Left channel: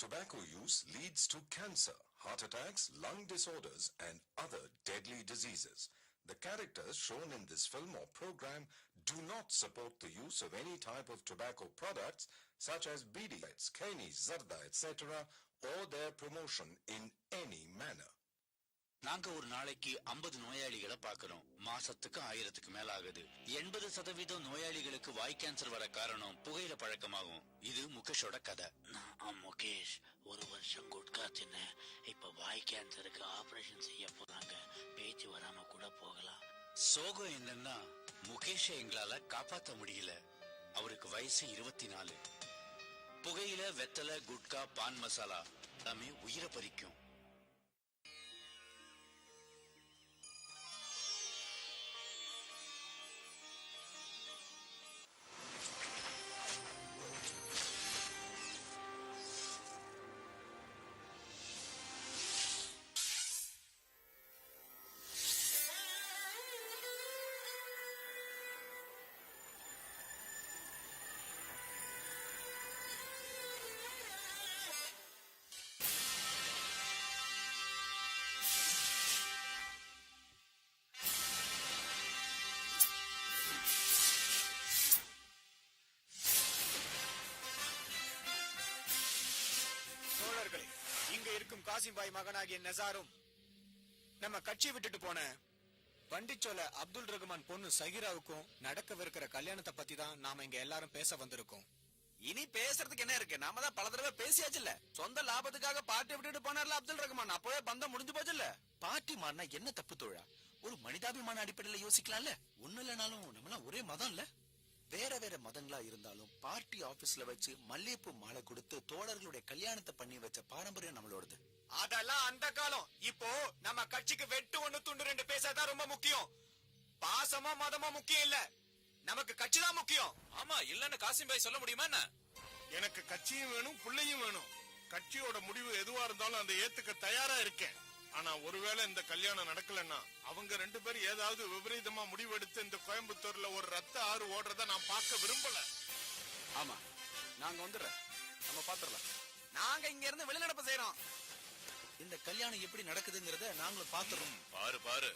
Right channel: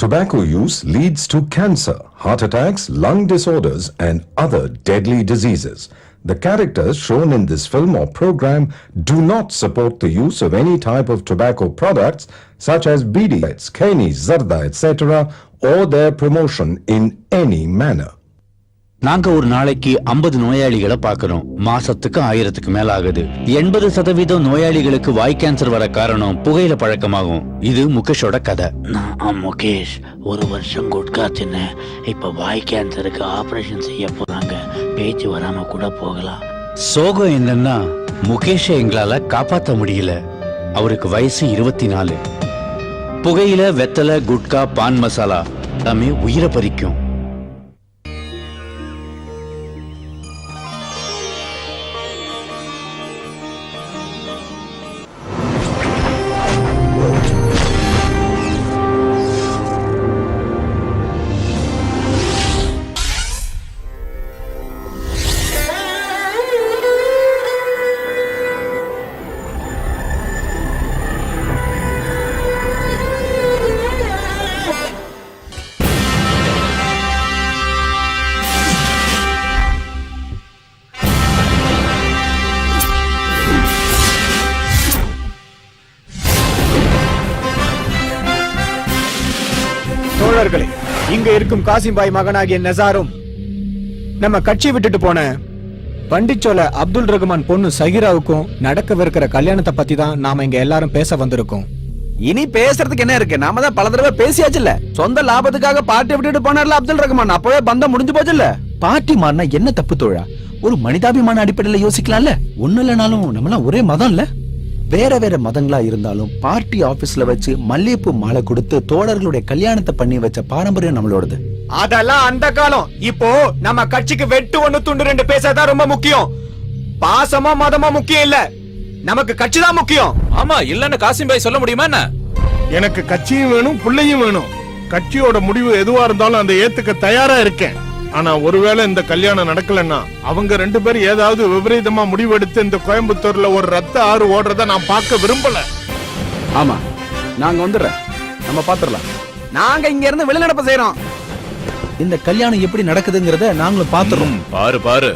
Tobacco use leads to cancer, heart attacks, lung disorders, and other deadly diseases. The characters shown in this film or program do not support the use of any type of tobacco products such as bidi, keni, zarda, etc. or their promotion in any manner. நாங்க ஒரு நாளைக்கு 50 நோயாளிகளை பார்க்கிறோம். மாசத்துக்கு 1000க்கு மேல ஆகுது. 80% நோயாளிகளுக்கு வாய் cancer வர காரணம் புகையில பழக்கமாகும். இது முகேஷோட கதை. நான் முகேஷ் 1 வருஷம் குட்கா தின்னேன். இப்ப வாய் கேன்சருக்கு ஆபரேஷன் செய்ய போறாங்க. பேச்சு வராம கூட போகலாம். சோகம் என்னன்னா முகேஷை எங்களால காப்பாற்ற முடியல. அவருக்கு வயசு 24. புகையில, வெத்தலை, குட்கா, பான் மசாலா எல்லாமே உயிரை பறிக்கும். தோழர்களே, இங்க இருக்கும் காசிம்பாய் மகனாகிய நசாரும் நம்ம கட்சி விட்டுட்டு போன பண்டிச்சோல அப்துல் ரகுமான் பொண்ணு சஹிராவுக்கும் நடக்கவிருக்கிற கல்யாணத்தை பத்தி தான் நாம இங்க எல்லாரும் பேச வந்திருக்கோம். இனி பேசுறதுக்கு என்ன இருக்கு? நாம தான் பல தடவை பேசியாச்சுல்ல. சொந்த லாபத்துக்காக பார்ட்டி விட்டுட்டு போனார்ல அப்துல் ரகுமான், அப்பவே பந்தம் முடிஞ்சு போச்சுல்ல. பார்ட்டி மாறினா என்ன தப்பு தோழா? ஒரு மனிதாபிமான அடிப்படையில யோசிக்கலாம்ல. ஒண்ணு இல்லைனாலும் நம்மளாம் ஒரே மதம் இல்ல. வேற வேற மதங்களா இருந்தாலும் பார்ட்டி ஆபீஸ்ல வச்சு மல்லிகைப்பூ மாலை கொடுத்து தோழர்களுடைய கல்யாணத்தை பண்ணி வச்ச பாரம்பரியம் நம்மளோடது. அதெல்லாம் அந்த காலம். இப்போ நம்ம கட்சிக்கு வெட்டு 1 துண்டு 2 பேசாதான் ரொம்ப முக்கியம். பாசமா மதமா முக்கியம் இல்ல, நமக்கு கட்சி தான் முக்கியம். ஆமா, இல்லன்னு காசிம்பாய் சொல்ல முடியுமா என்ன? எனக்கு கட்சியும் வேணும், பிள்ளையும் வேணும். கட்சியோட முடிவு எதுவா இருந்தாலும் அந்த ஏத்துக்க தயாரா இருக்கேன். ஆனா ஒருவேளை இந்த கல்யாணம் நடக்கலன்னா அவங்க 2 பேரும் ஏதாவது விபரீதமா முடிவெடுத்து இந்த கோயம்புத்தூர்ல ஒரு ரத்த ஆறு ஓடுறத நான் பார்க்க விரும்பல. ஆமா, நாங்க வந்துடுறேன், நம்ம பாத்துறலாம். நாங்க இங்க இருந்து வெளிநடப்பு செய்யறோம். இந்த கல்யாணம் எப்படி நடக்குதுங்கறத நாங்களும் பாத்துறோம். பாரு பாரு,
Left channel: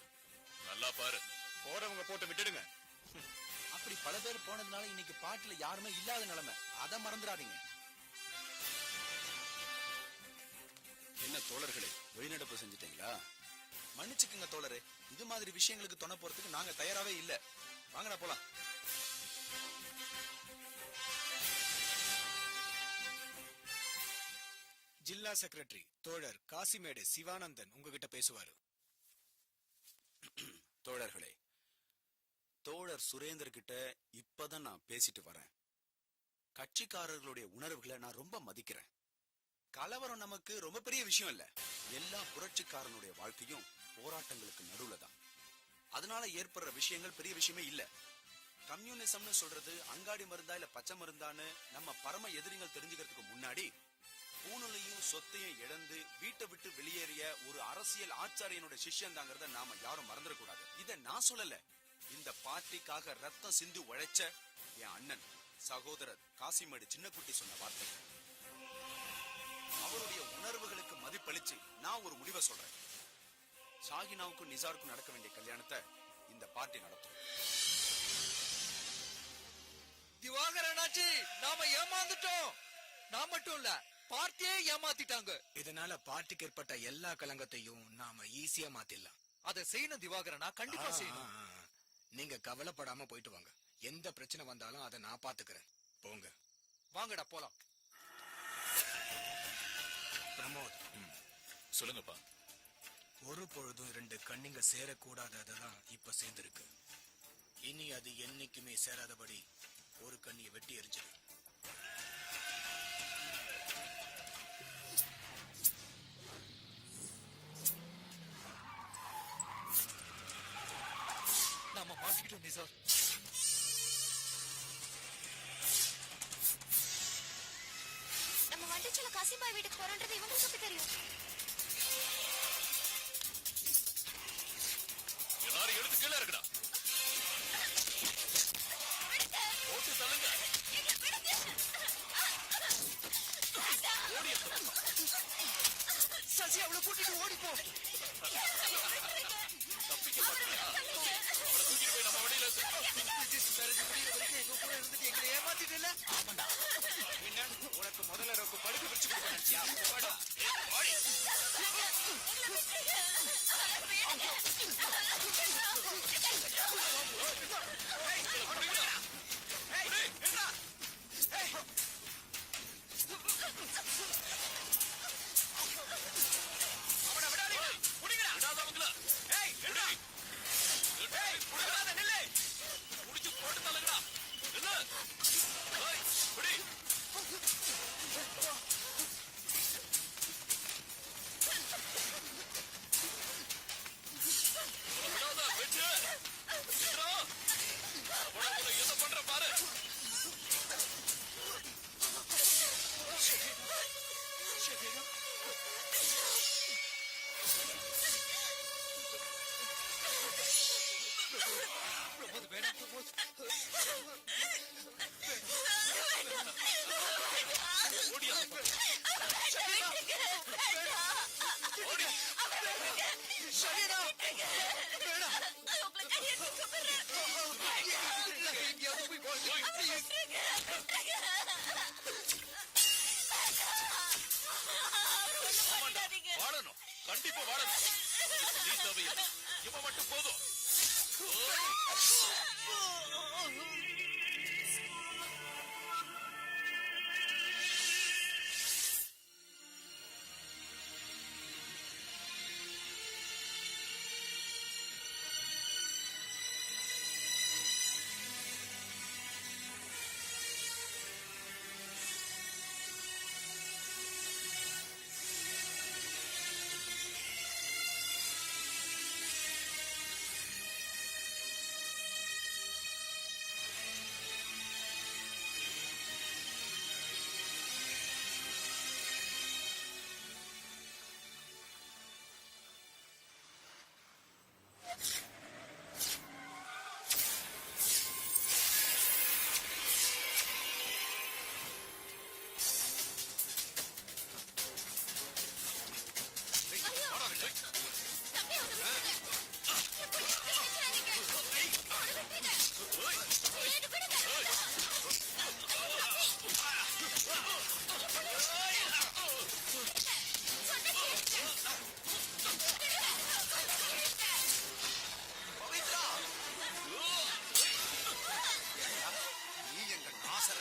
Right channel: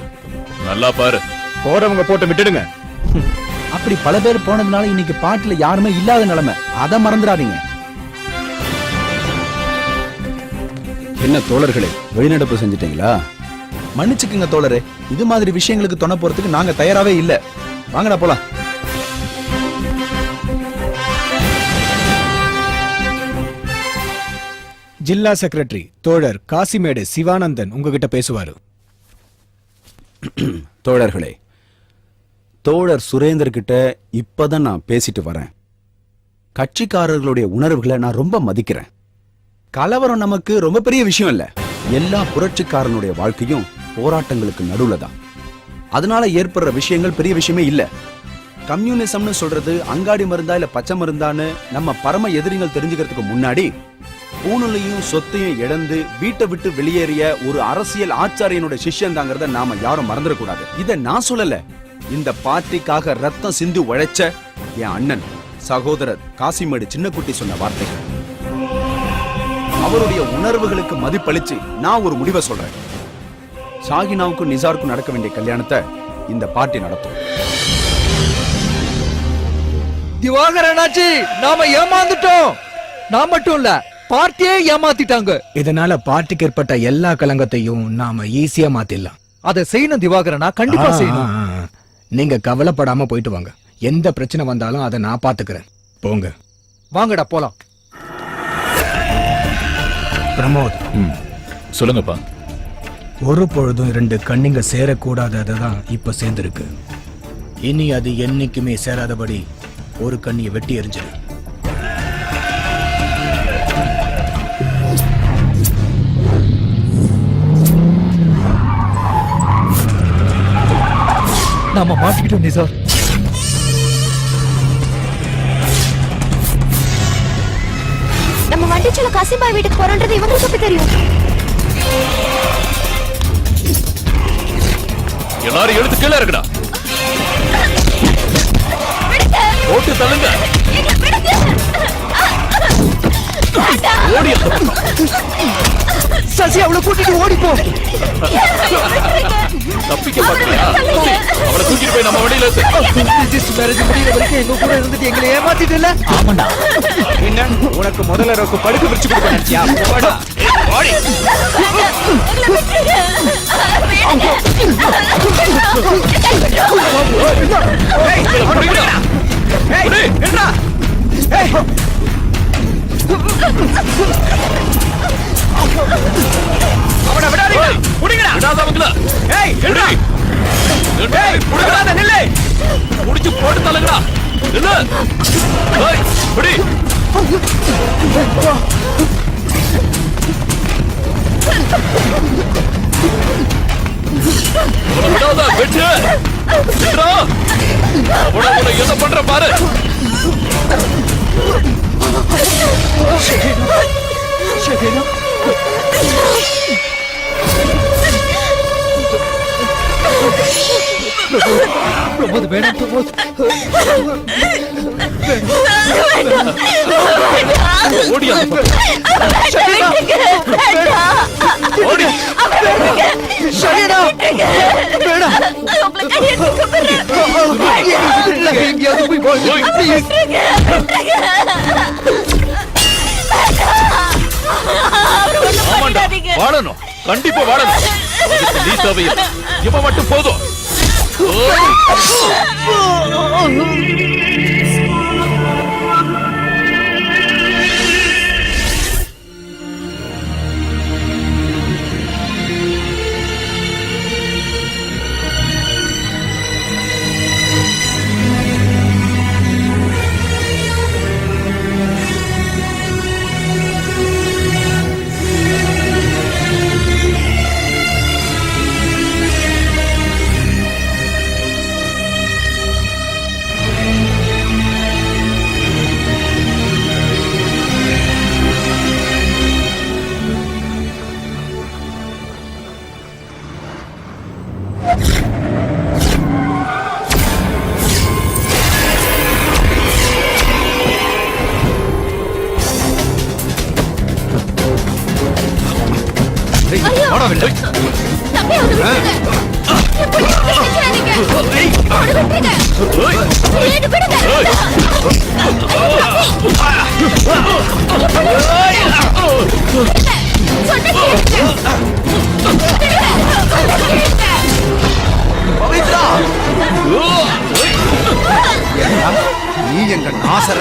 நல்லா பாரு. போறவங்க போட்டு விட்டுடுங்க. அப்படி பல பேர் போனதுனால இன்னைக்கு பாட்டுல யாருமே இல்லாத நிலைமை. அத மறந்துடாதீங்க. என்ன தோழர்களே, வெளிநடப்பு செஞ்சிட்டீங்களா? மன்னிச்சுக்குங்க தோழரே, இது மாதிரி விஷயங்களுக்கு துணை போறதுக்கு நாங்க தயாராவே இல்ல. வாங்கடா போலாம். ஜில்லா செக்ரட்டரி தோழர் காசிமேடு சிவானந்தன் உங்ககிட்ட பேசுவாரு. தோழர்களே, தோழர் சுரேந்தர் கிட்ட இப்பதான் நான் பேசிட்டு வரேன். கட்சிக்காரர்களுடைய உணர்வுகளை நான் ரொம்ப மதிக்கிறேன். கலவரம் நமக்கு ரொம்ப பெரிய விஷயம் இல்ல. எல்லா புரட்சிக்காரனுடைய வாழ்க்கையும் போராட்டங்களுக்கு நடுவுல தான். அதனால ஏற்படுற விஷயங்கள் பெரிய விஷயமே இல்ல. கம்யூனிசம்னு சொல்றது அங்காடி மருந்தா இல்ல பச்சை மருந்தான்னு நம்ம பரம எதிரிகள் தெரிஞ்சுக்கிறதுக்கு முன்னாடி பூணுலையும் சொத்தையும் இழந்து வீட்டை விட்டு வெளியேறிய ஒரு அரசியல் ஆச்சாரியனுடைய சிஷ்யன் தாங்கிறத நாம யாரும் மறந்துடக்கூடாது. இத நான் சொல்லல, இந்த பார்ட்டிக்காக ரத்தம் சிந்து உழைச்ச என் அண்ணன் சகோதரர் காசிமேடு சின்னக்குட்டி சொன்ன வார்த்தைகள். அவருடைய உணர்வுகளுக்கு மதிப்பளிச்சு நான் ஒரு முடிவை சொல்றேன். ஷாகினாவுக்கும் நிசாருக்கும் நடக்க வேண்டிய கல்யாணத்தை இந்த பார்ட்டி நடத்தும். திவாகரனாச்சி, நாம ஏமாந்துட்டோம். நான் மட்டும் இல்ல, பார்ட்டியே ஏமாத்திட்டாங்க. இதனால பார்ட்டிக்கு ஏற்பட்ட எல்லா கலங்கத்தையும் நாம ஈஸியா மாத்திடலாம். அதை செய்யணும் திவாகரனா, கண்டிப்பா செய்யணும். நீங்க கவலைப்படாம போயிட்டு வாங்க. எந்த பிரச்சனை வந்தாலும் அதை நான் பாத்துக்கிறேன். போங்க. வாங்கடா போலாம். பிரமோத், சொல்லுங்கப்பா. ஒரு பொழுதும் 2 கண்ணிங்க சேரக்கூடாததான் இப்ப சேர்ந்திருக்கு. இனி அது என்னைக்குமே சேராதபடி ஒரு கண்ணியை வெட்டி எறிஞ்சிரு. நாம மாட்டிக்கிட்டோம் நிசார். நம்ம வண்டிச்சல காசிம்பாய் வீட்டுக்கு போறோன்றது இவங்களுக்கு எப்படி தெரியும்? எல்லாரும் எழுத்து கீழே இருக்குடா. போட்டு தள்ளுங்க. ஓடி அந்த பக்கம். சசி அவளை கூட்டிட்டு ஓடிப்போ. தப்பிக்க பாக்குறியா? அவளை தூக்கிட்டு போய் நம்ம வண்டியில ஏத்து. ரிஜிஸ்டர் மேரேஜ் முடியற வரைக்கும் எங்க கூட இருந்துட்டு எங்களை ஏமாத்திட்டல. ஆமாண்டா. என்ன உனக்கு முதல்ல ரோக்கு படுக்க பிடிச்சு கொடுக்க நினைச்சியா? போடா. ஓடி. அவனை விடாதீங்க. புடிங்கடா. விடாதவங்கள. ஏய், எடு. ஏய், புடிங்கடா, நில்லு. முடிச்சு போட்டு தள்ளுங்கடா. நில்லு. ஏய், புடி. விடாத, வெட்டு. விட்றா. அவனை என்ன பண்ற பாரு. ஷகீனா பிரமோத் வேணாம் பிரமோத். ஓடி அந்த பக்கம். ஓடி. ஷகீனா வேணாம். எங்கேயாவது போய் ஓய். ப்ளீஸ். ஆமாண்டா, வாழணும். கண்டிப்பா வாழணும். அதுக்கு நீ தேவையில்லை. இவன் மட்டும் போதும். தம்பி, அவனை விட்டுருங்க. எப்படி நினைக்கிறாதீங்க. அவனை விட்டுருங்க. ஏன்னு விடுங்க. பவித்ரா, நீ எங்க நாசர?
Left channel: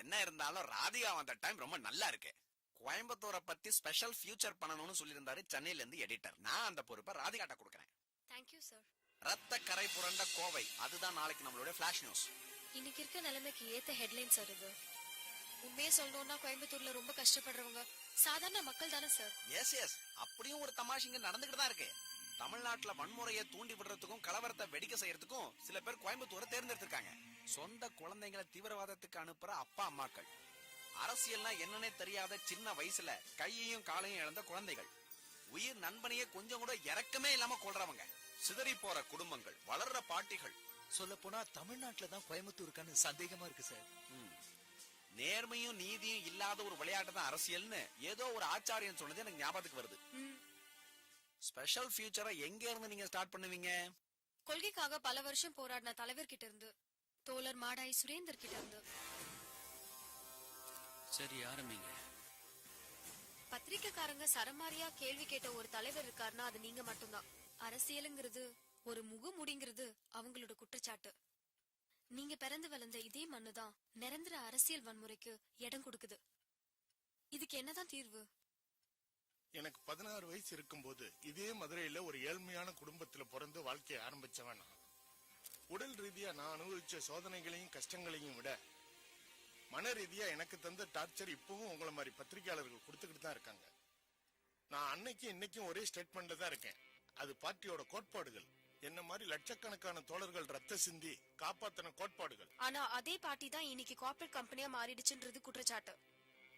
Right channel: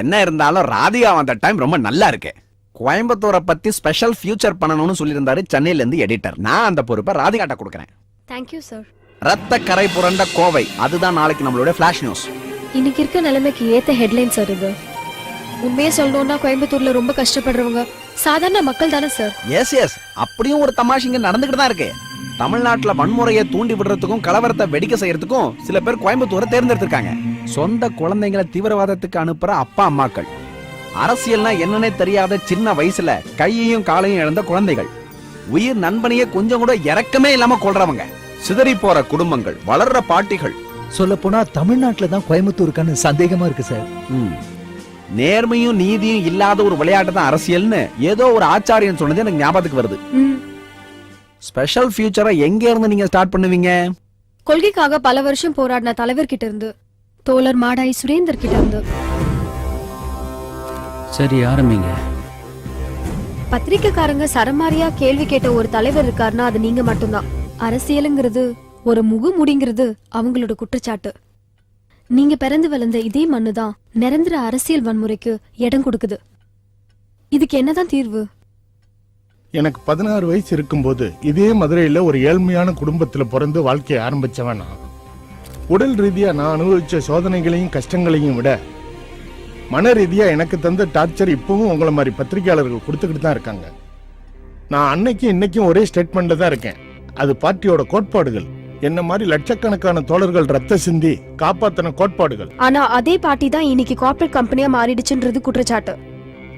என்ன இருந்தாலும் ராதிகா வந்த டைம் ரொம்ப நல்லா இருக்கு. கோயம்புத்தூரை பத்தி ஸ்பெஷல் ஃபியூச்சர் பண்ணணும்னு சொல்லியிருந்தாரு சென்னையில இருந்து எடிட்டர். நான் அந்த பொறுப்பை ராதிகாட்ட கொடுக்கறேன். Thank you, sir. ரத்த கரை புரண்ட கோவை, அதுதான் நாளைக்கு நம்மளோட ஃபிளாஷ் நியூஸ். இன்னைக்கு இருக்க நிலைமைக்கு ஏத்த ஹெட்லைன் சார் இது. உண்மையை சொல்லணும்னா கோயம்புத்தூர்ல ரொம்ப கஷ்டப்படுறவங்க சாதாரண மக்கள் தானே சார். எஸ் எஸ், அப்படியும் ஒரு தமாஷிங்க நடந்துகிட்டு தான் இருக்கு. தமிழ்நாட்டுல வன்முறையை தூண்டி விடுறதுக்கும் கலவரத்தை வெடிக்க செய்யறதுக்கும் சில பேர் கோயம்புத்தூரை தேர்ந்தெடுத்திருக்காங்க. சொந்த குழந்தைங்களை தீவிரவாதத்துக்கு அனுப்புற அப்பா அம்மாக்கள், அரசியல்னா என்னன்னே தெரியாத சின்ன வயசுல கையையும் காலையும் இழந்த குழந்தைகள், உயிர் நண்பனையே கொஞ்சம் கூட இரக்கமே இல்லாம கொள்றவங்க, சிதறி போற குடும்பங்கள், வளர்ற பாட்டிகள். சொல்ல போனா தமிழ்நாட்டுல தான் கோயம்புத்தூருக்கான சந்தேகமா இருக்கு சார். நேர்மையும் நீதியும் இல்லாத ஒரு விளையாட்டு தான் அரசியல்னு ஏதோ ஒரு ஆச்சாரியன் சொன்னது எனக்கு ஞாபகத்துக்கு வருது. ஸ்பெஷல் ஃபியூச்சரை எங்க இருந்து நீங்க ஸ்டார்ட் பண்ணுவீங்க? கொள்கைக்காக பல வருஷம் போராடின தலைவர் கிட்ட இருந்து, தோழர் மாடாய் சுரேந்தர் கிட்ட இருந்து. சரி, ஆரம்பிங்க. பத்திரிக்கைக்காரங்க சரமாரியா கேள்வி கேட்ட ஒரு தலைவர் இருக்காருன்னா அது நீங்க மட்டும்தான். அரசியலுங்கிறது ஒரு முகமுடிங்கிறது அவங்களோட குற்றச்சாட்டு. நீங்க பிறந்து வளர்ந்த இதே மண்ணுதான் நிரந்தர அரசியல் வன்முறைக்கு இடம் கொடுக்குது. இதுக்கு என்னதான் தீர்வு? எனக்கு 16 வயசு இருக்கும்போது இதே மதுரையில ஒரு ஏழ்மையான குடும்பத்துல பிறந்து வாழ்க்கையை ஆரம்பிச்சவன் நான். உடல் ரீதியா நான் அனுபவிச்ச சோதனைகளையும் கஷ்டங்களையும் விட மன ரீதியா எனக்கு தந்த டார்ச்சர் இப்பவும் உங்களை மாதிரி பத்திரிகையாளர்கள் கொடுத்துக்கிட்டு தான் இருக்காங்க. நான் அன்னைக்கும் இன்னைக்கும் ஒரே ஸ்டேட்மெண்ட்ல தான் இருக்கேன். அது பார்ட்டியோட கோட்பாடுகள். என்ன மாதிரி லட்சக்கணக்கான தோழர்கள் ரத்த சிந்தி காப்பாத்தின கோட்பாடுகள். ஆனா அதே பார்ட்டி தான் இன்னைக்கு கார்ப்பரேட் கம்பெனியா மாறிடுச்சுன்றது குற்றச்சாட்டு.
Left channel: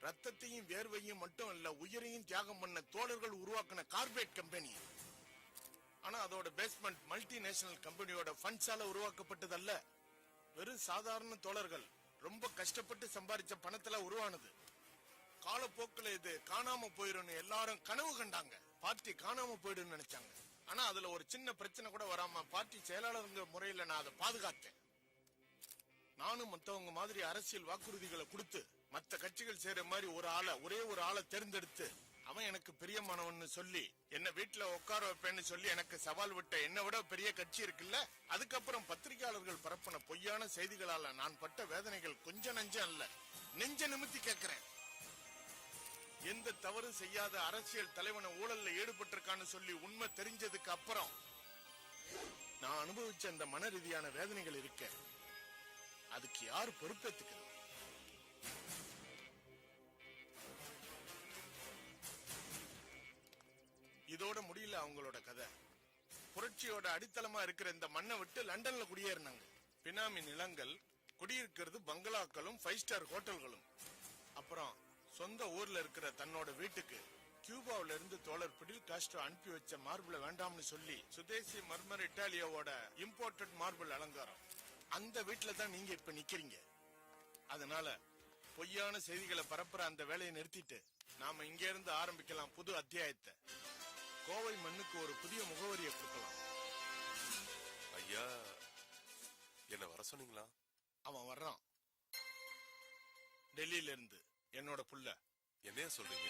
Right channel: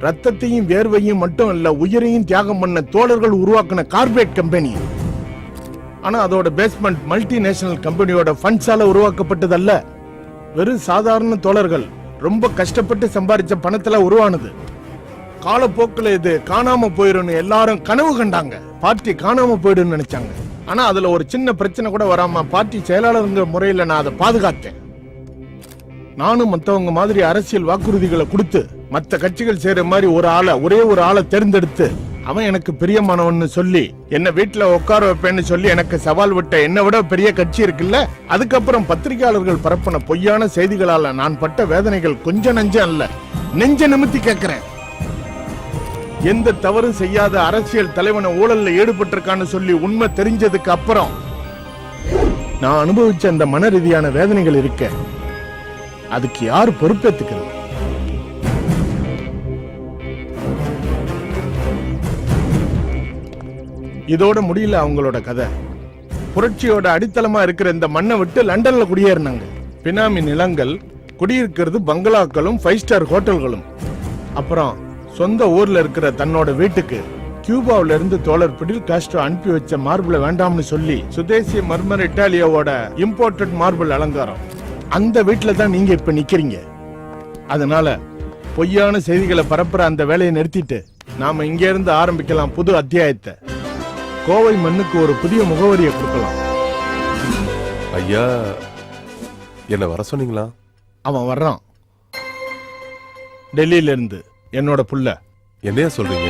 ரத்தத்தையும் வேர்வையும் மட்டும் இல்ல, உயிரையும் தியாகம் பண்ண தோழர்கள் உருவாக்கின கார்ப்பரேட் கம்பெனி. ஆனா அதோட பேஸ்மெண்ட் மல்டிநேஷனல் கம்பெனியோட ஃபண்ட்ஸால உருவாக்கப்பட்டதல்ல. வெறும் சாதாரண தோழர்கள் ரொம்ப கஷ்டப்பட்டு சம்பாதிச்ச பணத்துல உருவானது. காலப்போக்கில் இது காணாம போயிடும் எல்லாரும் கனவு கண்டாங்க. பார்ட்டி காணாம போயிடும் நினைச்சாங்க. ஆனா அதுல ஒரு சின்ன பிரச்சனை கூட வராம பார்ட்டி செயலாளருங்கிற முறையில நான் அதை பாதுகாத்தேன். நானும் மத்தவங்க மாதிரி அரசியல் வாக்குறுதிகளை கொடுத்து மத்த கட்சிகள் செய்யற மாதிரி ஒரே ஒரு ஆளை தேர்ந்தெடுத்து அவன் எனக்கு பிரியமானவன்னு சொல்லி என்ன வீட்டுல உட்கார வைப்பேன்னு சொல்லி எனக்கு சவால் விட்ட என்னை விட பெரிய கட்சி இருக்குல்ல. அதுக்கப்புறம் பத்திரிகையாளர்கள் பரப்பின பொய்யான செய்திகளால நான் பட்ட வேதனைகள் கொஞ்சம் நஞ்சம் அல்ல, நெஞ்ச நிமித்தி கேட்கிறேன். எந்த தவறும் செய்யாத அரசியல் தலைவனை ஊழல்ல ஈடுபட்டிருக்கான்னு சொல்லி உண்மை தெரிஞ்சதுக்கு அப்புறம் நான் அனுபவிச்ச அந்த மன ரீதியான வேதனைகள் இருக்க, அதுக்கு யார் பொறுப்பேத்துக்கிறது? இதோட முடியல அவங்களோட கதை. புரட்சியோட அடித்தளமா இருக்கிற இந்த மண்ணை விட்டு லண்டன்ல குடியேறினாங்க. பினாமி நிலங்கள், குடியிருக்கிறது பங்களாக்களும் 5 ஸ்டார் ஹோட்டல்களும். அப்புறம் சொந்த ஊர்ல இருக்கிற தன்னோட வீட்டுக்கு கியூபாவில இருந்து தோழர் பிடில் காஸ்ட்ரோ அனுப்பி வச்ச மார்பிள வேண்டாம்னு சொல்லி சுதேசி மர்மர் இட்டாலியாவோட இம்போர்ட்டட் மார்பிள் அலங்காரம். அந்த வீட்டுல தான் நீங்க இப்ப நிக்கிறீங்க. அதனால பொய்யான செய்திகளை பரப்புற அந்த வேலையை நிறுத்திட்டு நாம இங்க இருந்து ஆரம்பிக்கலாம் புது அத்தியாயத்தை. கோவை மண்ணுக்கு ஒரு புதிய முகவரியை கொடுக்கலாம். ஐயா, என்ன வர சொன்னீங்களா? அவன் வர்றான், டெல்லியில இருந்து, என்னோட புள்ள. என்னையா சொல்றீங்க?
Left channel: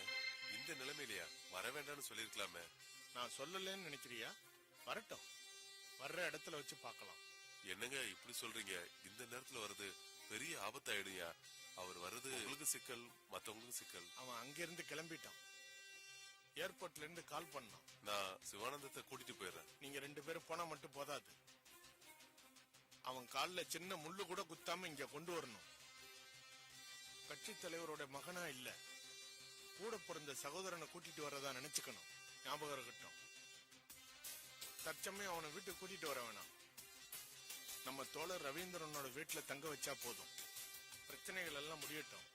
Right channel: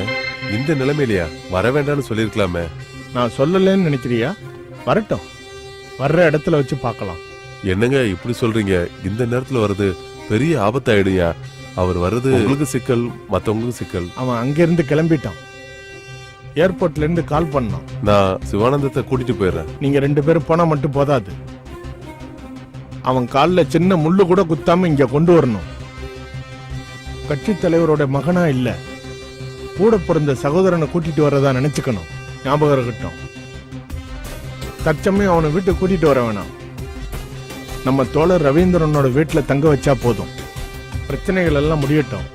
இந்த நிலைமையிலயா? வர வேண்டாம்னு சொல்லிருக்கலாமே. நான் சொல்லலன்னு நினைக்கிறியா? வரட்டும், வர்ற இடத்துல வச்சு பார்க்கலாம். என்னங்க இப்படி சொல்றீங்க? இந்த நேரத்துல வர்றது பெரிய ஆபத்தாயிடுயா. அவர் வர்றது உங்களுக்கு சிக்கல், மத்தவங்களுக்கு சிக்கல். அவன் அங்கிருந்து கிளம்பிட்டான். ஏர்போர்ட்ல இருந்து கால் பண்ணான். நான் சிவானந்தத்தை கூட்டிட்டு போயிடுறேன். நீங்க 2 பேரும் போனா மட்டும் போதாது, அவன் கால்ல சின்ன முள்ளு கூட குத்தாம இங்க கொண்டு வரணும். கட்சி தலைவரோட மகனா இல்ல, கூட பிறந்த சகோதரனை கூட்டிட்டு வர்றதா நினைச்சுக்கணும். ஞாபகம் இருக்கட்டும். தற்சமயம் அவனை வீட்டு கூட்டிட்டு வர வேணாம். நம்ம தோழர் ரவீந்திரனோட வீட்டுல தங்க வச்சா போதும். பிரச்சனைகள் எல்லாம் முடியட்டும்.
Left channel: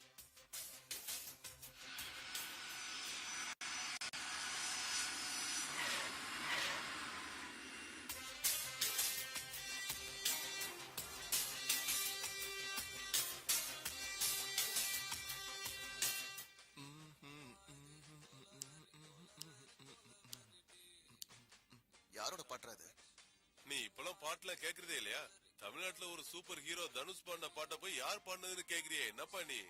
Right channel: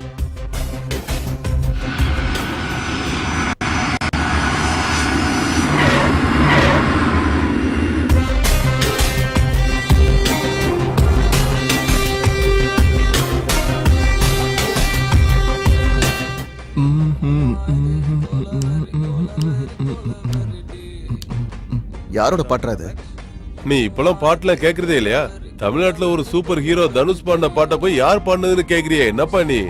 யாரோட பாட்டுறது? நீ இப்பெல்லாம் பாட்டுல கேக்குறதே இல்லையா? தமிழ்நாட்டுல ஒரு சூப்பர் ஹீரோ தனுஷ் பாடின பாட்டை போய் யார் பாடினதுன்னு கேக்குறியே, என்னப்பா நீ?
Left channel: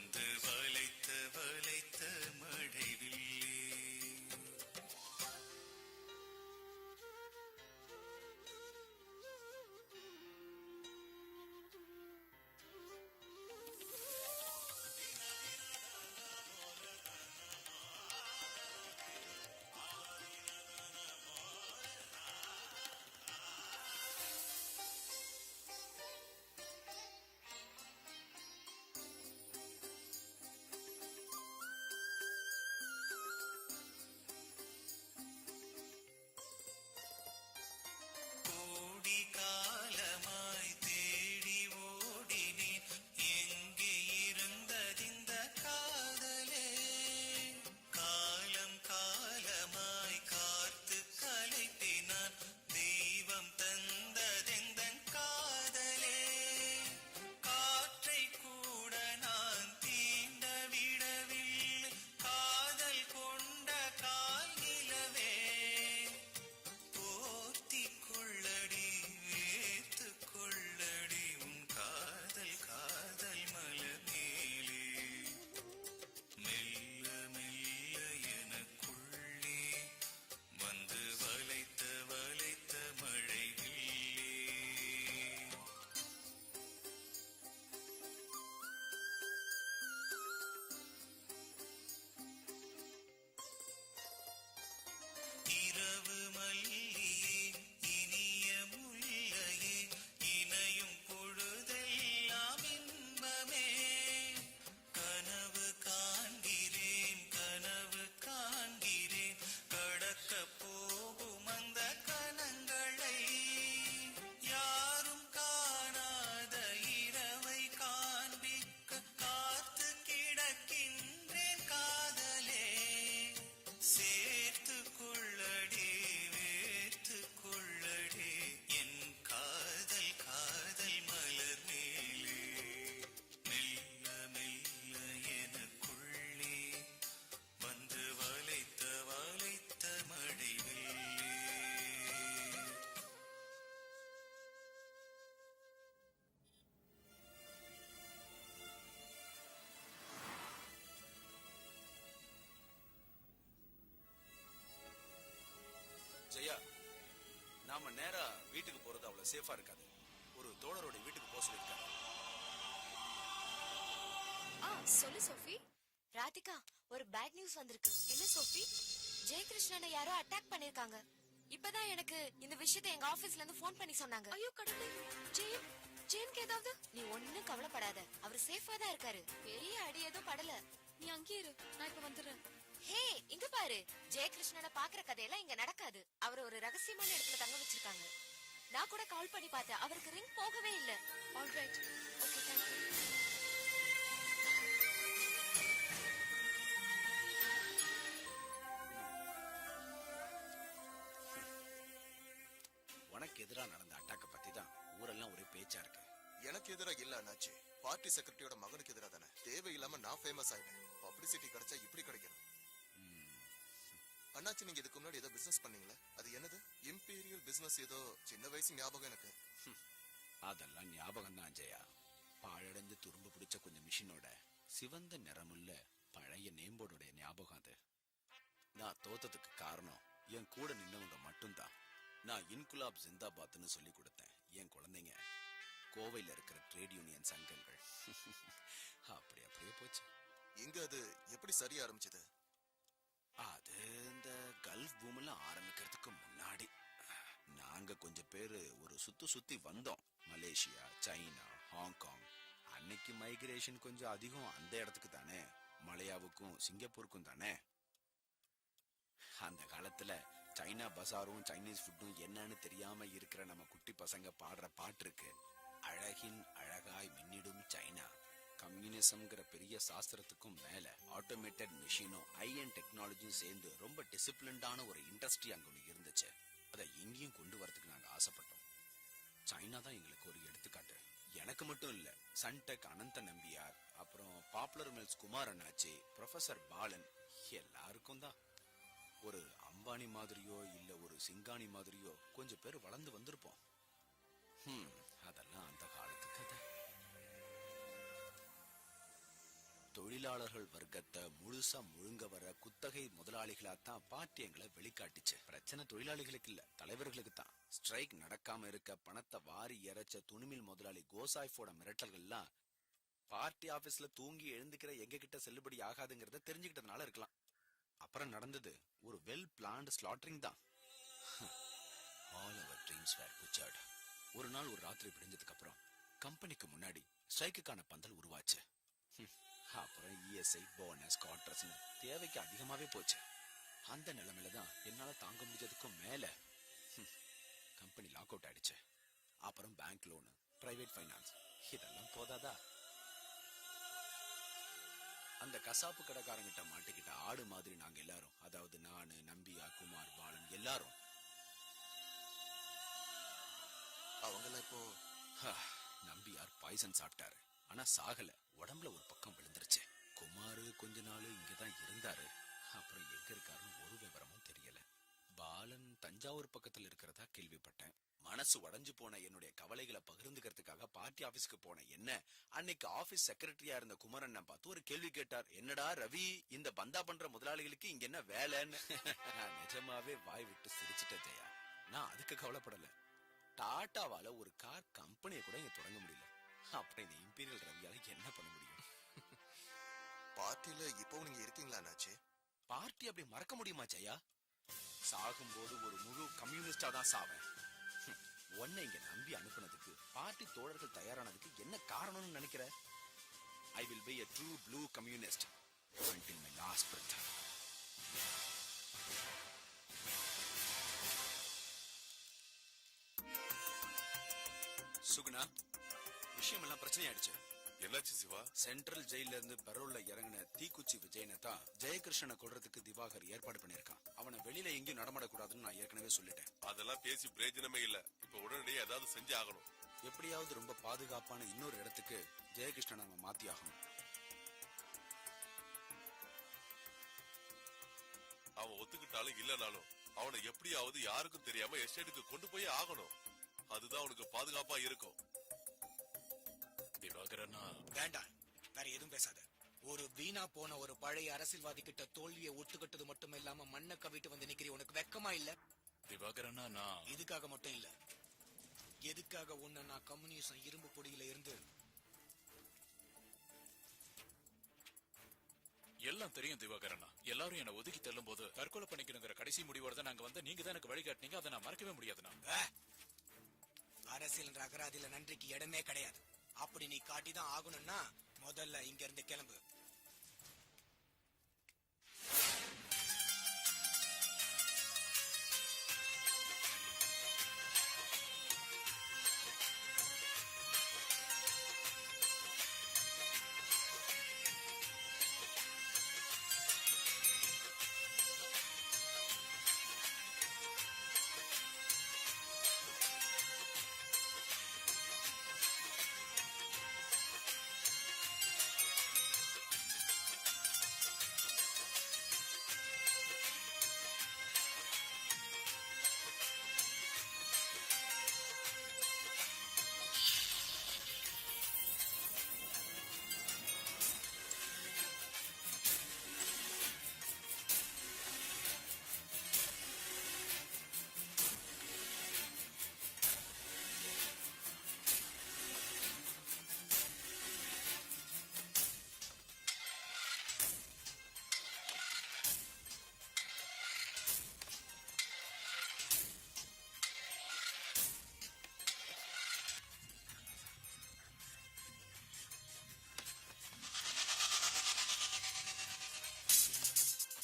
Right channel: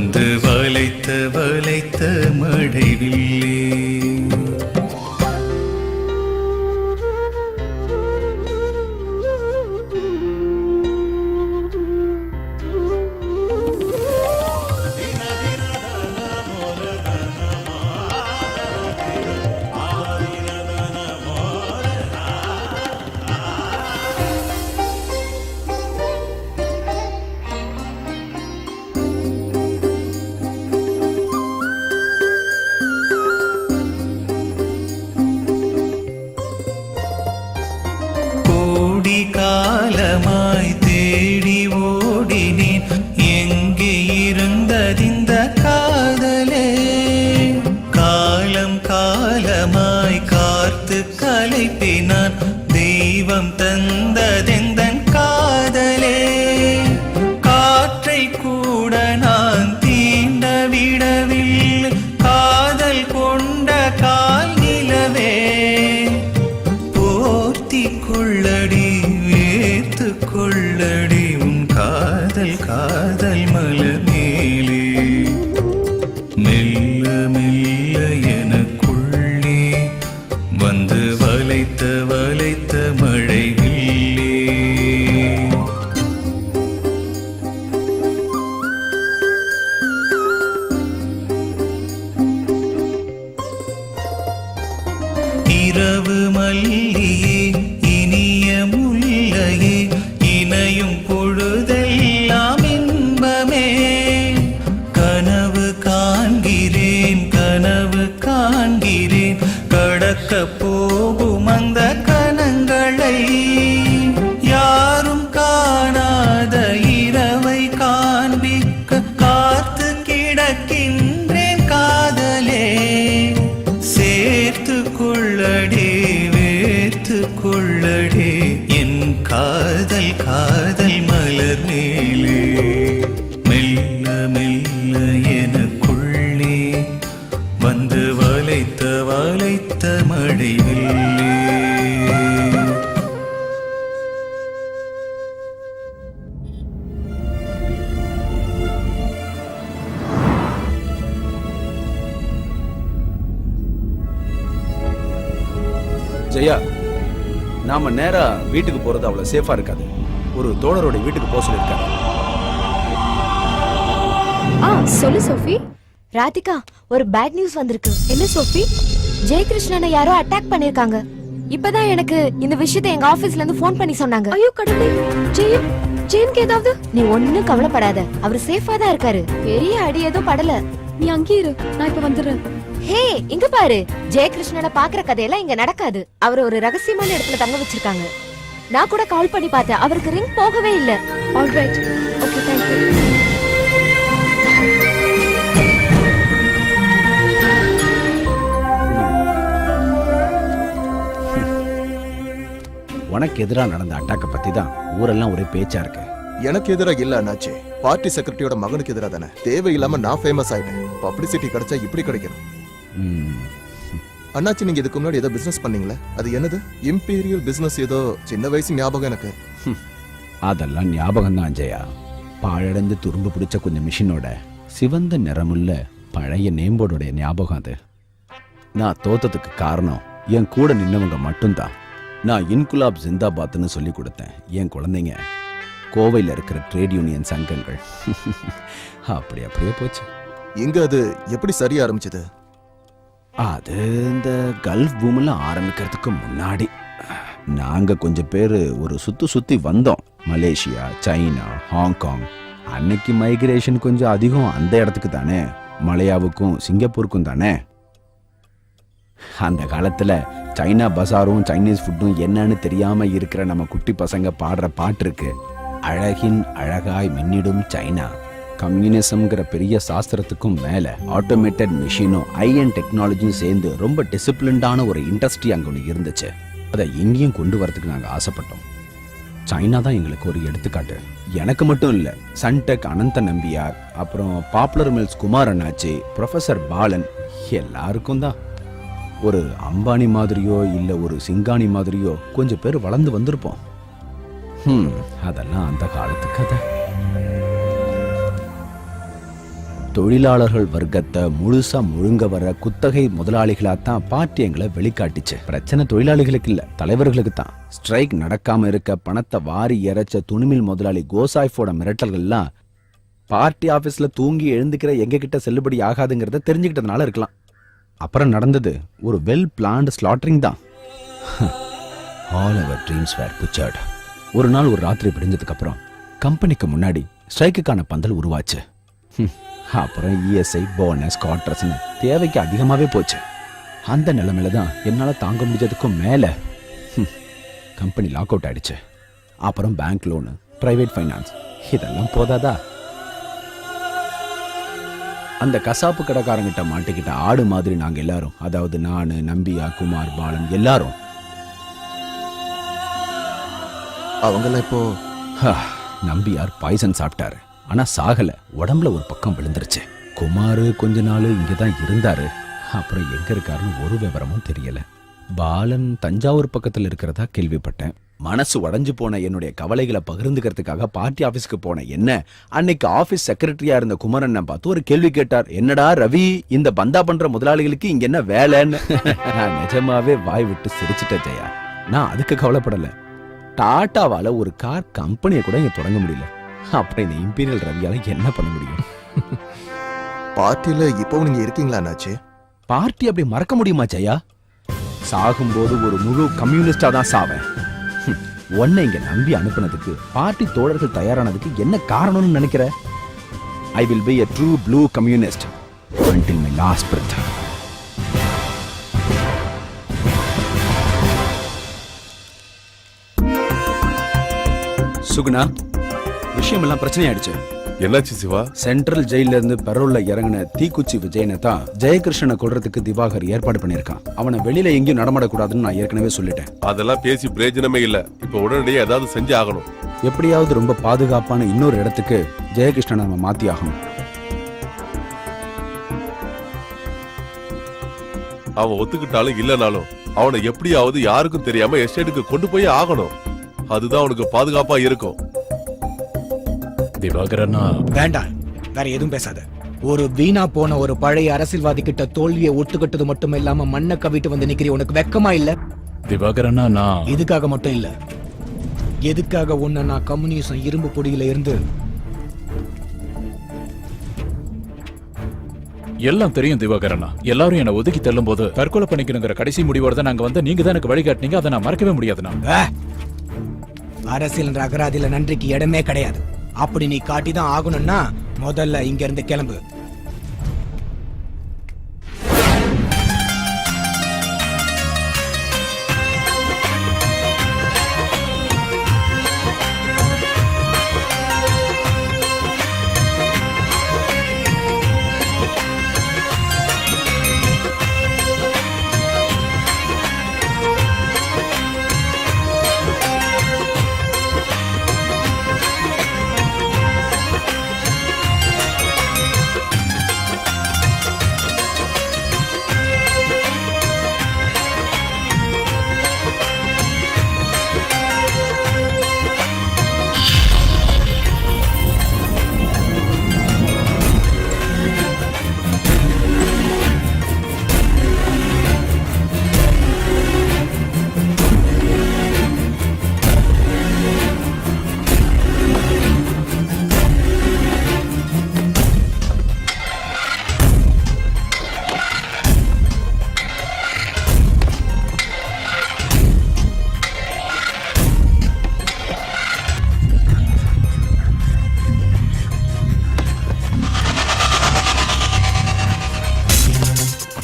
வந்து வளைத்த வளைத்த மழைவில்லே. காலமாய் தேடி ஓடினேன், எங்கே இருந்ததிந்த காதலே. காலம் காலமாய் காத்து கலைப்பினான், தெய்வம் தந்ததெந்தன் காதலே. காற்றை கூட நான் தீண்ட விடவில்லை, காதல் கொண்ட கால் நிலவே. போர்த்தி கொள்ளடி கொள்ளடி உன் காதல் காதல் மலர் மேலே. மெல்ல மெல்ல எனக்குள்ளே வந்து வளைத்த வளைத்த மழை வில்லே. இரவு மல்லியே இனிய முல்லையே, இணையும் பொழுதெல்லாம் இன்பமே. கனவு காண்கிறேன் கனவு காண்கிறேன், கடக்க போகும் அந்த கணங்களை. யாரும் காணாத இரவை காண்பிக்க காத்து கிடக்கின்றேன் காதலே. சேர்த்து கொள்ளடி வேர்த்து கொள்ளடி என் காதல் காதல் மலர் மேலே. மெல்ல மெல்ல எனக்குள்ளே வந்து வளைத்த வளைத்த மழை வில்லே. ஜெயா, நாம நேரா வீட்டுக்கு போறது அவ்வளவு சேஃபா இருக்காது. ஒரு தோழரோட வீட்டுக்கு போக சொல்லிருக்காரு. சொல்லு சோஃபி. ராதிகா, ஒரு பேட் நியூஸ் வந்திருக்கு. என்ன சோஃபி? ஜெயகிருஷ்ணனை யாரோ அட்டாக் பண்ணிருக்காங்க. இப்பதான் எனக்கு இந்த விஷயத்தை எங்க ஆபீஸ்ல இருந்து போன் பண்ணி சொன்னாங்க. ஐயோ கடவுளே, ஜெயனுக்கு ஏதாவது? நீ ஒண்ணும் கவலைப்படாத, அவர் சேஃபா தான் இருக்காரு. பெரிய அடி எதுவும் படல. நீ அங்கே இரு, நான் இப்ப வந்துடுறேன். ஹே, இங்க பாரு, ஜெயகிருஷ்ணனை பாக்குற கதையெல்லாம் இங்க நடக்காது. அவர் ஒரு ரகசியமான இடத்துல தங்க வச்சிருக்காங்க. நான் கூட கால் பண்ணி பார்த்தேன், அவருக்கு ரிங் போகவே இல்ல. Alright, okay, thank you. உனக்கு எதிரா நடந்த அட்டாக்க பத்தி தான் ஊரெல்லாம் ஒரே பேச்சா இருக்கு. எனக்கு எதிராக இல்ல அண்ணாச்சி, பார்ட்டி செக்ரட்டரியோட மகனுக்கு எதிராக தானே. தேவையில்லாம நான் ஃபேமஸ் ஆயிட்டேன். பப்ளிசிட்டி கிடைச்சா இப்படி கிடைக்கணும். அண்ணாச்சி, நீங்க இதுக்கு முன்னாடி ஏதோ பிசினஸ் பண்ணீங்களே, அது என்னது? Imperial business. ஏதோ சின்ன வயசு ஞாபகம் எனக்கு. அதெல்லாம் ஞாபகம் தான் ஜெயா. பாழடைந்து துரும்பு பிடிச்ச கொஞ்சம் மிஷினோட சிவந்த நிறமுள்ள பழைய நேம்போர்டோடைய ஞாபகம் அது. நான் தோத்ததுக்கு காரணம் என் கூட நின்னவங்க மட்டும்தான். நான் இன்குலாப் ஜிந்தாபாத்னு சொல்லி கொடுத்தேன். என் குழந்தைங்க கோவையில் இருக்கிற ட்ரேட் யூனியன் சங்கங்கள். அப்படி அப்படியே போச்சு. இங்க அது எப்படி சரியா ஆரம்பிச்சது? அது இந்த கல்ஃப் பூமில் ஆரம்பிக்கிறதுக்கு முன்னாடி நாங்க கொஞ்சம் பேர் ஒரு சுத்தி வந்தோம். Malaysia, China, Hong Kong. அன்னைக்கு மைக்ரேஷன் கொஞ்சம் அதிகம் அந்த இடத்துக்கு தானே, மலையாவுக்கும் சிங்கப்பூருக்கும் தானே. அந்த காலத்துல சைனா பசாரும் சைனீஸ் ஃபுட்டும் என்னன்னு தெரியாம இருக்கிற நம்ம குட்டி பசங்க பாடுற பாட்டு இருக்கு. அழகின் அழகாய் மின்னிடும் சைனா. கம்யூனிசம்ங்கிற பெரிய சாஸ்திரத்துக்கும் மேல ஆட்டோமேட்டட் மிஷினும் ஐஎன் டெக்னாலஜியும் சேர்ந்து ரொம்ப டிசிப்ளின்டான ஒரு இண்டஸ்ட்ரி அங்க ஒன்று இருந்துச்சு. அதை இங்கேயும் கொண்டு வரதுக்கு நாங்கள் ஆசைப்பட்டோம். சைனா தான் எங்களுக்கு ஒரு எடுத்துக்காட்டு. எனக்கு மட்டும் இல்லை, சன்டெக் அனந்த நம்பியார், அப்புறம் பாப்புலர் மில்ஸ் குமார் அண்ணாச்சி, ப்ரொஃபசர் பாலன், எல்லாருக்கும் தான். ஒரு அம்பானி மாதிரியோ இல்லை ஒரு சிங்கானி மாதிரியோ கொஞ்சம் பேர் வளர்ந்து வந்திருப்போம். அதெல்லாம் அந்த காலத்து கதை. தொழிலாளர்கள் வர்க்கத்தை முழுசா முழுங்க வர குத்தகை முதலாளிகளாத்தான் பார்ட்டி எங்களை வெளிக்காட்டுச்சு. பிரச்சனை தொழிலாளிகளுக்கு இல்ல, தலைவர்களுக்கு தான். ஸ்ட்ரைக் நடக்காம இருக்க பணத்தை வாரி இறைச்ச துணிமில் முதலாளி கோசாய்ஃபோட மிரட்டல்கள்லாம் பார்ட்டி ஆபீஸ்ல தூங்கி எழுந்துக்கிற எங்க கிட்ட செல்லுபடி ஆகாதுங்கிறத தெரிஞ்சுக்கிட்டதுனால இருக்கலாம். அப்புறம் நடந்தது ஒரு வெல் பிளான்டு ஸ்லாட்டரிங் தான். All our dreams were butchered. ஒரு நாள் ஒரு ராத்திரி விடிஞ்சதுக்கு அப்புறம் கம்பெனிக்கு முன்னாடி ஸ்ட்ரைக்குக்கான பந்தல் உருவாச்சு. அப்புறம் இஎஸ்ஐ, போனஸ், குவார்டர்ஸ்னு தேவைக்கு அதிகமாவே போச்சு. அந்த நிலைமையில தான் என்னால தாங்க முடிஞ்சதுக்கும் மேல கம்பெனி லாக் அவுட் ஆயிடுச்சு. அப்புறம் பேங்க் லோனு, பிரைவேட் ஃபைனான்ஸ், இதெல்லாம் போதாதா? அந்த கசாப்பு கடைக்காரங்கிட்ட மாட்டிக்கிட்ட ஆடு மாதிரி நாங்க எல்லாரும், அதாவது நானு, நம்பியா, குமார், பாலன் எல்லாரும். அவங்கெல்லாம் இப்போ நம்பியார் பாய்சன் சாப்பிட்டாரு. ஆனா சாகல, உடம்புல ஒரு பக்கம் விழுந்துருச்சு. குமாரு கொஞ்ச நாள் இங்கதான் இருந்தாரு. அப்புறம் எங்க இருக்காருன்னு ஒரு விவரமும் தெரியல. பாலன் தஞ்சாவூர் பக்கத்துல இருக்கிறதா கேள்விப்பட்டேன். மனசு உடைஞ்சு போன என்னுடைய கவலைகளை பகிர்ந்துக்கிறதுக்காக பார்ட்டி ஆபீஸ்க்கு போன என்ன அன்னைக்கு ஆபீஸ் செக்ரட்டரியா இருந்த குமரன் பார்த்து ஒரு கேள்வி கேட்டார். என்னடா ரவி, இந்த பந்தா பண்ற முதலாளிகளுக்கு இங்க என்ன வேலைன்னு? நான் நிஜமாவே வாய் விட்டு சிரிச்சிட்டேன் ஜெயா. நான் அதுக்கு கவலைப்படல. டாட்டாவால ஒரு கார் கம்பெனியை கூட இங்க தொடங்க முடியல. அப்புறம் இந்த இம்பீரியல் ரவியால என்ன பண்ண முடியும்? பார்ட்டில இப்போ நீங்க இருக்கீங்களா அண்ணாச்சி? பார்ட்டி அப்படி மறக்க முடியுமா ஜெயா? சாகும்போது ஒரு முழு கம்யூனிஸ்டா தான் சாவேன். உன்னை இங்க நம்பி அனுப்புனதுக்கு, பார்ட்டி தோழர்கள் தயாரானதுக்கு என்ன காரணம்னு நினைக்கிற? I will be a true blue communist until my last breath. Suguna, விஷயம் எல்லாம் பிரச்சனை ஆயிடுச்சு. என்னாச்சு சிவா? சென்ட்ரல் ஜெயில இருந்து பெரோல்ல இறங்கின தீக்குச்சி விஜயனை தான் ஜெயகிருஷ்ணனை கொல்றதுக்கு திவாகர் ஏற்பாடு பண்ணிருக்கான். அவனை வெளியில எங்கேயும் நடமாடக்கூடாதுன்னு நான் ஏற்கனவே சொல்லிட்டேன். அதெல்லாம் பேசி பிரயோஜனமே இல்ல. இப்ப உடனடியே ஏதாவது செஞ்சு ஆகணும். எப்படியாவது ரொம்ப பாதுகாப்பான இன்னொரு இடத்துக்கு ஜெயகிருஷ்ணனை நம்ம மாத்தி ஆகணும். அவன் ஒத்துக்கிட்டாலும் இல்லனாலும் அவனை எப்படியாவது யாருக்கும் தெரியாம எஸ்டேட்டுக்கு கொண்டு போய் ஆகணும். அதுதான் அவனுக்கு பாதுகாப்பா இருக்கும். திவாகரனா, வேண்டாம், வேற எதுவும் பேசாத. ஒரு வீணா போன ஒரு பழைய அரசியல்வாதி கிட்ட தோல்வியை ஒத்துக்கிட்டது மட்டும் இல்லாம மண்ணை கவிட்டு வந்து நிக்கிறீ. உனக்கு வெக்கமா இல்ல? திவாகரனா, நான் இதுக்காக மட்டும் இல்ல, எதுக்காக உன்னை நான் கம்யூனிசம் இரும்பு பொடியில இருந்து எல்லாம் தெரியும் திவாகரனா. எல்லாரும் என்ன ஒதுக்கி தள்ளும் போது தற்கொலை பண்ணிக்கணுங்கிற கடைசி முடிவோட தான் நாங்க வந்து நீங்க தான் எனக்கு வழிகாட்டினீங்க. அதை நான் மறக்கவே முடியாதுண்ணா. அரசியல் அகராதியில நன்றிக்கு இடமே கிடையாது. அப்படி நீ காட்டிதான் ஆகணும்னா முதல்ல இங்க இருந்து கிளம்பு.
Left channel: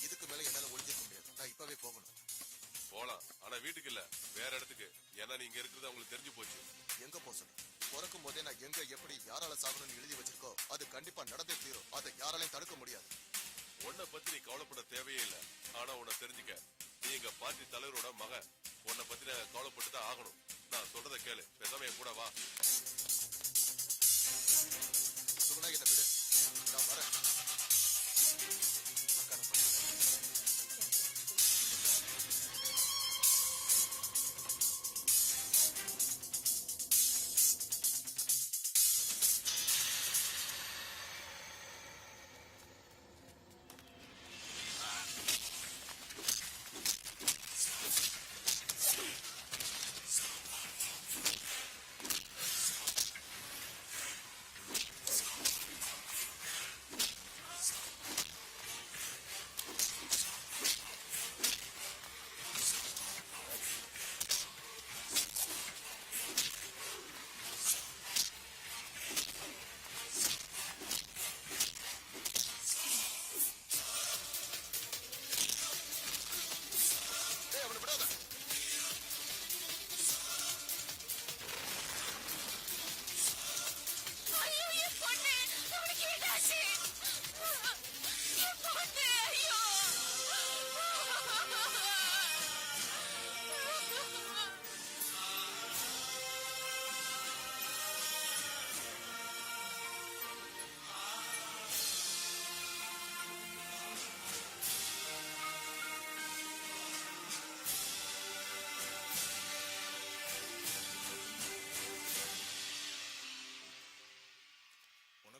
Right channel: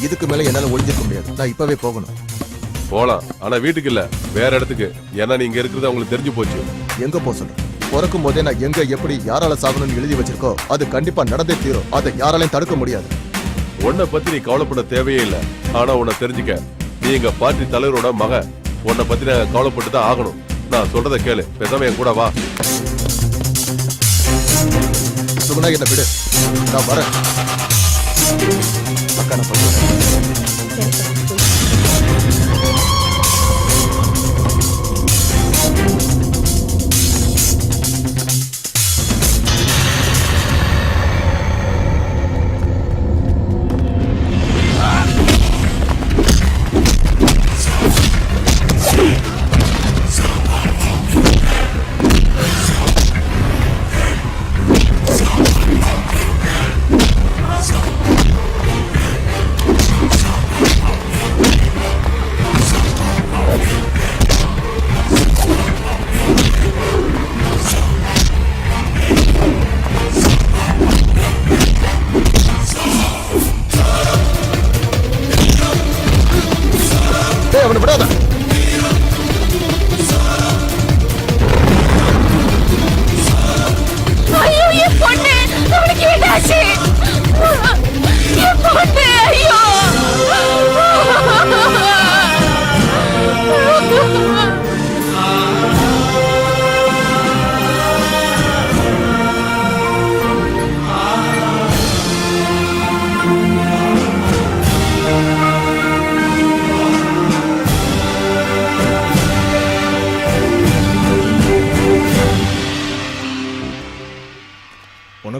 இதுக்கு மேல என்னால ஒளிஞ்சிருக்க முடியாது. நான் இப்பவே போகணும். போலாம், ஆனா வீட்டுக்கு இல்ல, வேற இடத்துக்கு. ஏன்னா நீங்க இருக்கிறது அவங்களுக்கு தெரிஞ்சு போச்சு. எங்க போக சொல்லு? பிறக்கும் போதே நான் எங்க எப்படி யாரால சாகணும்னு எழுதி வச்சிருக்கோ அது கண்டிப்பா நடந்தே தீரும். அதை யாராலையும் தடுக்க முடியாது. உன்னை பத்தி நீ கவலைப்பட தேவையே இல்ல. ஆனா உன்னை தெரிஞ்சுக்க, நீ எங்க பார்ட்டி தலைவரோட மக. உன்னை பத்தி நான் கவலைப்பட்டு தான் ஆகணும். நான் சொல்றதை கேளு, பேசாம என் கூட வா. சுகுணா, என்ன விடு, நான் வரேன். அக்கா, நான் பண்ணுறேன்.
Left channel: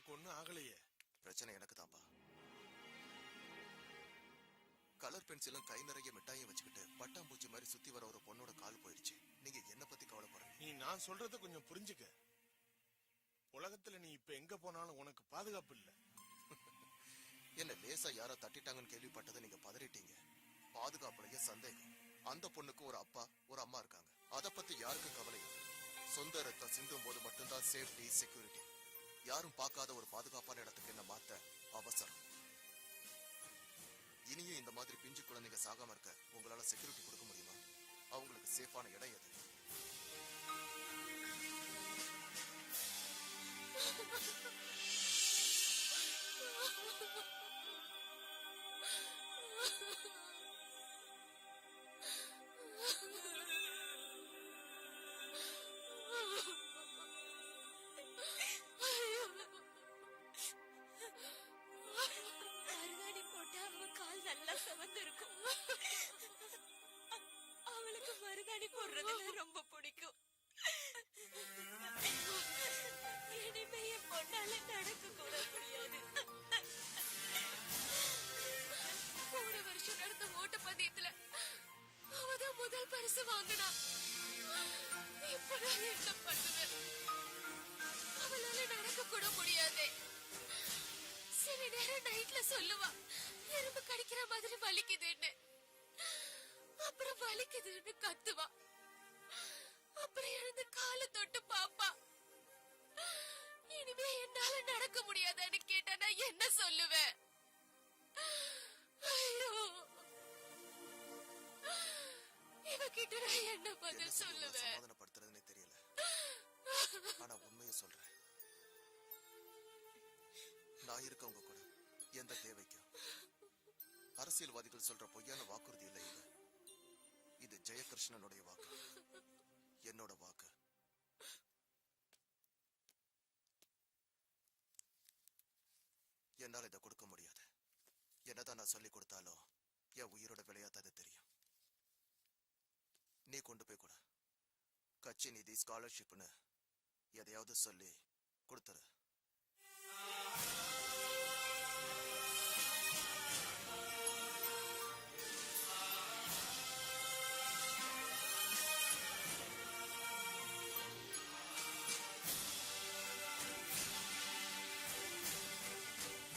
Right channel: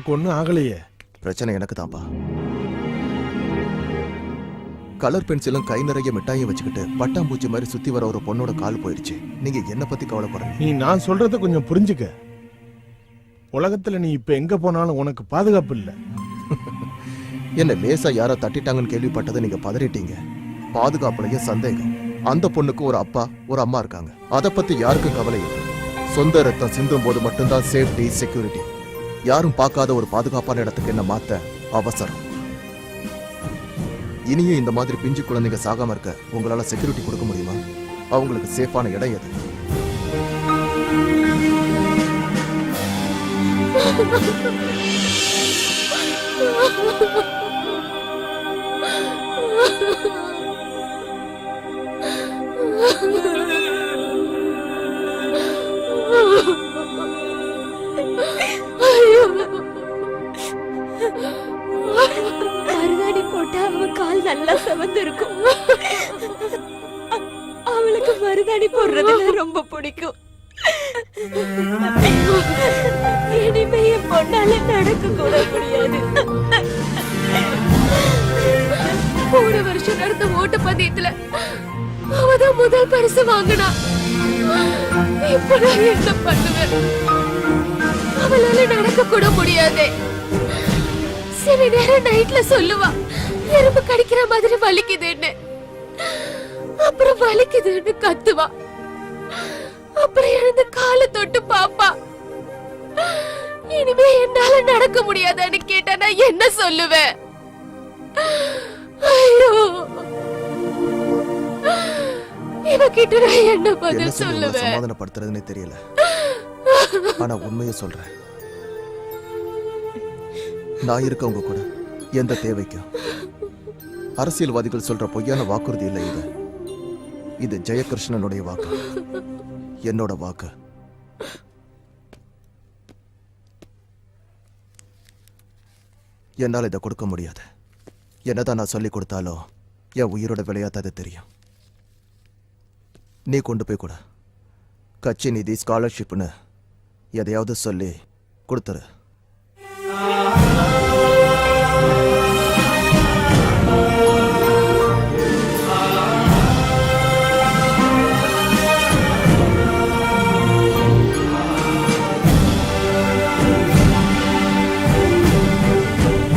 உனக்கு ஒண்ணும் ஆகலையே. பிரச்சனை எனக்கு தான்ப்பா. கலர் பென்சிலும் கை நிறைய மிட்டாயும் வச்சுக்கிட்டு பட்டாம்பூச்சி மாதிரி சுத்தி வர ஒரு பொண்ணோட கால் போயிடுச்சு. நீங்க என்ன பத்தி கவலைப்படுறீங்க? நீ நான் சொல்றத கொஞ்சம் புரிஞ்சுக்க. உலகத்துல நீ இப்ப எங்க போனாலும் உனக்கு பாதுகாப்பு இல்ல. என்ன லேசா யாரோ தட்டிட்டாங்கன்னு கேள்விப்பட்டதை நீங்க பதறிட்டீங்க. பாதுகாப்புலயே சந்தேகம். அந்த பொண்ணுக்கு ஒரு அப்பா ஒரு அம்மா இருக்காங்க. அத பத்தி யாருக்கும் கவலை இல்லை. சொந்த ரத்தம் சிந்தும் போது மட்டும்தான் சேஃப்டி செக்யூரிட்டி. யாரும் பார்க்காத ஒரு பாதுகாப்பான இடத்துக்கு என்ன மாத்த அவசரம். இனியும் இந்த மாதிரி பிஞ்சு குழந்தைங்க சாகாம இருக்க உங்களால செக்யூரிட்டி கொடுக்க முடியுமா? அவங்களுக்கு சேஃபான இடம் எது? மருதாணி போட்டா அவ கால் நல்லா செவந்து இருக்கும். அவளுக்கு மருதாணி போடுறதுல ரொம்ப பிடிக்கும். இனிமே என் பொண்ணால நடக்க கூட முடியாது. போன வருஷம் நடந்த ஓட்டப்பந்தயத்துல அவதான் முதல் பரிசு வாங்கினா. இப்ப நான் என்ன பண்ணுவேன்? அவளால நடக்க கூட முடியாது. சில நேரம் நைட்ல சொல்லுவா எறும்பு கடிக்கிற மாதிரி வலிக்குதுன்னு. அப்புறம் வலிக்குதுன்னு கத்துவா. அப்புறம் எழுந்து காலை தொட்டு பாப்பா. இனிமே என்னால நடக்க முடியாதான்னு கேட்டா நான் என்ன சொல்லுவேன்? ஐயோ, இவகிட்ட நான் என்ன பதில் சொல்லுவேன்? சமாதானப்படுத்துறதுன்னு தெரியல. ஆனா உண்மையை சொல்றேன். நான் இருக்க உங்க கூட எந்த தேவைக்கும். அரசியல்வாதிகள் சொல்ற பொய்யான வாக்குறுதி இல்லை இது. இது ஜெயகிருஷ்ணனுடைய வாக்கு, என்னோட வாக்கு. என்னால் இதை கொடுக்க முடியாது. என்னதான் நான் சொல்லி கொடுத்தாலும் என் உயிரோட விளையாட்டாது தெரியும். நீ கொண்டு போய் கூட கட்சி நிதி ஸ்காலர்ஷிப்னு எதையாவது சொல்லி கொடுத்துரு.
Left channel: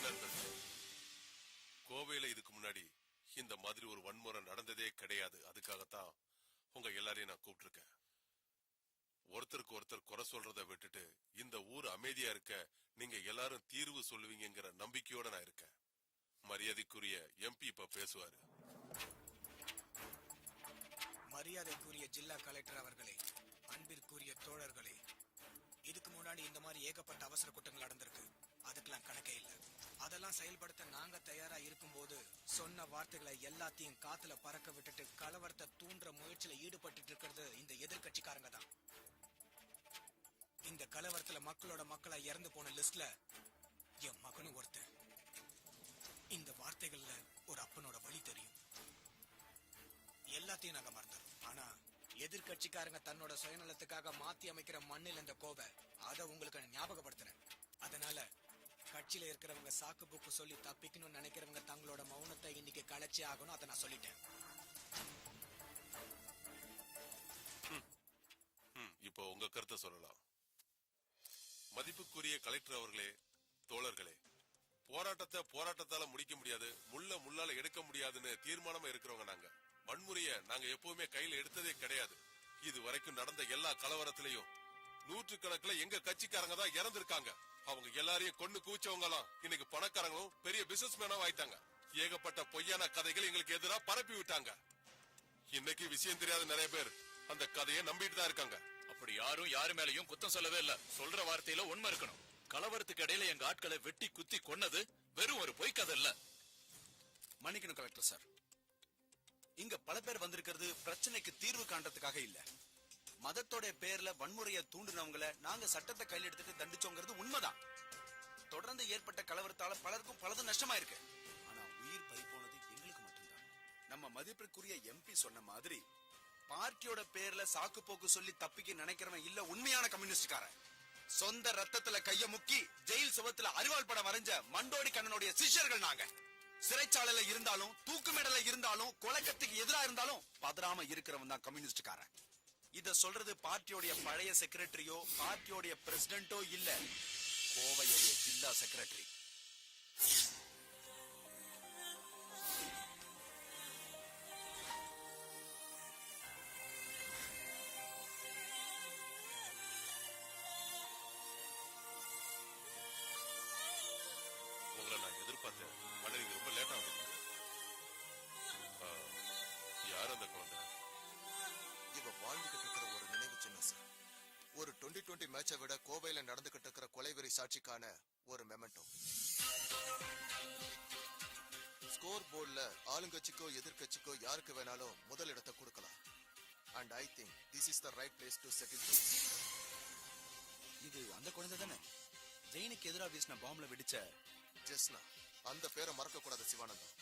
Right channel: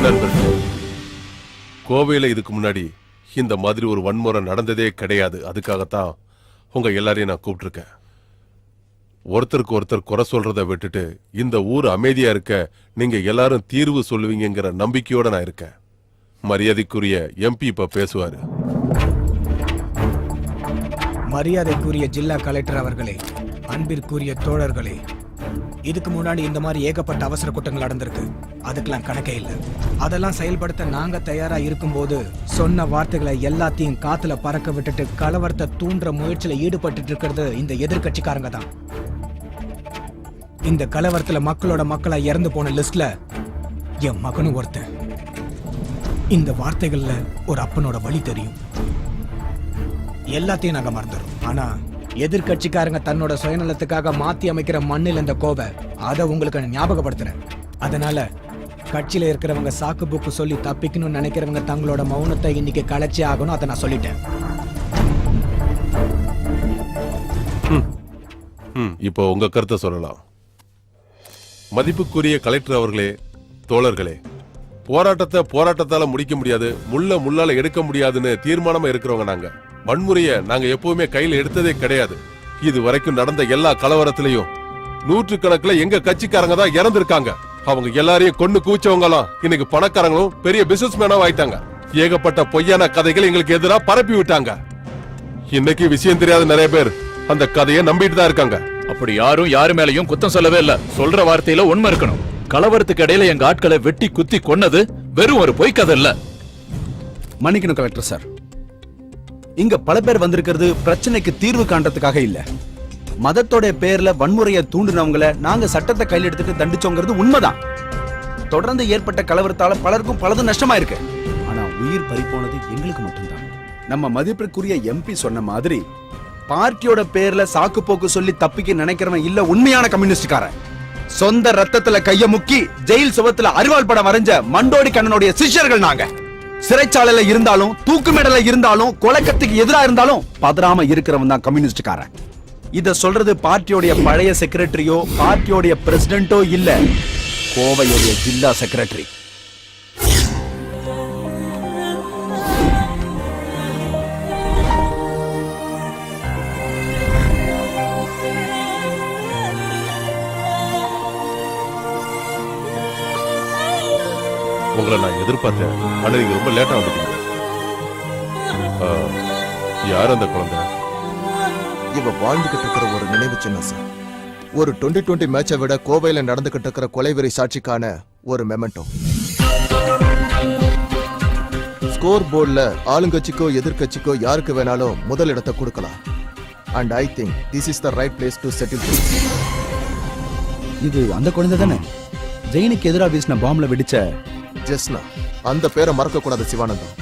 நண்பர்கள், கோவையில இதுக்கு முன்னாடி இந்த மாதிரி ஒரு வன்முறை நடந்ததே கிடையாது. அதுக்காகத்தான் உங்க எல்லாரையும் நான் கூப்பிட்டுருக்கேன். ஒருத்தருக்கு ஒருத்தர் குறை சொல்றதை விட்டுட்டு இந்த ஊர் அமைதியா இருக்க நீங்க எல்லாரும் தீர்வு சொல்லுவீங்கிற நம்பிக்கையோட நான் இருக்கேன். மரியாதைக்குரிய எம்பி இப்ப பேசுவாரு. மரியாதைக்குரிய ஜில்லா கலெக்டர் அவர்களே, அன்பிற்குரிய தோழர்களே, இதுக்கு முன்னாடி இந்த மாதிரி ஏகப்பட்ட அவசர கூட்டங்கள் நடந்திருக்கு. அதுக்கெல்லாம் கணக்கே இல்லை. அதெல்லாம் செயல்படுத்த நாங்க தயாரா இருக்கும்போது சொன்ன வார்த்தைகளை எல்லாத்தையும் காத்துல பறக்க விட்டுட்டு கலவரத்தை தூண்டுற முயற்சியில ஈடுபட்டு இருக்கிறது இந்த எதிர்கட்சிக்காரங்க தான். இந்த கலவரத்துல மக்களோட மக்களா இறந்து போன லிஸ்ட்ல என் மகனும் ஒருத்தன். இந்த வார்த்தைகள்ல ஒரு அப்பனோட வழி தெரியும். எல்லாத்தையும் நாங்க மறந்துடும். ஆனா எதிர்கட்சிக்காரங்க தன்னோட சுயநலத்துக்காக மாத்தி அமைக்கிற மண்ணில் இந்த கோவை அதை உங்களுக்கு ஞாபகப்படுத்துறேன். அதனால கட்சியில இருக்கிறவங்க சாக்கு புக்கு சொல்லி தப்பிக்கணும்னு நினைக்கிறவங்க தங்களோட மௌனத்தை இன்னைக்கு கலைச்சே ஆகணும். அதை நான் சொல்லிட்டேன். இப்போ உங்க கருத்தை சொல்லலாம். மதிப்புக்குரிய கலெக்டர் அவர்களே, தோழர்களே, போராட்டத்தை போராட்டத்தால முடிக்க முடியாது, முள்ளால எடுக்க முடியாதுன்னு தீர்மானமா இருக்கிறவங்க நாங்க. வன்முறையை நாங்க எப்பவுமே கையில எடுத்ததே கிடையாது. இது வரைக்கும் நடந்த எல்லா கலவரத்திலையும் நூற்றுக்கணக்கில் எங்க கட்சிக்காரங்க தான் இறந்திருக்காங்க. அவங்க எல்லாரையும் கொண்டு கூச்சவங்கலாம் இன்னைக்கு பணக்காரங்களும் பெரிய பிசினஸ் மேனாவும் ஆயிட்டாங்க. ஏகப்பட்ட பொய்யான கதைகள் எங்களுக்கு எதிராக பரப்பி விட்டாங்க. இன்னைக்கு விஷயம் தெரியாத நிறைய பேர் அந்த கதையை நம்பிட்டு தான் இருக்காங்க. அப்படி யாரும் யாரு மேலயும் குத்தம் சொல்லவே இல்ல. சொல்ற வார்த்தையில உண்மை இருக்கணும். கலவரத்துக்கு இடையில எங்க ஆட்களை வெட்டி குத்தி கொன்னது வெறும் ஒரு பொய் கதை இல்ல. மன்னிக்கணும் கலெக்டர் சார், இங்க பல பேர் வந்திருக்கிறது பிரச்சனைக்கு தீர்வு காண்றதுக்காக இல்ல. மதத்தோட பேர்ல வன்முறையை தூண்டினவங்களை நாங்க சட்டத்தை கையில் எடுத்துட்டு தண்டிச்சோங்கிறது உண்மைதான். தொடர்ந்து ஏற்பட்ட கலவரத்தால பலருக்கும் பலதும் நஷ்டமா இருக்கு. ஆனா உயிர் பறிப்போனது எங்களுக்கு மட்டும்தான். நம்ம மதிப்பிற்குரிய எம்பி சொன்ன மாதிரி பார்ட்டியோட பேர்ல சாக்கு போக்கு சொல்லி தப்பிக்க நினைக்கிறவன் இல்ல உண்மையான கம்யூனிஸ்ட்காரன். சொந்த ரத்தத்துல கைய முக்கி ஜெயில் சுவத்துல அரிவாள் படம் வரைஞ்ச மண்டோடி கண்ணனுடைய சிஷ்யர்கள் நாங்க. சிறைச்சாலையில இருந்தாலும் தூக்கு மேடல இருந்தாலும் கொலைக்கத்துக்கு எதிரா இருந்தாலும் பதறாம இருக்கிறவன் தான் கம்யூனிஸ்டுக்காரன். இத சொல்றது பார்ட்டியோடைய பழைய செக்ரட்டரியோ பார்ட்டியோடைய பிரசிடென்ட்டோ இல்ல, கோவையோடைய ஜில்லா செக்ரட்டரி. உங்களை நான் எதிர்பார்த்தேன், ஆனா நீங்க ரொம்ப லேட்டா வந்துட்டீங்க. யார் அந்த குழந்தை? இவ வாழ்ந்துகிட்டு இருக்கிற ஒரு நினைவு சின்னம் சார். ஒரு 2020 மேட்சை விட கோவையில நடந்துகிட்டு இருக்கிற கொலைவெறி சாட்சிக்கான ஒரு மெமெண்டோ. ஸ்கோர் போர்டுல ஆளுங்கட்சிக்கோ எதிர்கட்சிக்கோ யாருக்கு வேணாலும் முதல் இடத்தை கொடுக்கலாம். And I think this is the right place to settle. இது அந்த குழந்தை தானே ஜெயினுக்கு எதிராக வீசின பாம்புல வெடிச்ச ஜெஸ்னா? அந்த பேரை மறக்க கூடாது சிவானந்தம்.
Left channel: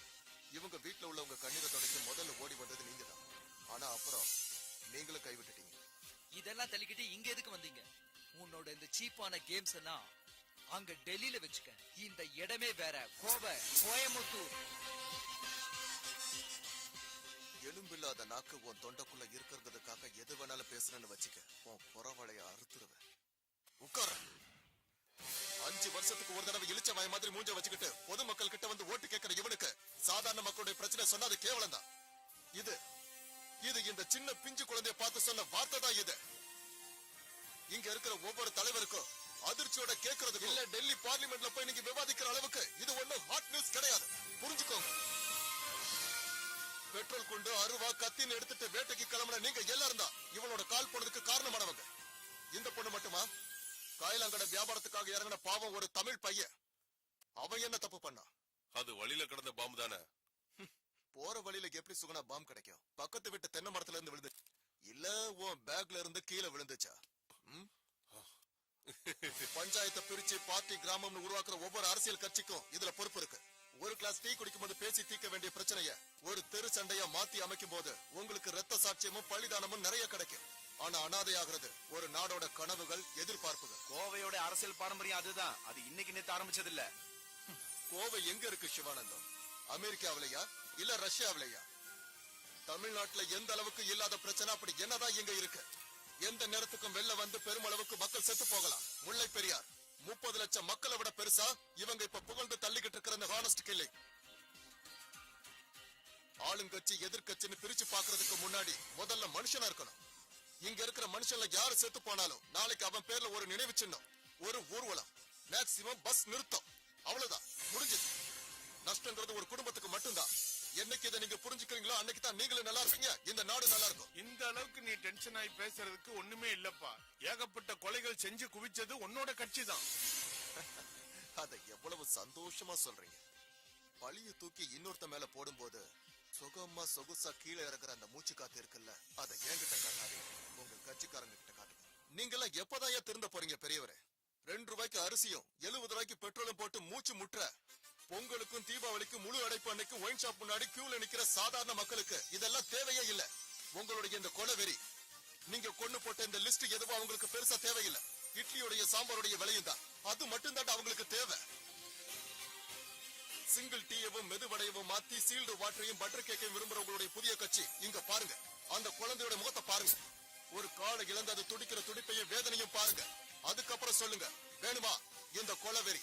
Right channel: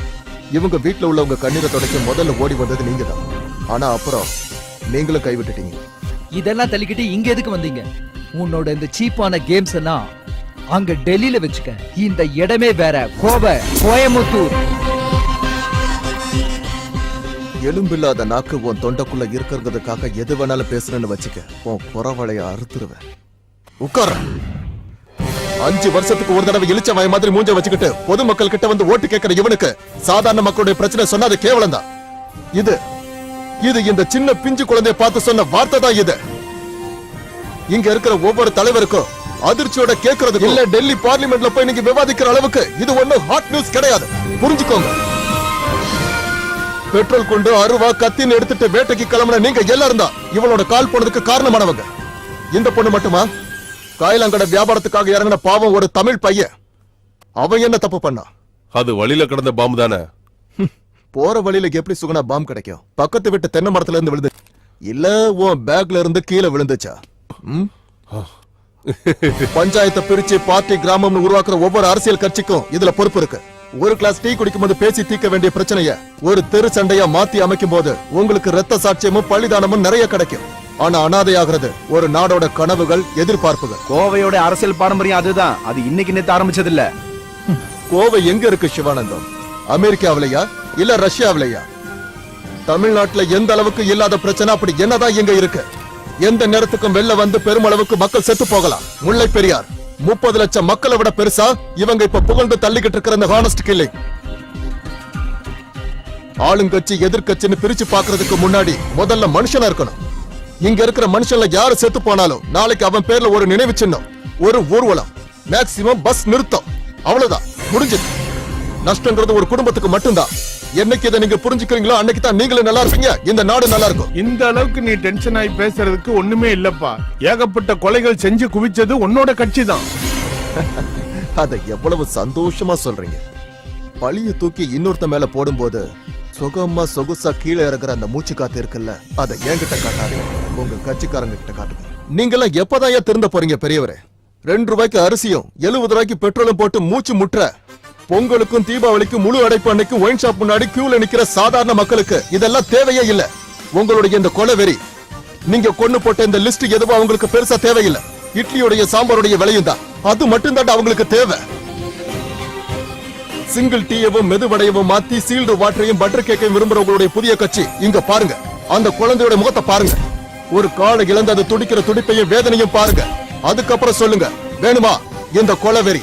இவங்க வீட்டுல உள்ளவங்க கண்ணீரை தொடக்க முதல்ல ஓடி வந்தது நீங்க தான். ஆனா அப்புறம் நீங்களும் கைவிட்டுட்டீங்க. இதெல்லாம் தள்ளிக்கிட்டு இங்க எதுக்கு வந்தீங்க? உன்னோட இந்த சீப்பான கேம்ஸ் எல்லாம் அங்க டெல்லியில வச்சுக்க. இந்த இடமே வேற, கோவை, கோயம்புத்தூர். எலும்பில்லாத நாக்கு உன் தொண்டைக்குள்ள இருக்கிறதுக்காக எது வேணாலும் பேசுறேன்னு வச்சுக்க, உன் புறவளைய அறுத்துருவேன். உட்கார. 5 வருஷத்துக்கு ஒரு தடவை இழிச்ச வாய் மாதிரி மூஞ்ச வச்சுக்கிட்டு பொதுமக்கள் கிட்ட வந்து ஓட்டு கேட்கிற இவனுக்கு சாதாரண மக்களுடைய பிரச்சனை சொன்னா அது கேவலம் தான். இது இந்த சின்ன பிஞ்சு குழந்தைய பார்த்து சொன்ன வார்த்தை தான் இது. இங்க இருக்கிற ஒவ்வொரு தலைவருக்கும் அதிர்ச்சியோட கேட்கறது இல்ல. டெல்லி பார்லிமெண்ட்ல போய் நீங்க விவாதிக்கிற அளவுக்கு இது ஒண்ணும் ஹாட் நியூஸ் கிடையாது. புரிஞ்சுக்கோங்க. பெட்ரோல் கொண்டு அருவா கத்தின்னு எடுத்துட்டு வேட்டைக்கு கிளம்புன நீங்க எல்லாரும் தான் இவளோட கால் போனதுக்கு காரணமானவங்க. இந்த பொண்ணு மட்டுமா? காயிலாங்கடை வியாபாரத்துக்காக இறங்கின பாவம் ஒரு தமிழ் பையன். அவன் என்ன தப்பு பண்ணா? அது வழியில கிடந்த பாம்பு தானே. போற வழியில எப்படி சுகுணா பாம்பு கிடைக்கும்? பக்கத்து வீட்டு தென்னை மரத்துல இருந்து விழுந்து இல்ல உன் பேக்ல இருந்து கீழே விழுந்துச்சா? பஞ்சாயத்தை பிரிச்சு பார்ட்டி கிராமம்னு உருவாக்குற ஒவ்வொரு அரசியல் கட்சிக்கும் இதுல பொறுப்பு இருக்கு. ஒரு கிளாஸ் டீ குடிக்கும் போது பேசி தீர்க்க வேண்டிய பிரச்சனைய ஒரு தெரு சண்டையா மாத்தி அமைக்கும் போது உங்களுக்கு ரத்த சாட்சியமும் பள்ளிதானமும் நிறைய கிடைக்கும். ஆனா அனாதையாகிறது ஒரு நாடோட கனவுகள், எதிர்பார்ப்புகள். கோவையோட அரசியல் பாரம்பரியம் அதுதான். அது இன்னைக்கு நேத்து ஆரம்பிச்சது இல்ல. கோவை எங்க இருக்கு சிவானந்தம்? அமெரிக்காவிலையா இல்ல ரஷ்யாவிலையா? தமிழ்நாட்டுல எந்த அளவுக்கு இல்லாத பிரச்சனை அப்படி என்னதான் எங்க இருக்கு? எந்த நேரத்துக்கும் வெளில வந்து பெருமளவுக்கு மக்கள் செத்து போகலாம். முல்லை பெரியார் 30 லட்சம் மக்களை விட பெருசா இவங்க இப்ப புகழ்ந்து தள்ளிக்கிட்டு இருக்கிற இந்த ஹானஸ்ட் கில்லிங். ஆளுங்கட்சி எதிர்கட்சின்னு பிரிச்சு பாக்குறதுக்கு முன்னாடி முதல்ல மனுஷனா இருக்கணும். இங்க இருக்கிற மனுஷன்ல யாரு செத்து போனாலும் நாளைக்கு அவன் பேர்ல ஒரு நினைவு சின்னம், ஒரு ஊர்வலம், மேக்சிமம் பஸ் நிறுத்தம், அவ்வளவுதான், முடிஞ்சது. நஷ்டங்கிறது ஒரு குடும்பத்துக்கு மட்டும்தான். என்னைக்கு இதை நீங்க புரிஞ்சுக்கிறீங்களோ அன்னைக்கு தான் நீங்களும் நல்லா இருப்பீங்க, இந்த நாடு நல்லா இருக்கும். இந்த அளவுக்கு நீ டென்ஷன் ஆகி பேசுறதுக்கு ஒண்ணுமே இல்லப்பா. ஏகப்பட்ட கொலைகள் செஞ்சு குவிச்சது உன்னோட கட்சி தான். அதை எவ்வளவு சந்தோஷமா சொல்றீங்க. பழிய தூக்கி இன்னொருத்த மேல போடும்போது சுகமா சொகுசா கீழே இறங்குற அந்த மூச்சு காத்து இருக்குல்ல, அதை என்கிட்ட காட்டாதீங்க, உங்க கட்சிக்காரங்க கிட்ட காட்டுங்க. நீங்கெல்லாம் எப்பதான் திருந்த போறீங்க பெரியவரே? 2 ரூபாய்க்கு அரிசியும் 70 ரூபாய்க்கு பெட்ரோலும் போட்டு மூச்சு முற்ற பொங்கலுக்கும் தீபாவளிக்கும் முழு அடைப்பு அன்னைக்கு ஒயின் ஷாப் முன்னாடி கியூல நிக்கிற சாதாரண மக்களுக்கு இதெல்லாம் தேவையே இல்ல. உங்களுடைய இந்த கொலைவெறி, நீங்க கொண்டு போட்ட இந்த லிஸ்ட் எதுவும் அவங்களுக்கு பெருசா தேவையில்லை. இட்லியோடைய சாம்பாருடைய விலையும் தான், அது மட்டும் தான் அவங்களுக்கு தேவை. சிங்கிள் டீயவும் மெதுவடையவும் மாத்தி சீல்டு வாட்டரையும் பட்டர் கேக்கையும் விரும்புறவங்களுடைய புதிய கட்சி இங்க பாருங்க. அந்த குழந்தையோட முகத்தை பாருங்க. ஒரு காலை இழந்து அது துடிக்கிற துடிப்பையும் வேதனையும் பாருங்க. அதுக்கப்புறம் சொல்லுங்க, வேணுமா இந்த கொலைவெறி?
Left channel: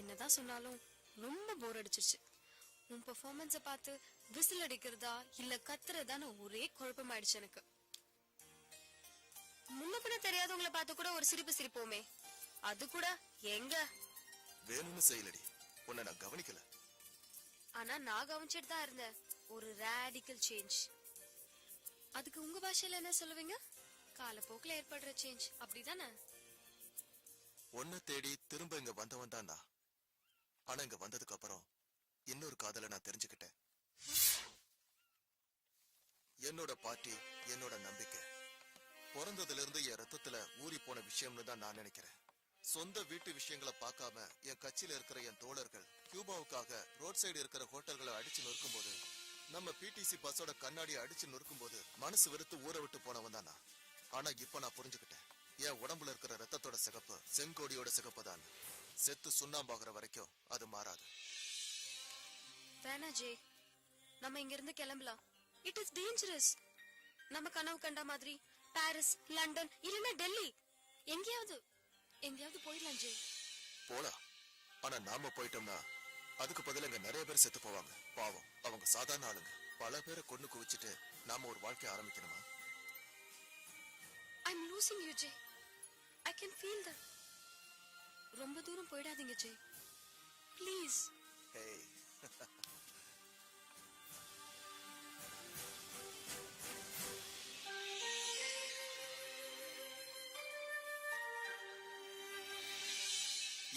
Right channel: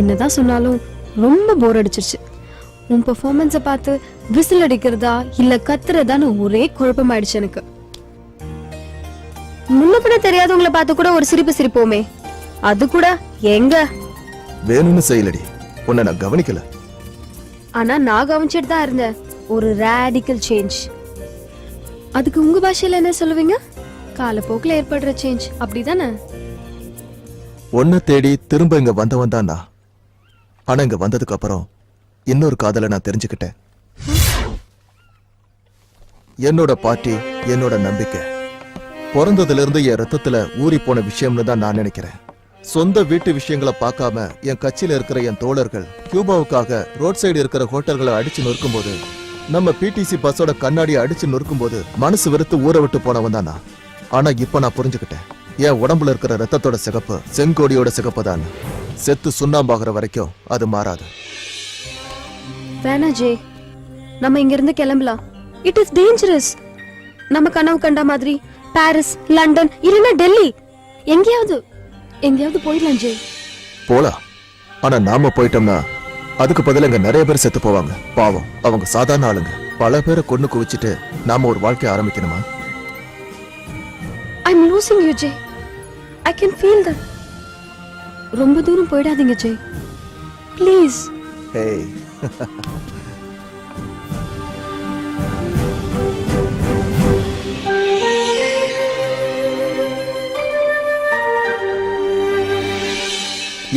என்னதான் சொன்னாலும் ரொம்ப போர் அடிச்சிருச்சு. உன் பெர்ஃபார்மன்ஸை பார்த்து விசில் அடிக்கிறதா இல்ல கத்துறதான்னு ஒரே குழப்பமாயிடுச்சு எனக்கு. முன்ன பின்ன தெரியாதவங்களை பார்த்து கூட ஒரு சிரிப்பு சிரிப்போமே, அது கூட எங்க? வேணும்னு செய்யலடி, உன்னை நான் கவனிக்கல. ஆனா நான் கவனிச்சிட்டு தான் இருந்தேன். ஒரு ரேடிக்கல் சேஞ்ச். அதுக்கு உங்க பாஷையில என்ன சொல்லுவீங்க? காலப்போக்கில் ஏற்படுற சேஞ்ச், அப்படிதானே? ஒன்ன தேடி திரும்ப இங்க வந்தவன் தான் நான். ஆனா இங்க வந்ததுக்கு அப்புறம் இன்னொரு காதலை நான் தெரிஞ்சுக்கிட்டேன். என்னோட பார்ட்டி, என்னோட நம்பிக்கை பிறந்ததுல இருந்து என் ரத்தத்துல ஊறி போன விஷயம்னு தான் நான் நினைக்கிறேன். சொந்த வீட்டு விஷயங்களை பார்க்காம என் கட்சியில இருக்கிற என் தோழர்கள் கியூபாவுக்காக ரோட் சைடு இருக்கிற ஹோட்டல்களை அடிச்சு நொறுக்கும் போது, நம்ம பிடிசி பஸ்ஸோட கண்ணாடியை அடிச்சு நொறுக்கும் போது மனசு வெறுத்து ஊற விட்டு போனவன் தான் நான். ஆனா இப்ப நான் புரிஞ்சுக்கிட்டேன், என் உடம்புல இருக்கிற ரத்தத்தோட சிகப்பு செங்கோடியோட சிகப்பு தான். செத்து சுண்ணாம்பாகிற வரைக்கும் அது மாறாது. வேணா ஜே, நம்ம இங்க இருந்து கிளம்பலாம். It is dangerous. நம்ம கனவு கண்ட மாதிரி பாரிஸ், லண்டன் இல்லைன்னா டெல்லி எங்கேயாவது போயிடலாம் ஜே. போலாம். ஆனா நாம போயிட்டோம்னா அதுக்கு பதிலா இங்க நிறைய பேர் செத்து போவாங்க. பாவம், அவங்க சாதாரண ஆளுங்க. பல பேரை கொண்டு குவிச்சிட்டு நாம ஒரு வாழ்க்கைய ஆரம்பிக்கணுமா? I'm losing you, Jay. I can feel that. ரொம்ப தூரம் போயிடாதீங்க ஜே, ப்ளீஸ். Hey.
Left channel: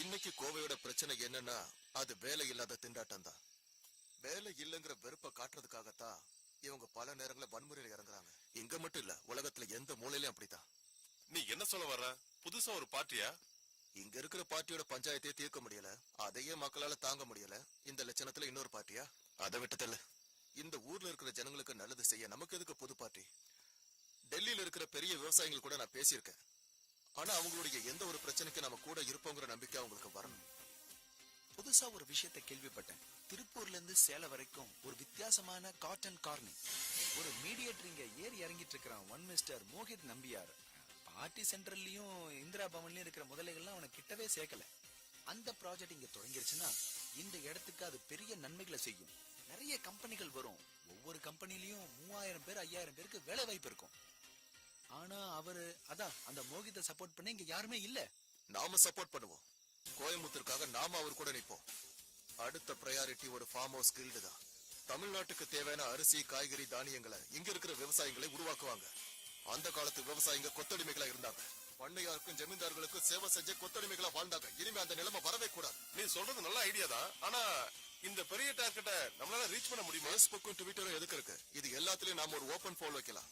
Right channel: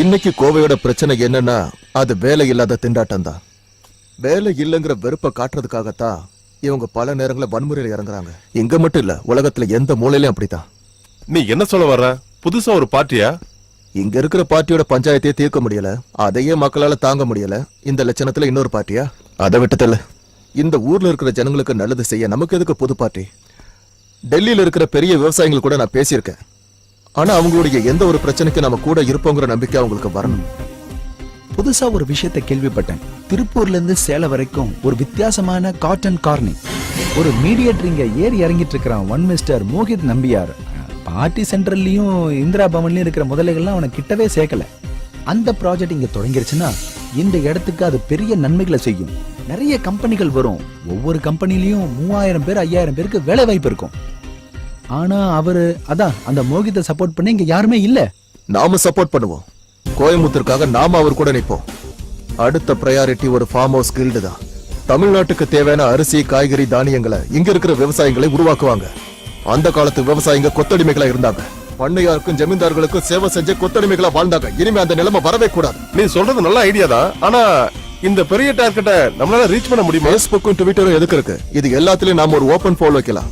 இன்னைக்கு கோவையோட பிரச்சனை என்னன்னா அது வேலை இல்லாத திண்டாட்டம் தான். வேலை இல்லைங்கிற வெறுப்பை காட்டுறதுக்காகத்தான் இவங்க பல நேரங்களில் வன்முறையில் இறங்குறாங்க. இங்க மட்டும் இல்ல, உலகத்துல எந்த மூலையிலும் அப்படித்தான். நீ என்ன சொல்ல வர்ற? புதுசா ஒரு பார்ட்டியா? இங்க இருக்கிற பார்ட்டியோட பஞ்சாயத்தையே தீர்க்க முடியல, அதையே மக்களால தாங்க முடியல. இந்த லட்சணத்துல இன்னொரு பார்ட்டியா? அதை விட்டதில்ல. இந்த ஊர்ல இருக்கிற ஜனங்களுக்கு நல்லது செய்ய நமக்கு எதுக்கு புது பார்ட்டி? டெல்லியில இருக்கிற பெரிய விவசாயிகள் கூட நான் பேசியிருக்கேன். ஆனா அவங்களுடைய எந்த ஒரு பிரச்சனைக்கு நம்ம கூட இருப்போங்கிற நம்பிக்கை அவங்களுக்கு வரணும். புதுசா ஒரு விஷயத்தை கேள்விப்பட்டேன். திருப்பூர்ல இருந்து சேலம் வரைக்கும் ஒரு வித்தியாசமான காட்டன் கார்னிங். ஒரு மீடியேட்டர் இங்க ஏறி இறங்கிட்டு இருக்கிறான். One mister Mohit Nambiar. Party சென்ட்ரல்லையும் இந்திரா பவன்லயும் இருக்கிற முதலைகள்லாம் அவனை கிட்டவே சேர்க்கல. அந்த ப்ராஜெக்ட் இங்க தொடங்கிருச்சுன்னா இந்த இடத்துக்கு அது பெரிய நன்மைகளை செய்யும். நிறைய கம்பெனிகள் வரும். ஒவ்வொரு கம்பெனிலையும் 3000 பேர் 5000 பேருக்கு வேலை வாய்ப்பு இருக்கும். ஆனா அவரு அதான் அந்த மோகித்தை சப்போர்ட் பண்ணி இங்க யாருமே இல்ல. நாம சப்போர்ட் பண்ணுவோம். கோயம்புத்தூருக்காக நாம அவர் கூட நிற்போம். அடுத்த பிரையாரிட்டி ஒரு ஃபார்ம் ஹவுஸ் கில்டு தான். தமிழ்நாட்டுக்கு தேவையான அரிசி, காய்கறி, தானியங்களை இங்க இருக்கிற விவசாயிகளை உருவாக்குவாங்க. அந்த காலத்து விவசாயிங்க கொத்தடிமைகளா இருந்தாங்க. பண்ணையாருக்கும் ஜமீன்தார்களுக்கும் சேவை செஞ்ச கொத்தடிமைகளா வாழ்ந்தாங்க. இனிமே அந்த நிலைமை வரவே கூடாது. நீ சொல்றது நல்ல ஐடியா தான். ஆனா இந்த பெரிய டார்கெட்டை நம்மளால ரீச் பண்ண முடியுமா? ஃபேஸ்புக்கும் ட்விட்டரும் எதுக்கு இருக்கு? இது எல்லாத்துலயும் நாம ஒரு ஓபன் போல் வைக்கலாம்.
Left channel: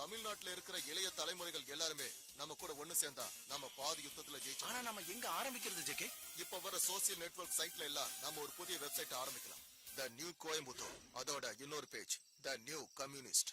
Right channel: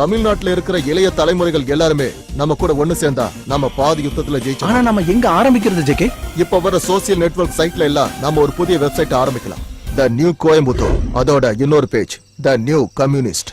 தமிழ்நாட்டுல இருக்கிற இளைய தலைமுறைகள் எல்லாருமே நம்ம கூட ஒண்ணு சேர்ந்தா நம்ம பாதி யுத்தத்துல ஜெயிச்சோம். ஆனா நம்ம எங்க ஆரம்பிக்கிறது ஜெகே? இப்ப வர சோசியல் நெட்வொர்க் சைட்ல எல்லாம் நாம ஒரு புதிய வெப்சைட் ஆரம்பிக்கலாம். The new Coimbatore. அதோட இன்னொரு page the new communist.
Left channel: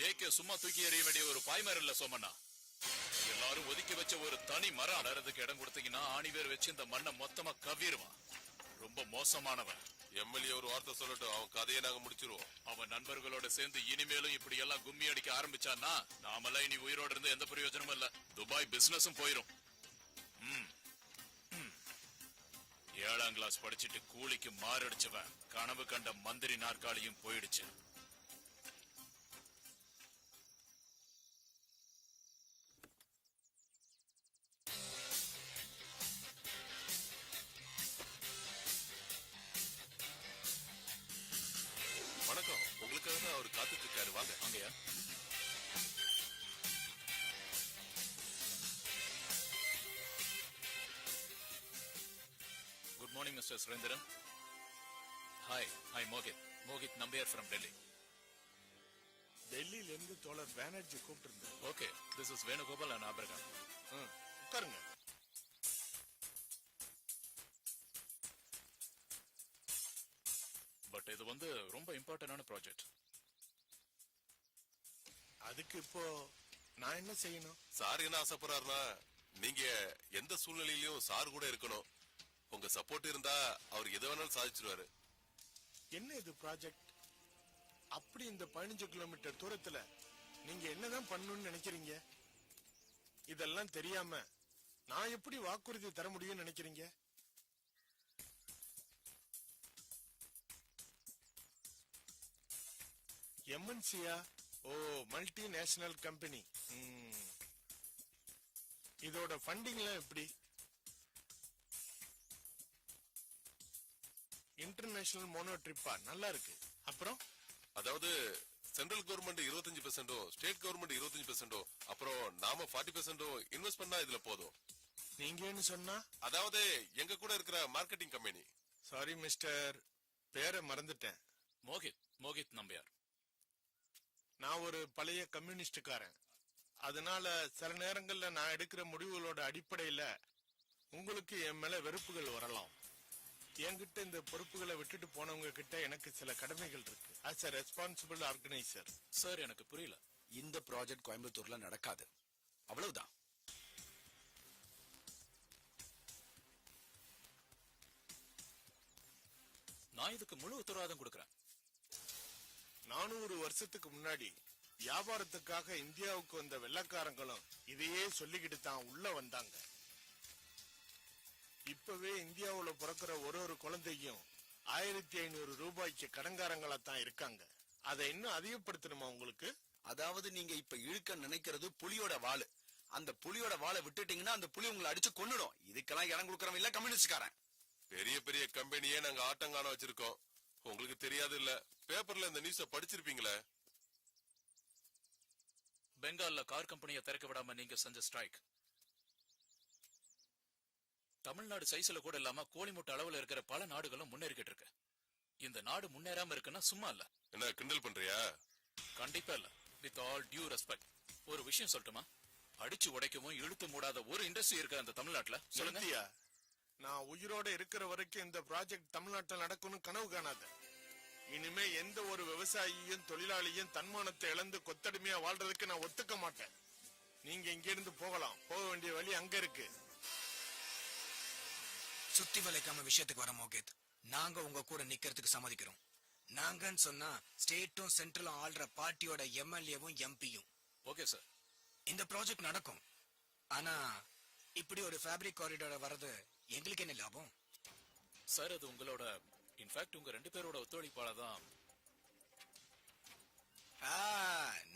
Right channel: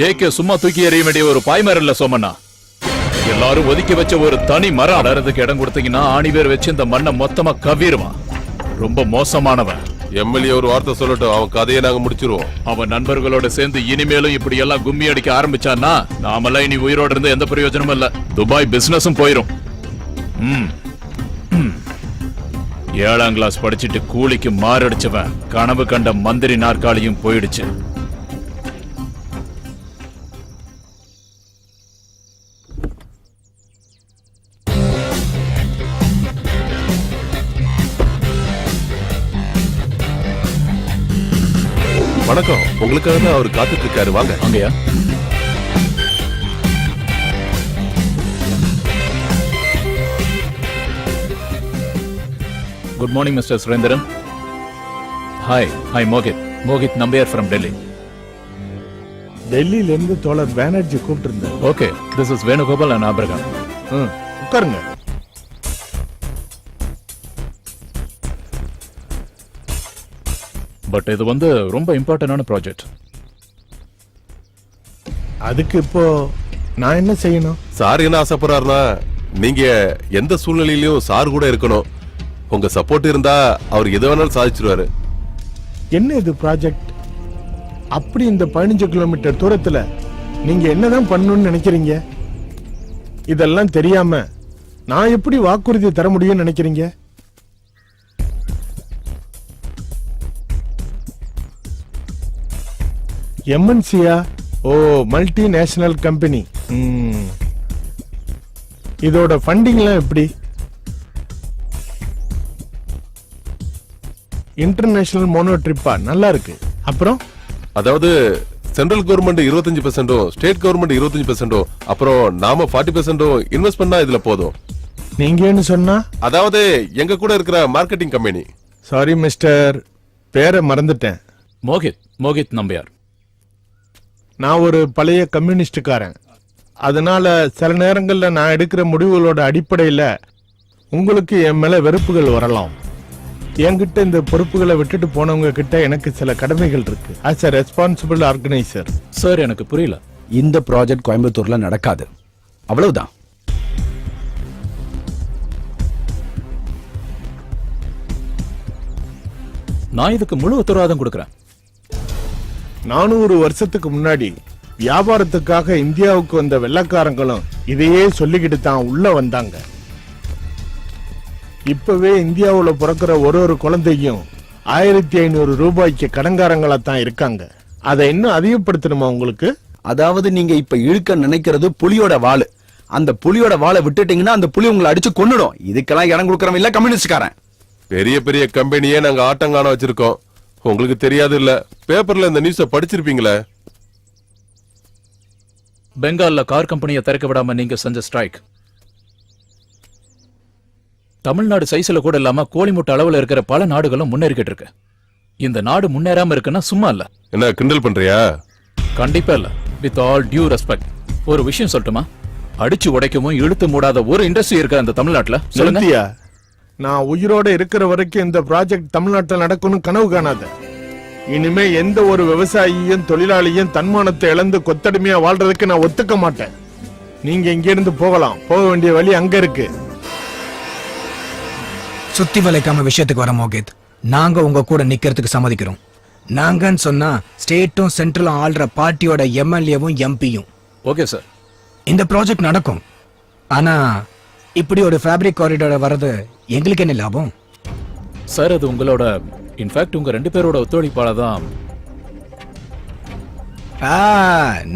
JK சும்மா தூக்கி எறிய வேண்டிய ஒரு பாய்மரல்ல சோமண்ணா. எல்லாரும் ஒதுக்கி வச்ச ஒரு தனி மரம் அடறதுக்கு இடம் கொடுத்தீங்கன்னா ஆணிவேர் வச்சு இந்த மண்ணை மொத்தமா கவ்விடுவான். ரொம்ப மோசமானவன். எம்எல்ஏ ஒரு வார்த்தை சொல்லட்டும், அவன் கதையை நாங்க முடிச்சிருவோம். அவன் நண்பர்களோட சேர்ந்து இனிமேலும் இப்படி எல்லாம் கும்மி அடிக்க ஆரம்பிச்சான்னா நாமெல்லாம் இனி உயிரோட இருந்து எந்த பிரயோஜனமும் இல்ல. துபாய் பிசினஸும் போயிரும். 7ஆம் கிளாஸ் படிச்சுட்டு கூலிக்கு மாரடிச்சவன் கனவு கண்ட மந்திரி நாற்காலியும் போயிடுச்சு. வணக்கம், உங்களுக்காக தான் அவர் காத்துட்டு இருக்காரு. வாங்க. அங்கயா? Good morning mister Surendran. Hi Mohit Nambiar from Delhi. டெல்லியில இருந்து தோழர் பானர்ஜி கூப்பிட்டு இருந்தார். Okay, this is Venugopal and Abraham. உட்காருங்க. பட் இது ரொம்ப இம்பார்ட்டன்டான ப்ராஜெக்ட். அதுக்கு இப்போ நான் என்ன செய்யணும்? சார் என்ன ஆசைப்படுறாருன்னா, நீங்க எந்த சூழ்நிலையிலும் சார் கூட இருக்கணும். உங்க சப்போர்ட் இருந்தா அவர் எது வேணாலும் சாதிச்சிருவாரு. என்ன இது ப்ராஜெக்ட்? அப்படி இந்த 15 கிலோமீட்டர் தூரத்துல நீங்க என்னதான் பண்ணணும்னு நினைக்கிறீங்க? இதெல்லாம் தெரியாம நான் எப்படி வாக்குறுதி தர முடியும்னு நினைக்கிறீங்க? எம்என்சியா? ஓ, மல்டிநேஷனல் கம்பெனி. இதோட ஃபண்டிங்லாம் எப்படி? இன்டர்நேஷனல் மோனோ ட்ரிப்பா? நல்லா இருக்கு. அப்புறம் அதாவது சென்ட்ரல் கவர்மெண்ட் 25%, ஸ்டேட் கவர்மெண்ட் 25%, அப்புறம் நாம 40% இன்வெஸ்ட் பண்ணா இதுல போதும். நீங்க என்ன சொன்னா? அதாவது எங்க கூட இருக்கிற மார்க்கெட்டிங் கம்பெனி. சாரி மிஸ்டர், பேரை மறந்துட்டேன். மோகித் நம்பியார். நான் ஒரு பழைய கம்யூனிஸ்டுக்காரன். அதனால சில நேரங்கள்ல நான் எடுக்கிற முடிவுகளோட அடிப்படையில உங்களுக்கு என் மேல வெறுப்புகள் வரலாம். என்கிட்ட இந்த பொறுப்புகளை விட்டுட்டு போனவங்க கிட்ட எனக்கு சில கடமைகள் இருக்கு. As a responsible organiser. Sir, எனக்கு புரியல. இந்த ப்ராஜெக்ட் கோயம்புத்தூர்ல நடக்காது, அவ்வளவுதான். நான் இதுக்கு முழு உத்தரவாதம் கொடுக்கறேன். 400 வருஷத்துக்கு முன்னாடி வியாபாரத்துக்காக இந்தியாவுக்கு வந்த வெள்ளக்காரங்களும் இதையே சொல்லிக்கிட்டு தான் உள்ள வந்தாங்க. இப்பவே இந்தியாவுல பிறக்கிற ஒரு குழந்தையும் 1500 ரூபாய்க்கு கடன்காரங்களா தான் இருக்காங்க. அதை இன்னும் அதிகப்படுத்தணுமா உங்களுக்கு? அதாவது நீங்க இப்ப இழுக்க நினைக்கிறது புலியோட வாளு. அந்த புலியோட வாளை விட்டுட்டீங்கன்னா அந்த புலி உங்களை அடிச்சு கொன்னுடும். இதுக்கெல்லாம் இடம் கொடுக்கறவன் இல்ல கம்யூனிஸ்ட்காரன். பெரிய பெரிய கம்பெனியே நாங்க ஆட்டங்கான வச்சிருக்கோம். உங்களுக்கு தெரியாது இல்ல, பேப்பர்ல இந்த நியூஸ படிச்சிருப்பீங்களே. பெங்கால்ல கார் கம்பெனியை திறக்க விடாம நீங்க செஞ்ச ஸ்ட்ரைக் தமிழ்நாடு சைஸ்ல கூட இல்லாம கோழிமுட்டை அளவுல இருக்கிற பல நாடுகளும் முன்னேறிக்கிட்டு இருக்கு. இந்த நாடு முன்னேறாம இருக்குன்னா சும்மா இல்ல. என்ன கிண்டல் பண்றியா? கண்டிப்பா இல்ல. வித் ஆல் டியூ ரெஸ்பெக்ட் ஒரு விஷயம் சொல்லட்டுமா? அடிச்சு உடைக்கவும் இழுத்து மூடாத ஒரு இண்டஸ்ட்ரி இருக்கு அந்த தமிழ்நாட்டுல. சொல்லுங்க. நான் உயிரோட இருக்கிற வரைக்கும் இந்த ப்ராஜெக்ட் தமிழ்நாட்டில் நடக்கணும் கனவு காணாத. இனிமே எந்த ஒரு விவசாயியும் தொழிலாளியும் தன்மானத்தை இழந்து கொத்தடிமையா வாழ்றதுக்கு நான் ஒத்துக்க மாட்டேன். நீங்க இங்க இருந்து போகலாம். போக வேண்டிய வழி அங்க இருக்கு. சுத்தி வளைக்காம விஷயத்துக்கு வர மோகித், நாங்க உங்க கூட நிக்கிறதுக்கு சம்மதிக்கிறோம். நாங்கன்னு சொன்னா ஸ்டேட்டும் சென்ட்ரலும் ஆள்ற பார்ட்டியோட எம்எல்ஏவும் எம்பியும். ஓகே சார், இந்த ப்ராஜெக்ட் நடக்கும். ஆனா இப்படி ஒரு ஃபேப்ரிக் காரிடார் வர்றது எங்களுக்கு என்ன லாபம்? சார், அது உங்களோட இன்ஃபேக்ட் உங்க 2 பேரோட ஒத்துழைப்பால தான்.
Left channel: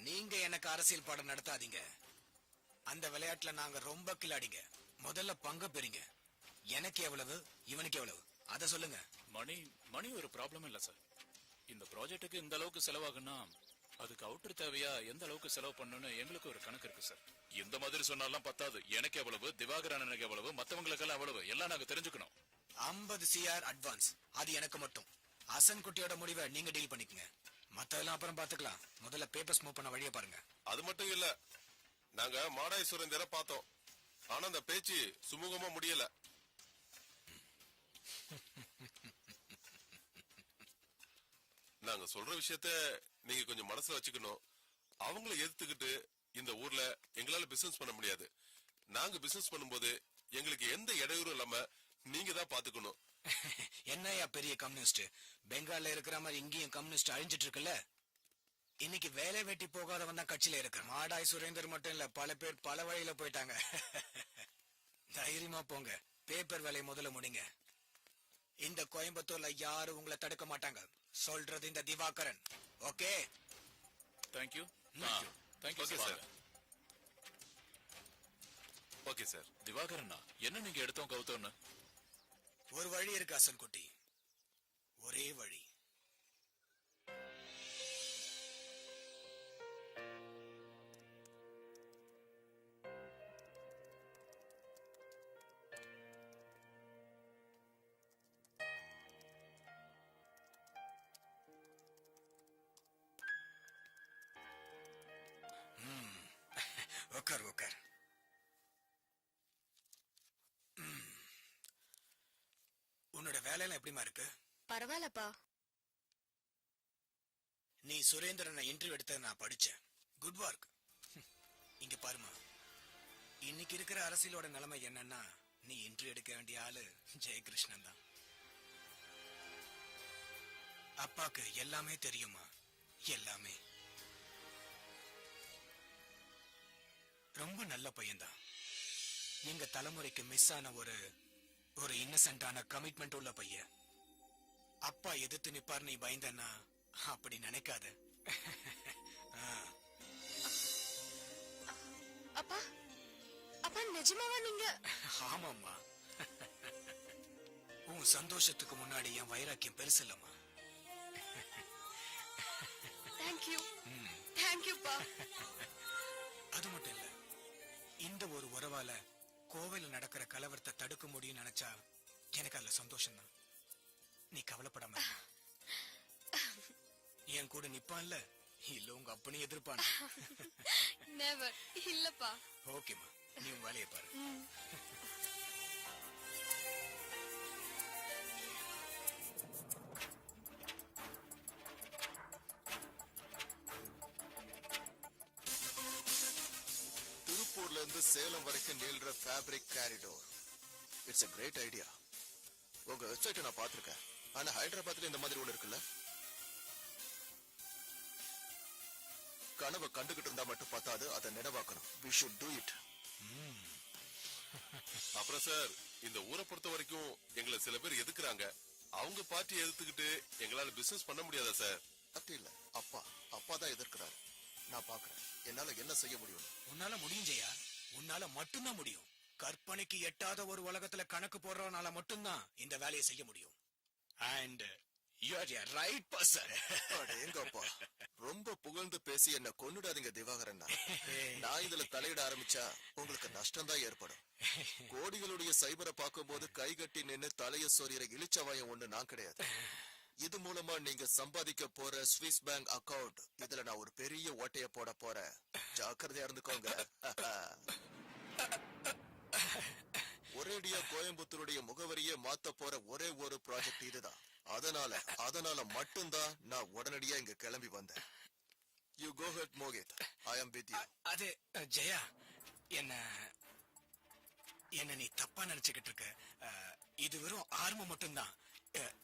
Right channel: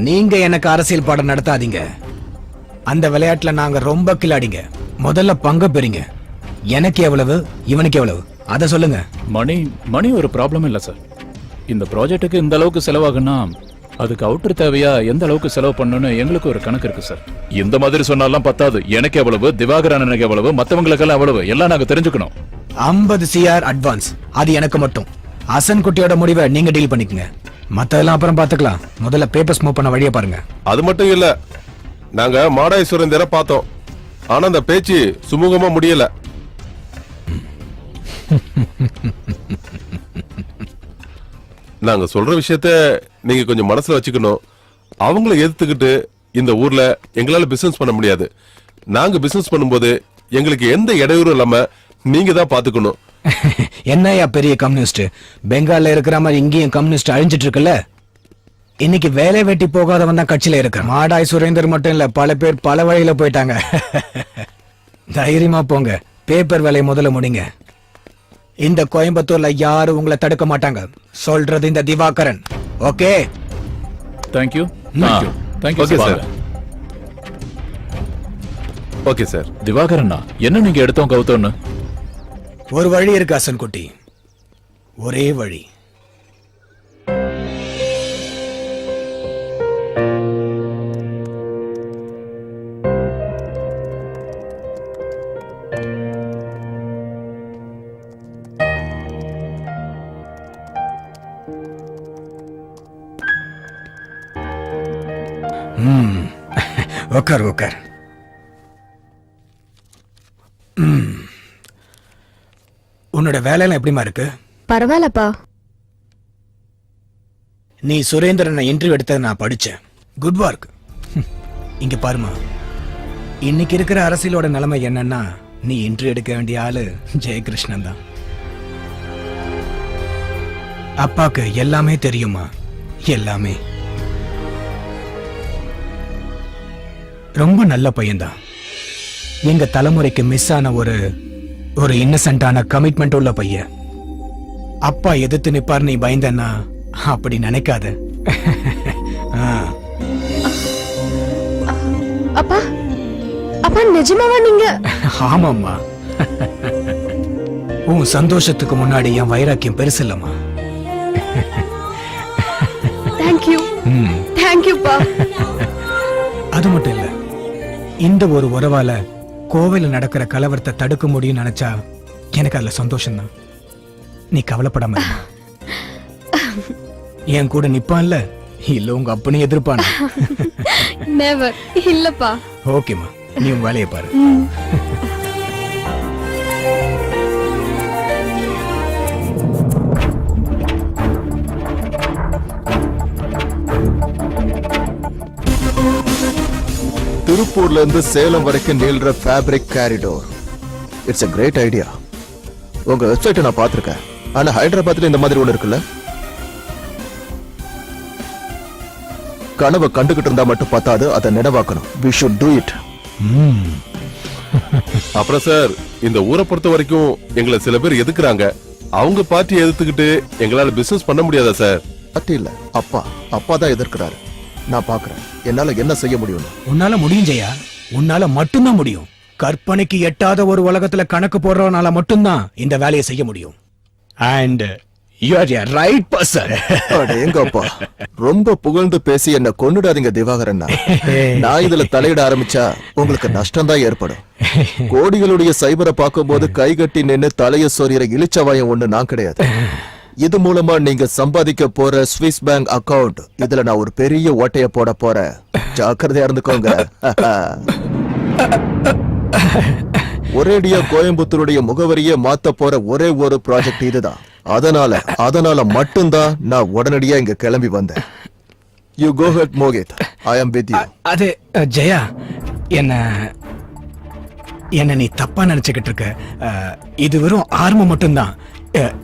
நீங்க எனக்கு அரசியல் பாடம் நடத்தாதீங்க. அந்த விளையாட்டுல நாங்க ரொம்ப கில்லாடிங்க. முதல்ல பங்கு பெறீங்க. எனக்கு எவ்வளவு, இவனுக்கு எவ்வளவு, அத சொல்லுங்க. மணி ஒரு ப்ராப்ளம் இல்ல சார். இந்த ப்ராஜெக்ட்டுக்கு இந்த அளவுக்கு செலவாகுன்னா அதுக்கு அவுட்டர் தேவையா எந்த அளவுக்கு செலவு பண்ணணும்னு எங்களுக்கு ஒரு கணக்கு இருக்கு சார். இந்த மாதிரி சொன்னாலாம் பத்தாது. எனக்கு எவ்வளவு, திவாகர் அண்ணனுக்கு எவ்வளவு, மத்தவங்களுக்கெல்லாம் எவ்வளவு, எல்லாம் நாங்க தெரிஞ்சுக்கணும். 50 CR அட்வான்ஸ். அது எனக்கு மட்டும். அசன் குட்டியோட முடிவை நீங்க டீல் பண்ணிக்கங்க. மத்ததெல்லாம் அப்புறம் பாத்துக்கலாம். முதல்ல பேப்பர்ஸ் மூவ் பண்ண வழியை பாருங்க. அது மட்டும் இல்ல, நாங்க மாடாய் சுரேந்தரை பார்த்தோம். ஆனா அந்த பேச்சு சுமூகமா முடியல. நாங்க சொல்ற விஷயத்த நீங்க கொஞ்சம் மனசுல வச்சுக்கணும். அவங்கள எதிர்த்துக்கிட்டு இந்த ஊர்ல எங்களால பிசினஸ் பண்ண முடியாது. நாங்க பிசினஸ் பண்ணும்போது எங்களுக்கு எந்த இடையூறும் இல்லாம நீங்க தான் பாத்துக்கணும். என்னையா பெரிய கம்யூனிஸ்ட், பெங்கால்ல இருக்கிற மாதிரி இங்கேயும் கம்யூனிஸ்ட் அழிஞ்சிட்டு இருக்குல்ல. இன்னைக்கு வேலை வெட்டி போகாதவன் தான் கட்சியில இருக்க. மாடாய் சுரேந்தர் மட்டும் இல்ல, பல பேர் பல வழியில போயிட்டாங்க. தைரியமா போங்க, பேப்பர் வேலையை முதல்ல முடிங்க. இந்த கோயம்புத்தூர்ல யாரும் உங்களை தடுக்க மாட்டாங்க. சொல்றது இந்த Divakaran. Okay, thank you. Okay sir. Okay sir. திவாகரண்ணா, என்ன நீங்க எடுத்தோம் கவுத்தோன்னு? ஒரு வழி இருக்கு அசன் குட்டி, ஒரே வழி. உக்கார் உக்கார். உன்னோட வேலையெல்லாம் எப்படிமா இருக்கு? பரவாயில்லப்பா. நீ சுரேந்திரனை இன்டர்வியூ எடுத்ததை நான் படிச்சேன். Good work. இங்க பாருமா, இன்னைக்கு இருக்கிற அரசியலோட நிலைமை என்னன்னா, நீ இன்டர்வியூ எடுக்க வேண்டிய ஆளு ஜெயகிருஷ்ணன் தான். அப்பாக்கு எல்லாமே தெரியுமா, எல்லாமே. ரொம்ப நல்ல பையன்தான். எங்க தலைமுறைக்கு மிஸ் ஆன ஒரு இன்னசென்ட்டான கமிட்மெண்ட் உள்ள பையன். அப்பா எதிர்த்து நிப்பார் நீ பயந்தன்னா அப்படி நினைக்காத. ஆ. அப்பா அப்பா நிஜமாவா நீங்க? ஆமாம்மா. உன் சந்தோஷத்துக்கு முன்னாடி என் வைராக்கியம் பெருசு இல்லம்மா. தேங்க்யூ தேங்க்யூப்பா. அது மட்டும் இல்ல, இந்த ஒரு உறவால கோவில நடக்கிற கலவரத்தை தடுக்க முடியும்னு நினைச்சா எனக்கு அதுல சந்தோஷம் தான். நீ கவலைப்படாம இரு. என் கூட நிப்பான்ல, இல்ல உங்க அப்பனே எதிர்ப்பான? நெவர். இல்லப்பா. ஓகேம்மா, நீ உன் வேலையை பாரு. திருப்பூர்ல இருந்து சேலம் வரைக்கும் நீள்ற fabric corridor. It's a great idea. உங்க வெப்சைட்டை நான் பார்த்திருக்கேன். ஆனா ஹைதராபாத்ல இந்த மாதிரி ஒண்ணு இருக்குல்ல? கனவை கண்டுகிட்டு இருந்தா மட்டும் பார்த்தாது, அதை நினைவாக்கணும். we should do it. அப்புறம் சார், இந்த ஊரை பொறுத்த வரைக்கும் எங்களை சில பேர் எதுக்குறாங்க. அவங்க பார்ட்டி எதிர்த்துக்கிட்டு எங்களால பிசினஸ் பண்ண முடியாதா சார்? பார்ட்டி இல்ல, அப்பா தான் எதிர்க்கிறாரு. நான் பாக்குறேன் என்னால என்ன செய்ய முடியும். உன்னால முடியும் ஜெயா, உன்னால மட்டும்தான் முடியும். கற்பனைக்கு எட்டாத ஒரு உலகத்துல கணக்கு போடுறவனால மட்டும்தான் இந்த வேலையை செய்ய முடியும். And you are a right person. எங்கப்பா ரொம்ப புகழ்ந்து பேசி என்ன கொன்னுடாதீங்க திவாகரன். நான் இதுல தலையிட ஆரம்பிச்சா உங்களுக்கு நஷ்டம் தான் ஏற்படும். கோடிகளுடைய சைபரை பார்க்கும்போது கைகட்டி நின்னு தலைய சொறிகிற இளிச்சவாயம் ஒண்ணு நான் கிடையாது. இது மூலமா நீங்க சம்பாதிக்க போற ஸ்விஸ் பேங்க் அக்கவுண்ட், இதுல நான் ஒரு பெரிய ஓட்டைய போட போறேன். ஜாக்கிரதையா இருந்துக்கோங்க. ஒரேடியா கோயம்புத்தூருடைய முகவரியே மாத்த போற ஒரே ஒரு ப்ராஜெக்ட் இதுதான். அதனால மட்டும்தான் நான் உடனடியா இங்க கிளம்பி வந்தேன். You go ahead Mohit, I am with you. அது ஜெயா, என்ன நீ தப்பா நினைச்சுக்கிட்டு இருக்க. இது வெறும் ஆரம்பம் மட்டும்தான்.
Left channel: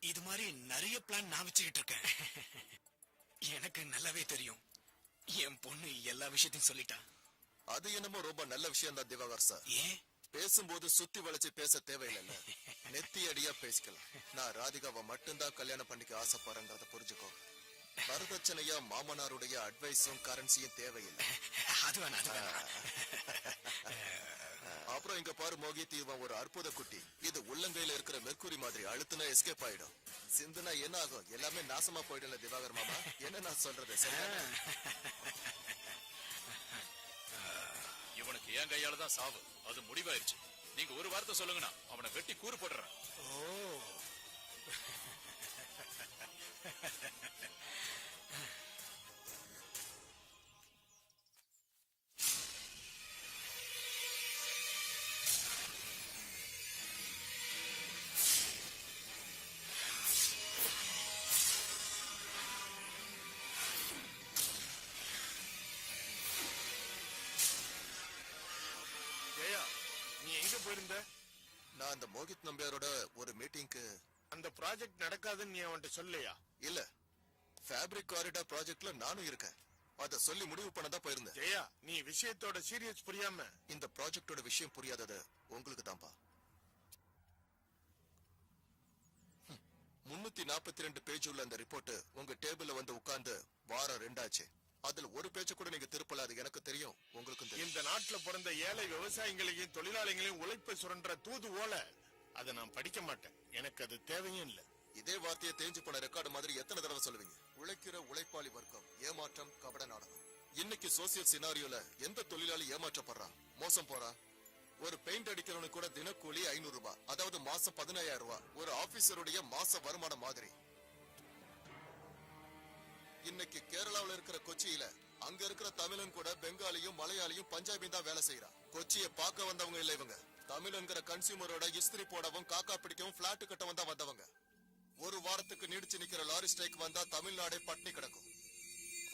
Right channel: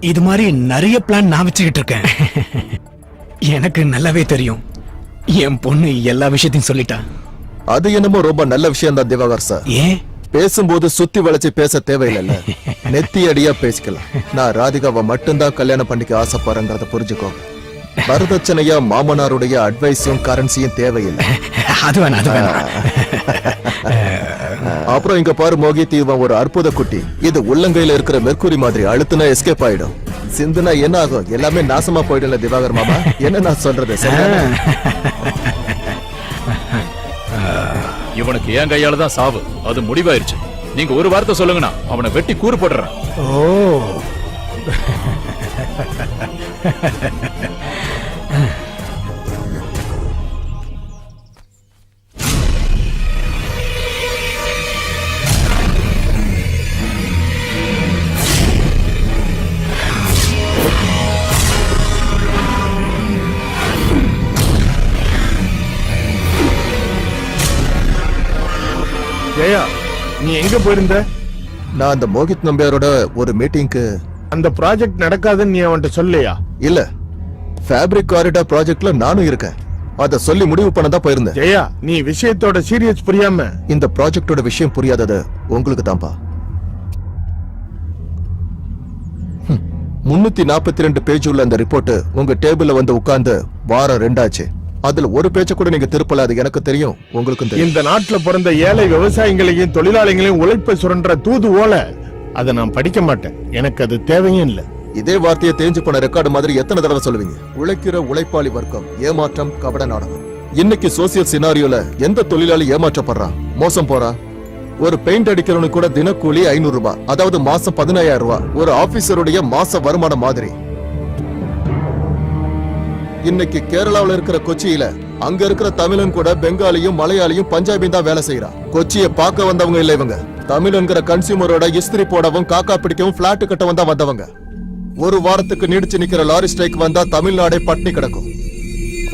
இது மாதிரி நிறைய பிளான் நான் வச்சுக்கிட்டு இருக்கேன். எனக்கு நல்லாவே தெரியும். என் பொண்ணு எல்லா விஷயத்தையும் சொல்லிட்டா. அது என்னமோ ரொம்ப நல்ல விஷயம் தான் திவாகர் சார். ஏன் பேசும்போது சுத்தி வளைச்சு பேச தேவையில்லை, நெத்தி அடியா பேசிக்கலாம். நான் ராதிகாவை மட்டும்தான் கல்யாணம் பண்ணிக்க ஆசைப்படுறேங்கிறத புரிஞ்சுக்கோங்க. வரதட்சணையா மாமனாருடைய அட்வைஸும் கரன்சியும் தேவையில்லை. அது வேணாம். அப்புறம் இங்க பாரு மோகித், இவன் ஒரு அற்புத குட்டி. இது உள்ளங்கையில இருக்கிற மெர்க்குரி மாதிரி. அழுத்துனா எஸ்கேப் ஆயிடும், சிந்துனா என்ன ஆகும், எல்லாமே நாசமா போயிடல திவாகர் மாமா. என்ன நான் சொல்றது சரியா? இவனுக்கு என் கையால தான் சாவு, அது முடிவாயிருச்சு. நீங்க ஒரு வார்த்தை சொல்லுங்கண்ணா, அவனை வெட்டி கூறு போடுறேன். ஓ ஜெயா, நீ எங்க போயிருந்த? நான் அந்த மோகித் நம்பியாரோட ஒரு மீட்டிங்க்கு. அந்த ப்ராஜெக்ட் நடக்காதுன்னு நீ அவன்கிட்ட சொல்லையா? இல்ல, ஃபேப்ரிக் காரிடார் ப்ராஜெக்ட்ல நானும் இருக்கேன். அத சொல்லி முடிவு பண்ணதான் போயிருந்தேன். ஜெயா, நீ விஷயத்தோட சீரியஸ் புரியாம. இந்த ப்ராஜெக்டோட விஷயம் புரியாதது உங்களுக்கு தான்ப்பா. 342 பேஜ் உள்ள அந்த ரிப்போர்ட் உங்க டேபிள்ல வந்து உட்கார்ந்து வாரம் 2 ஆச்சு. அதுல ஒரு பேச்ச கூட நீங்க திருப்பல. அது எனக்கு தெரியும், உங்களுக்கும் தெரியும். இந்த நாட்டுல பிறந்த ஏழை விவசாயிகளையும் தொழிலாளிகளையும் உழைப்பை சுரண்ட தூது ஓல. அதை நான் படிக்க மாட்டேன், எனக்கு அது தேவையும் இல்லை. இதே வார்த்தையை தேஞ்சு போன ரெக்கார்டு மாதிரி எத்தனை தடவை சொல்லுவீங்க? உழைக்கிற உழைப்பாளி வர்க்கம், ஏமாற்றம், கபட நாடகம். இன்னைக்கு சோசியல் சினாரியோல எந்த தொழிலாளி ஏமாற்றப்படுறான், மோசம் போறான்? ஒரு பெயிண்ட் அடிக்கிறவனுக்கு கூட தினக்கூலி 500 ரூபாய், அதாவது மாசம் 15,000 ரூபாய். ஒரு ஆபீசருடைய மாச வருமானம் மாதிரி. இன்னைக்கு கேரளாவில் இருக்கிற கொச்சியில அங்க இருக்கிற தமிழன் கூட பெங்காலியும் மலையாளியும் பஞ்சாபியும் தான் வேலை செய்யறான். கொச்சியை பார்க்க வந்தவங்க இல்ல இவங்க. தமிழ்ங்கிற கன்சியூமரோட இஸ்திரி போடவும் காக்கா பிடிக்கவும் பிளாட் கட்டவும் தான் வந்தவங்க. ஒரு வாரத்துக்கு நீடிச்சு நிக்கிற லாரி ஸ்ட்ரைக் வந்தா தமிழ்நாடே பட்டினி கிடக்கும்.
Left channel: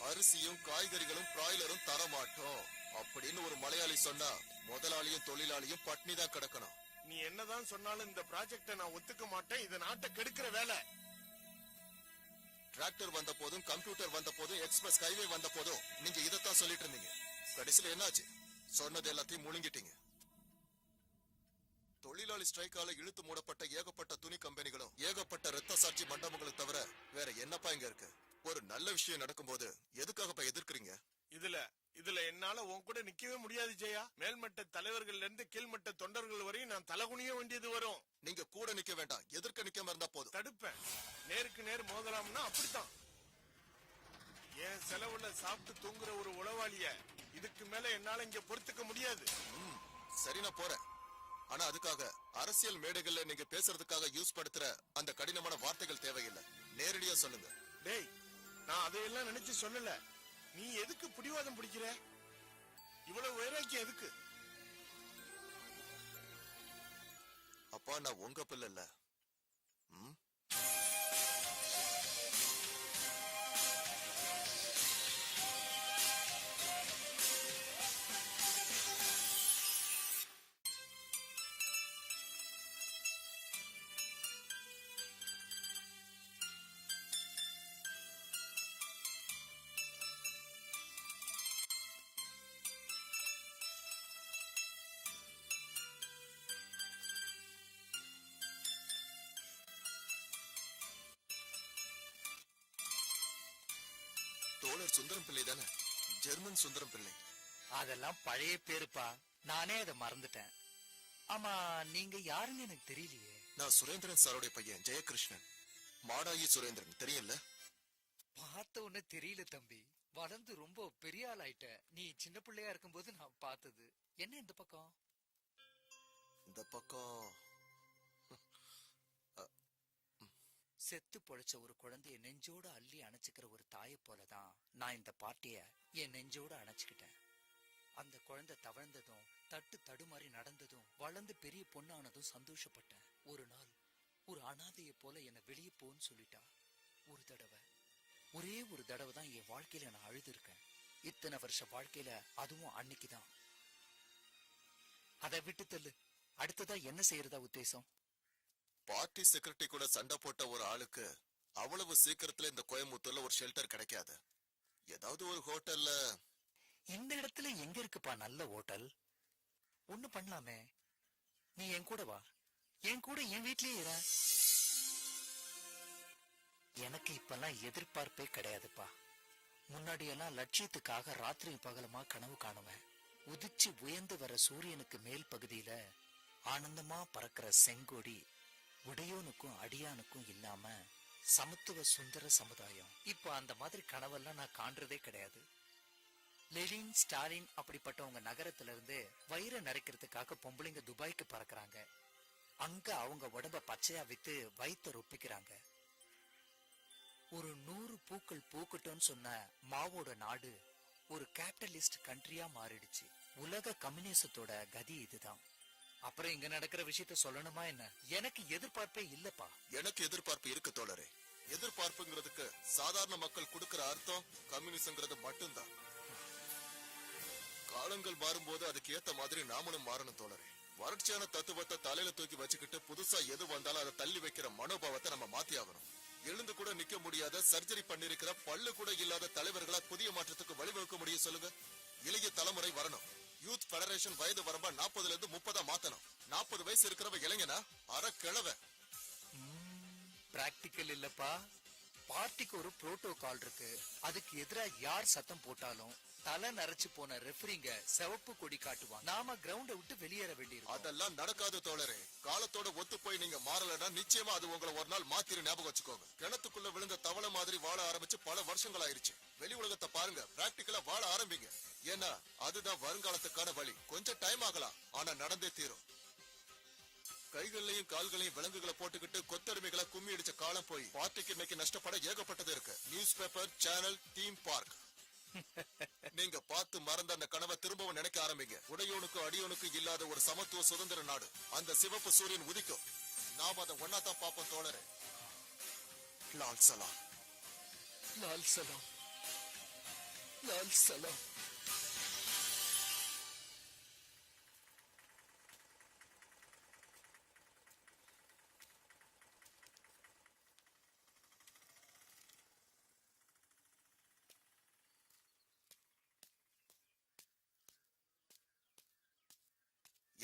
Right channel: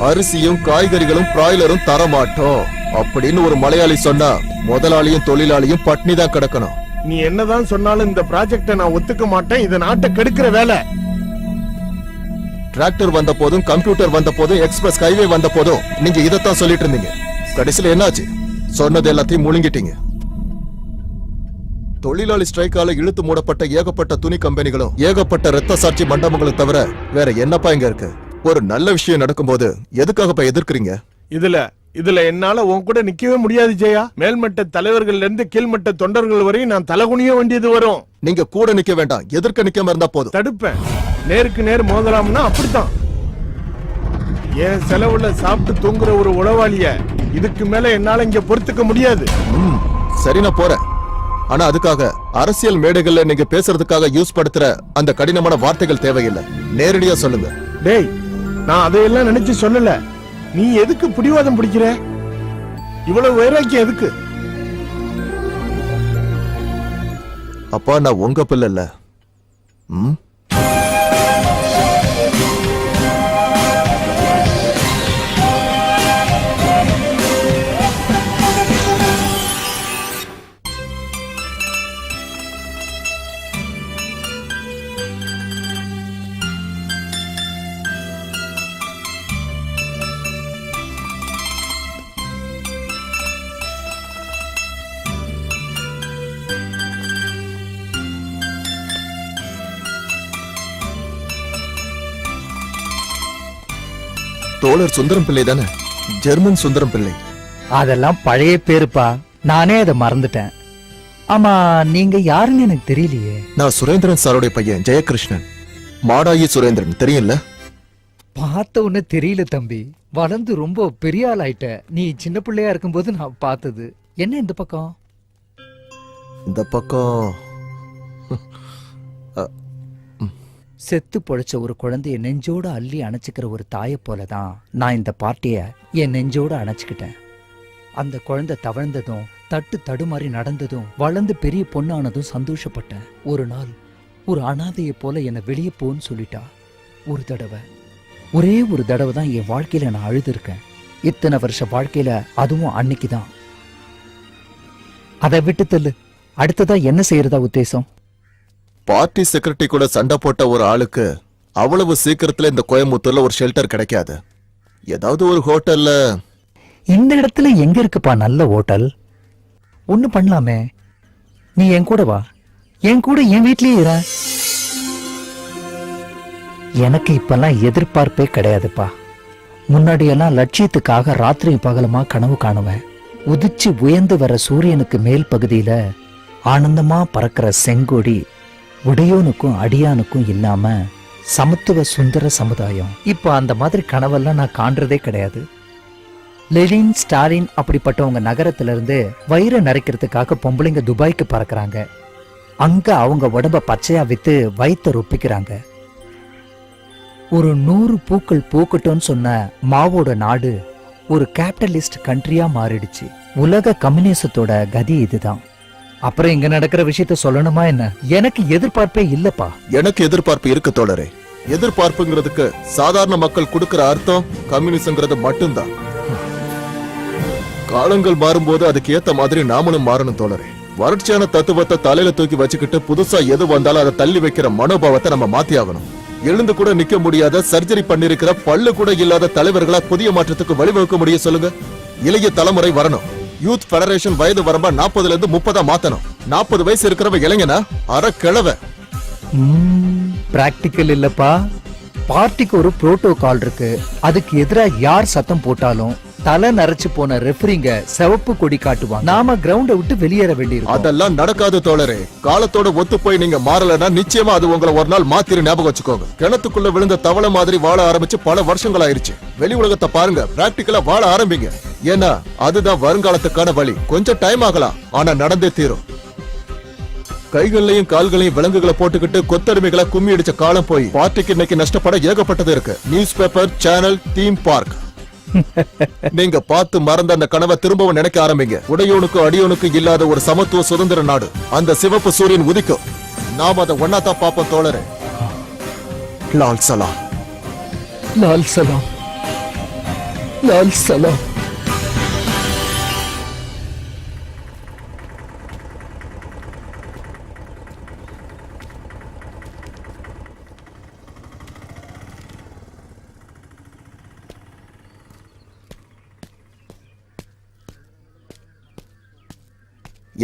அரிசியும் காய்கறிகளும் பிராய்லரும் தரமாட்டோம் அப்படின்னு ஒரு மலையாளி சொன்னா முதலாளியும் தொழிலாளியும் பட்டினி தான் கிடக்கணும். நீ என்னதான் சொன்னாலும் இந்த ப்ராஜெக்ட நான் ஒத்துக்க மாட்டேன். இது நாட்டை கெடுக்கிற வேலை. டிராக்டர் வந்த போதும், கம்ப்யூட்டர் வந்த போதும், எக்ஸ்பிரஸ் ஹைவே வந்த போதும் நீங்க இதத்தான் சொல்லிட்டு இருந்தீங்க. கடைசியில என்னாச்சு? சொன்னது எல்லாத்தையும் முழுங்கிட்டீங்க. தொழிலாளி ஸ்ட்ரைக்கால இழுத்து மூடப்பட்ட ஏகப்பட்ட துணி கம்பெனிகளும் ஏகப்பட்ட ரத்த சாட்சி மண்டபங்களும் தவிர வேற என்னப்பா இங்க இருக்கு? ஒரு நல்ல விஷயம் நடக்கும்போது எதுக்காகப்பா எதிர்க்கிறீங்க? இதுல என்னால உன் கூட நிக்கவே முடியாது ஜெயா. மேல்மட்ட தலைவர்கள்ல இருந்து கீழ்மட்ட தொண்டர்கள் வரையும் நான் தலகுனிய வேண்டியது வரும். நீங்க கூட நிக்க வேண்டாம், எதிர்க்க நிக்காம இருந்தா போதும். தடுப்பேன். நேருக்கு நேர் மோதலாம்னா அப்படித்தான். என் செலவுல சாப்பிட்டு தூங்குற ஒரு உளவாளிய இதுக்கு மேல என்னால இங்க பொறுத்துக்க முடியாது. சரி, நான் போறேன். ஆனா அதுக்காக அரசியல் மேடைகள்ல நீங்க பேசுறதுக்காக யூஸ் படுத்துற அந்த கடினமான வார்த்தைகள் தேவையில்லை. நேரடியா சொல்லுங்க. டேய், நான் அதையெல்லாம் நினைச்சு சொல்லல. நீ எதுக்கு பிடிவாதம் பிடிக்கிற? இவ்வளவு வைராக்கியம் எதுக்கு? அப்பா, நான் உங்க பிள்ளை இல்ல. தோழர் சுந்தரம் பிள்ளை தானே? ஜெர்மன் சுந்தரம் பிள்ளை. அதெல்லாம் பழைய பேருப்பா, நானே அதை மறந்துட்டேன். ஆமா, நீங்க யாருன்னு எனக்கு தெரியலையே. நான் சுரேந்திரன் சாரோட பையன் ஜெயகிருஷ்ணன். மாடாயி சுரேந்திரன் தெரியும்ல? பார்த்த உடனே தெரியல தம்பி, வளர்ந்து ரொம்ப பெரிய ஆள் ஆயிட்ட. நீ சின்ன பிள்ளையா இருக்கும்போது நான் பார்த்தது. என்ன இந்த பக்கம்? இந்த பக்கம் செத்து பொழைச்ச ஒரு குழந்தைய நெஞ்சோட அள்ளி அணைச்சிக்கிற ஒரு தாயை போலதான் நான் இந்த பார்ட்டிய என் நெஞ்சோட அணைச்சுக்கிட்டேன். அந்த குழந்தை தவழ்ந்ததும் தட்டு தடுமாறி நடந்ததும் வளர்ந்து பெரிய பொண்ணானதும் சந்தோஷப்பட்டேன். ஒரு நாள் ஒரு அனாதையை போல என்னை வெளியே போன்னு சொல்லிட்டா. ஒரு தடவை, ஒரே ஒரு தடவை தான் என் வாழ்க்கையில நான் அழுதுருக்கேன். இத்தனை வருஷ வாழ்க்கையில அதுவும் அன்னைக்குதான். அதை விட்டு தள்ளு. அடுத்ததா என்ன செய்யறதா உத்தேசம்? பார்ட்டி செக்ரட்டரி கூட சண்டை போட்ட ஒரு ஆளுக்கு அவ்வளவு சீக்கிரத்துல இந்த கோயம்புத்தூர்ல ஒரு ஷெல்டர் கிடைக்காது. ஏதாவது ஒரு ஹோட்டல்ல. இந்த இடத்துல எங்க இருக்குப்பா நல்ல ஹோட்டல்? ஒண்ணு பண்ணலாமே, நீ என் கூட வா. என் கூட என் வீட்லயே இரு. எனக்கு இப்பெல்லாம் எதிர்பார்ப்பே கிடையாதுப்பா. முன்னாடியெல்லாம் லட்சியத்துக்காக ராத்திரி பகலமா கனவு காணுவேன். உதிச்சு உயர்ந்து வர சூரியனுக்கு மேல் பகுதியில ஆனந்தமா பறக்கிற செங்கொடி உடையோனுக்கும் அடியானுக்கும் இல்லாம சமத்துவ சுந்தர சமுதாயம். இப்ப அந்த மாதிரி கனவெல்லாம் நான் காண்றதே கிடையாது. லெனின், ஸ்டாலின் அப்படிப்பட்டவங்க நகரத்துல இருந்து வயிறை நிறைக்கிறதுக்காக பொம்பளைங்க துபாய்க்கு பறக்குறாங்க. அங்க அவங்க உடம்ப பச்சையா வித்து வயிற்ற ரொப்பிக்கிறாங்க. ஒரு 100 பூக்கள் பூக்கட்டும்னு சொன்ன மாவோட நாடு ஒரு கேபிட்டலிஸ்ட் கண்ட்ரியா மாறிடுச்சு. உலக கம்யூனிசத்தோட கதி இதுதான். அப்புறம் இங்க நடக்கிற விஷயத்த சொல்லணுமா என்ன? எனக்கு எதிர்பார்ப்பே இல்லப்பா. எனக்கு எதிர்பார்ப்பு இருக்கு தோழரே. எதிர்பார்ப்புங்கிறதுக்கு சாதாரண மக்கள் கொடுக்கிற அர்த்தம் கம்யூனிசம்ங்கிறது மட்டும்தான். காலங்கள் மாறும்போது அதுக்கு ஏத்த மாதிரி நாமளும் மாறணும் தோழரே. வறட்சியான தத்துவத்தை தலையில தூக்கி வச்சுக்கிட்டு புதுசா எது வந்தாலும் அதை தள்ளி வைக்கிற மனோபாவத்தை நம்ம மாத்தி ஆகணும். எழுந்து கூட நிக்க முடியாத, சர்ஜரி பண்ணிருக்கிற, பல்லு கூட இல்லாத தலைவர்களா புதிய மாற்றத்துக்கு வழிவகுக்க முடிய சொல்லுங்க. இளைய தலைமுறை வரணும். யூத் ஃபெடரேஷன் வயது வரம்பா 40ல இருந்து 30 மாத்தணும். 40 வயசு இருக்கிறவ இளைஞனா அரை கிழவ. பிராக்டிக்கல் இல்லப்பா. பார்ட்டிக்கு ஒரு புரோட்டோகால் இருக்கு. அதுக்கு எதிராக யார் சத்தம் போட்டாலும் தலை நரைச்சு போன ரெஃபரிங்க சிவப்பு கொடி காட்டுவாங்க. நாம கிரவுண்ட விட்டு வெளியேற வேண்டியிருக்கும். அதெல்லாம் நடக்காது தோழரே. காலத்தோட ஒத்து போய் நீங்க மாறலன்னா நிச்சயமா அது உங்களை ஒரு நாள் மாத்திரு. ஞாபகம் வச்சுக்கோங்க. கிணத்துக்குள்ள விழுந்த தவளை மாதிரி வாழ ஆரம்பிச்சு பல வருஷங்கள் ஆயிருச்சு. வெளி உலகத்தை பாருங்க, பிராக்டிக்கலா வாழ ஆரம்பிங்க. ஏன்னா அதுதான் வருங்காலத்துக்கான வழி. கொஞ்சம் டைம் ஆகலாம், ஆனா நடந்தே தீரும். கைகளையும் கால்களையும் விலங்குகளை போட்டுக்கிட்டு கொத்தடிமைகளை கும்மி அடிச்ச காலம் போய் பார்ட்டிக்கு இன்னைக்கு நஷ்டப்பட ஏகப்பட்டது இருக்கு. News paper, channel, theme park. நீங்க பார்த்து மறந்த அந்த கனவை திரும்பவும் நினைக்க ஆரம்பிங்க. உடையோனுக்கும் அடியோனுக்கும் இல்லாத ஒரு சமத்துவ சுதந்திர நாடு. அந்த சிவப்பு சூரியன் உதிக்கும். நாம் அதை ஒன்னாதான் பார்ப்போம் தோழரே. லால் சலாம். லால் சலாம். லால் சலாம்.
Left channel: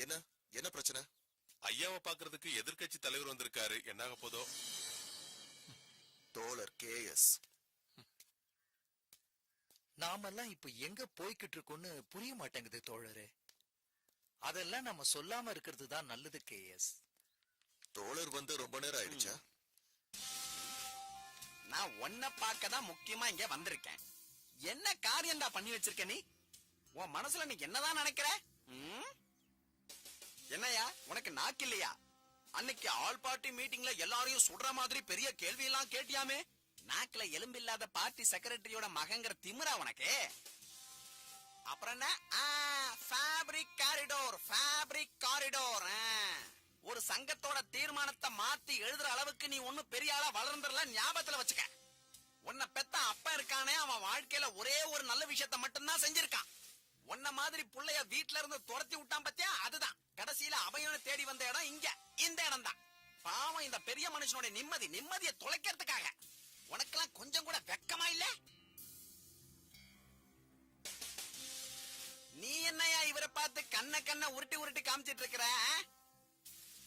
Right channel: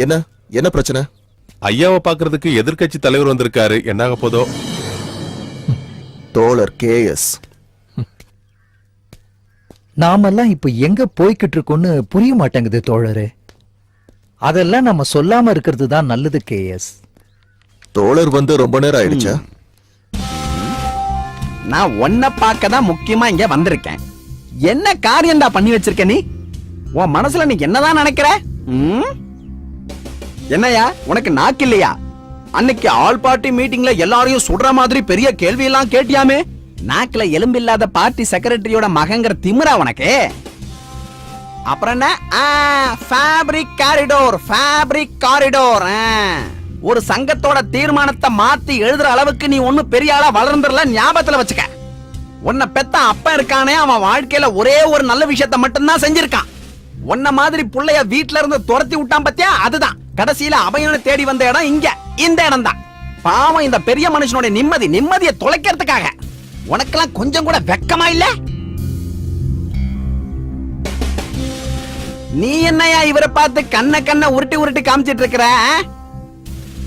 என்ன என்ன பிரச்சனை? ஐயாவை பாக்குறதுக்கு எதிர்க்கட்சி தலைவர் வந்திருக்காரு, என்னாக போதோ. தோழர் கேஎஸ். நாமெல்லாம் இப்ப எங்க போய்கிட்டு இருக்கோம்னு புரிய மாட்டேங்குது தோழரே. அதெல்லாம் நம்ம சொல்லாம இருக்கிறது தான் நல்லது கேஎஸ். தோழர் வந்து ரொம்ப நேரம் ஆயிடுச்சா? நான் உன்னை பார்க்க தான் முக்கியமா இங்க வந்திருக்கேன். என்ன காரியம்டா பண்ணி வச்சிருக்க நீ? உன் மனசுல நீ என்னதான் நினைக்கிற? என்னையா உனக்கு நாக்கு இல்லையா? அன்னைக்கு ஆல் பார்ட்டி மீட்டிங்ல எல்லாரையும் சுடுற மாதிரி பெரிய கேள்வி எல்லாம் கேட்டியாமே. நாக்குல எலும்பு இல்லாத பார்ட்டி செக்ரட்டரியோட மகங்கிற திமிரா உனக்கு? அப்புறம் என்ன? Fabric corridor, fabric corridor. ஒரு சங்கத்தோட தீர்மானத்தை மாத்தி எழுதுற அளவுக்கு நீ ஒன்னும் பெரிய ஆளா வளர்ந்துடல, ஞாபகத்துல வச்சுக்க. உன்னை பெத்த அப்ப இருக்கானே, அவன் வாழ்க்கையில ஒரே ஒரு நல்ல விஷயத்த மட்டும்தான் செஞ்சிருக்கான். உன்ன மாதிரி புள்ளைய வீட்ல இருந்து துரத்தி விட்டான் பத்தியா, அதுதான் கடைசியில அபயனை தேடி வந்த இடம் இங்க, இந்த இடம் தான். பாவம் இந்த பெரிய மனுஷனோட நிம்மதியை தொலைக்கிறதுக்காக. உனக்கெல்லாம் கொஞ்சம் கூட வெக்கமா இல்ல? நீ என்னையா இவரை பார்த்து கண்ண உருட்டி காமிச்சிட்டு இருக்கிற?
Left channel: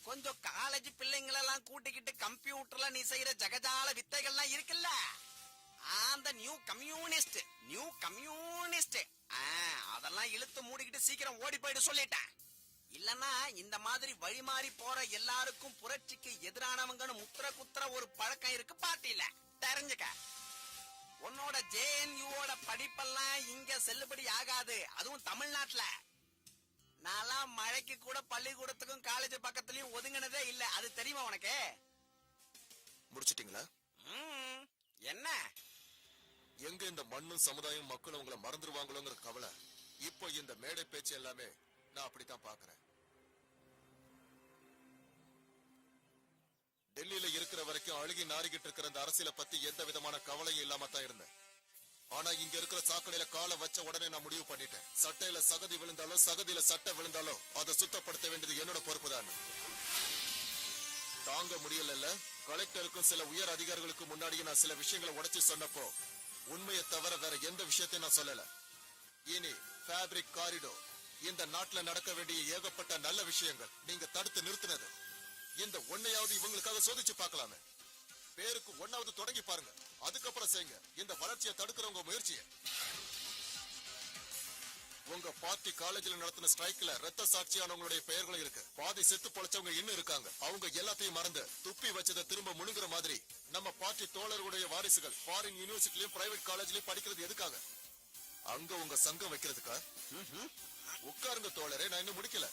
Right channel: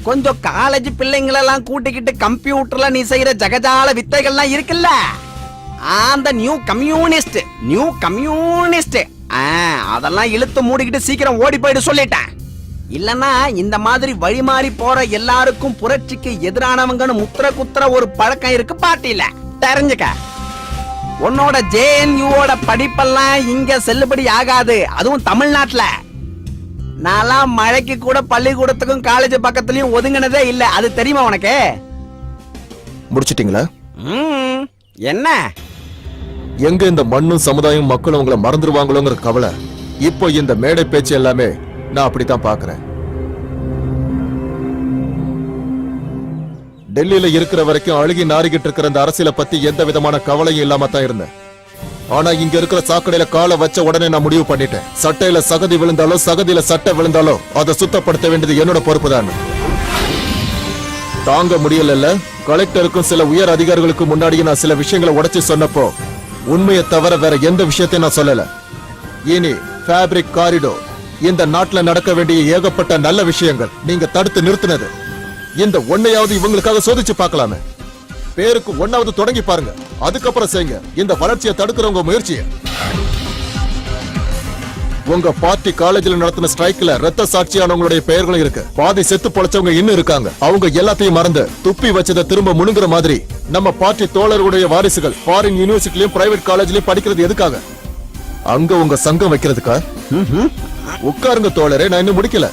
கொஞ்சம் காலேஜ் பிள்ளைங்களெல்லாம் கூட்டிக்கிட்டு கம்ப்யூட்டர்ல நீ செய்யற ஜகஜால வித்தைகள்லாம் இருக்குல்ல, அந்த நியூ கம்யூனிஸ்ட் அதெல்லாம் இழுத்து மூடிக்கிட்டு சீக்கிரம் ஓடி போயிடு சொல்லிட்டேன். இல்லன்னா இந்த மாதிரி வழி மாறி போற எல்லாருக்கும் புரட்சிக்கு எதிரானவங்கன்னு முத்திர குத்துற ஒரு பழக்கம் இருக்கு பார்ட்டியில, தெரிஞ்சுக்க. உன்னோட ஜேஎன்யூவோட படிப்பெல்லாம் இங்க செல்லுபடி ஆகாது, அதுவும் தமிழ்நாட்டுல. நான்லாம் மழைக்கு கூட பள்ளிக்கூடத்துக்கும் காலேஜ் பக்கத்துலயும் ஒதுங்கினதே இல்ல, அது தெரியுமா உனக்கு? முடிச்சிட்டீங்களா? என்ன எங்க இந்த மண்ணும் சமுதாயம் மக்களும் உங்களை மறந்துடுவாங்களோங்கிற கவலை. இப்போ இந்த மேடை பேச்சு எல்லாமே நான் அப்படித்தான் பாக்குறேன். டெல்லியில இருக்கிற வரைக்கும் அழுகி நாரிக்கிட்டு இருக்கிற அந்த அரசியலை பத்தி எந்த விதமான கவலையும் இல்லாம தான் இருந்தேன். ஆனா இங்க இருக்கிற சாக்கடையில காலை வச்ச உடனே நான் முடிவு பண்ணிட்டேன், சட்டையில சகதி விழுந்தாலோ சகதியில சட்டை விழுந்தாலோ அதை சுத்தப்படுத்த வேண்டியது என்னோட பொறுப்பு தான். தாங்க முடியல. கலெக்டருக்கும் சில உயர் அதிகாரிகளுக்கு முன்னாடியே நான் சில விஷயங்களை உடைச்சு சொன்னப்போ உண்மையை தவிர வேற எந்த விஷயத்தையும் நான் சொல்லல. இனி ஃபேப்ரிக் காரிடோர், இந்த நாட்டுல நடக்க வேண்டிய ஏகப்பட்ட நல்ல விஷயங்கள் நீங்க தடுத்து நிறுத்தினது. இந்த ஒன்னையாவது இவங்களுக்காக சோதிச்சு பார்க்கலாமே. பேருக்கு ஒன்னாவது தொடங்கி பாருங்க, அதுக்கப்புறம் செய்யுங்க இந்த வளர்ச்சியை தடுக்கிறவங்க முயற்சியை. உங்க பார்ட்டி காலேஜில் நடத்தின ஸ்ட்ரைக்ல ரத்த சாட்சியானவங்களுடைய பெயர்களும் இருக்கு. பாதி செத்து பொழைச்சவங்க இன்னும் இருக்காங்க. அவங்க எல்லாத்தையும் மறந்து துப்பி வச்சதை திரும்ப முணுங்குற மாதிரி நம்ம பார்ட்டி தோழர்களுடைய வாரிசுகள் ஃபாரின் யூனிவர்சிட்டிலயும் பிரைவேட் காலேஜ்லயும் படிக்கிறது எதுக்காக? அங்க உங்க சங்கம் வைக்கிறதுக்கா? உட்காருங்க தோழரே, நான் இன்னும் முடிக்கல.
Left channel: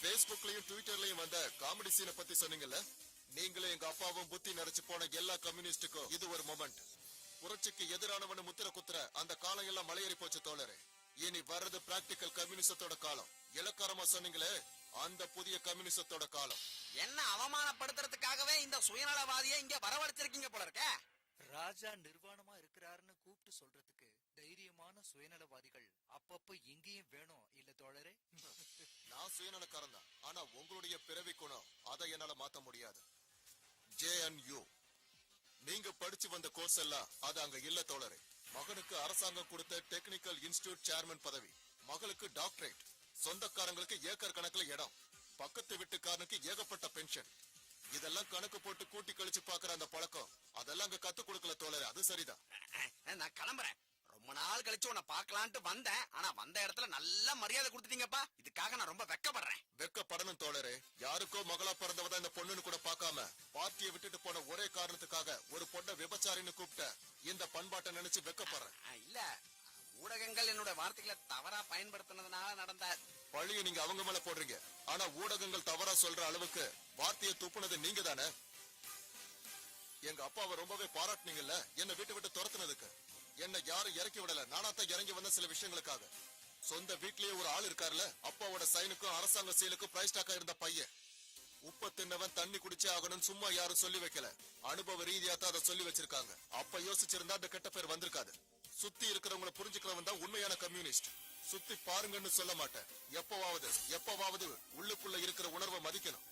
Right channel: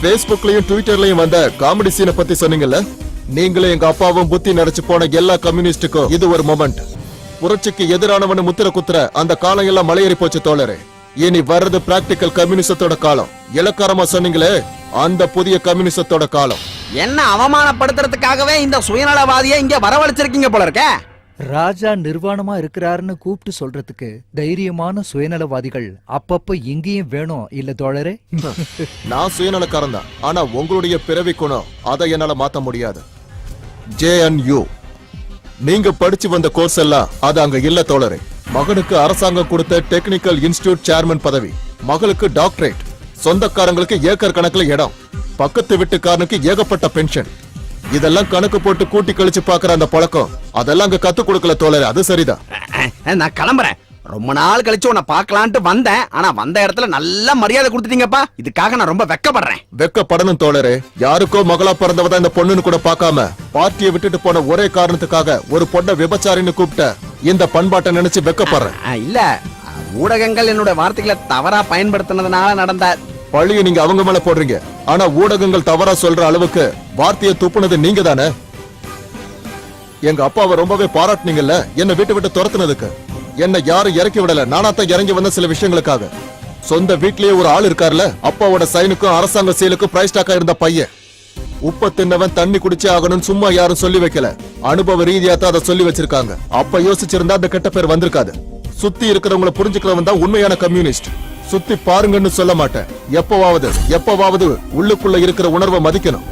Facebookலயும் ட்விட்டர்லயும் வந்த காமெடி சீனை பத்தி சொன்னீங்கல்ல, நீங்களும் எங்க அப்பாவும் புத்தி நடிச்சு போன எல்லா கம்யூனிஸ்டுக்கும் இது ஒரு மொமெண்ட். புரட்சிக்கு எதிரானவனு முத்திர குத்துற அந்த காலம் எல்லாம் மலையேறி போச்சு தோழரே. இனி வர்றது பிராக்டிக்கல் கம்யூனிசத்தோட காலம். இலக்காரமா சொன்னீங்களே, அந்த புதிய கம்யூனிசத்தோட காலம். என்ன அவமானப்படுத்துறதுக்காகவே இந்த சுயநலவாதியை இங்க வரவழைச்சிருக்கீங்க போல இருக்க. ராஜா நிர்வாணமா இருக்கிறாருன்னு கூப்பிட்டு சொல்றதுக்கு தைரியமான சுயநலவாதிகள் அப்பப்ப இங்கேயும் வேணும் இல்ல தோழரே? நான் சுயநலக்காரன் தான், ஆனா உங்களுடைய பிறவி குணம் அதை என்னால மாத்த முடியாது. JNU நீங்க படிச்சு வந்த கோர்ஸ் எல்லாம் அது அங்க இல்ல தோழரே. மகனுக்கு அரசாங்கம் கொடுத்த டெக்னிக்கல் இன்ஸ்டிடியூட் சேர்மன் பதவி, மகளுக்கு டாக்டரேட், சொந்தக்காரங்களுக்கு ஏக்கர் கணக்குல இடம், பக்கத்து வீட்டுக்காரனுக்கு ஏகப்பட்ட பென்ஷன். இதெல்லாம் கணக்கு போட்டு கூட்டி கழிச்சு பாக்குற அந்த பழக்கம் அதெல்லாம் அங்க கத்து கொடுக்கல தோழரே. அது சரிதான். நான் கிளம்புறேன். ரொம்ப நாள் கழிச்சு உன்னை பார்க்கலான்ட்டு வந்தேன், ஆனா வந்த இடத்துல நல்ல மரியாதை கொடுத்துட்டீங்கப்பா. இதுக்காக நான் ரொம்ப வெக்கப்படுறேன். வெக்கப்படணும் தோழரே. யாருக்கோ மகளா பிறந்தவதான் இந்த பொண்ணுன்னு கூட பார்க்காம பார்ட்டியை விட்டுட்டு போன ஒரே காரணத்துக்காக ஒரு பொண்ணை விபச்சாரின்னு கூப்பிட்ட இந்த பண்பாட்டை நினைச்சு வெக்கப்படுறேன். இல்ல, ஊடகங்கள் என்னோட வார்த்தைகளை தவறா பயன்படுத்தினதுனால நடந்த பழிய நீங்க அவங்க மேல போடுறீங்க. ஆனா ஊடகங்கள் தவறா சொல்ற அளவுக்கு வார்த்தையை துப்புனது நீங்க தானே. எங்க அப்பாவை ரொம்பவே பாராட்டினீங்கல்ல என்ன வீட்டு விட்டு துரத்துனதுக்கு. என்ன யாரும் இறக்கி விடல, நானாத்தான் இறங்கி வந்த சில விஷயங்களுக்காக. சொந்த வீட்லயே ஒரு ஆள் இருக்காருல, அப்பாவோட சைனுக்கும் அரசாங்க செயலுக்கும் பிரைஸ் டாக்கா இருந்த பையன். உப்ப தின்னவன் தண்ணி குடிச்சே ஆகணும்னு சும்மா யாரும் சொல்லி வைக்கல, அனுபவ ரீதியா தான் அதை சொல்லி வச்சிருக்காங்க. அப்ப யோசிச்சிருந்தா அந்த கெட்ட பேர் வந்திருக்காது. சுத்தி இருக்கிறவங்களை புரிஞ்சுக்கிறவன் தான் உண்மையான கம்யூனிஸ்ட். சுத்தி பாருங்கன்னு சொல்ல மாட்டேன். எப்பவாவது உள்ளுக்குள்ள இருக்கிற உணர்வை மதிக்கணும்.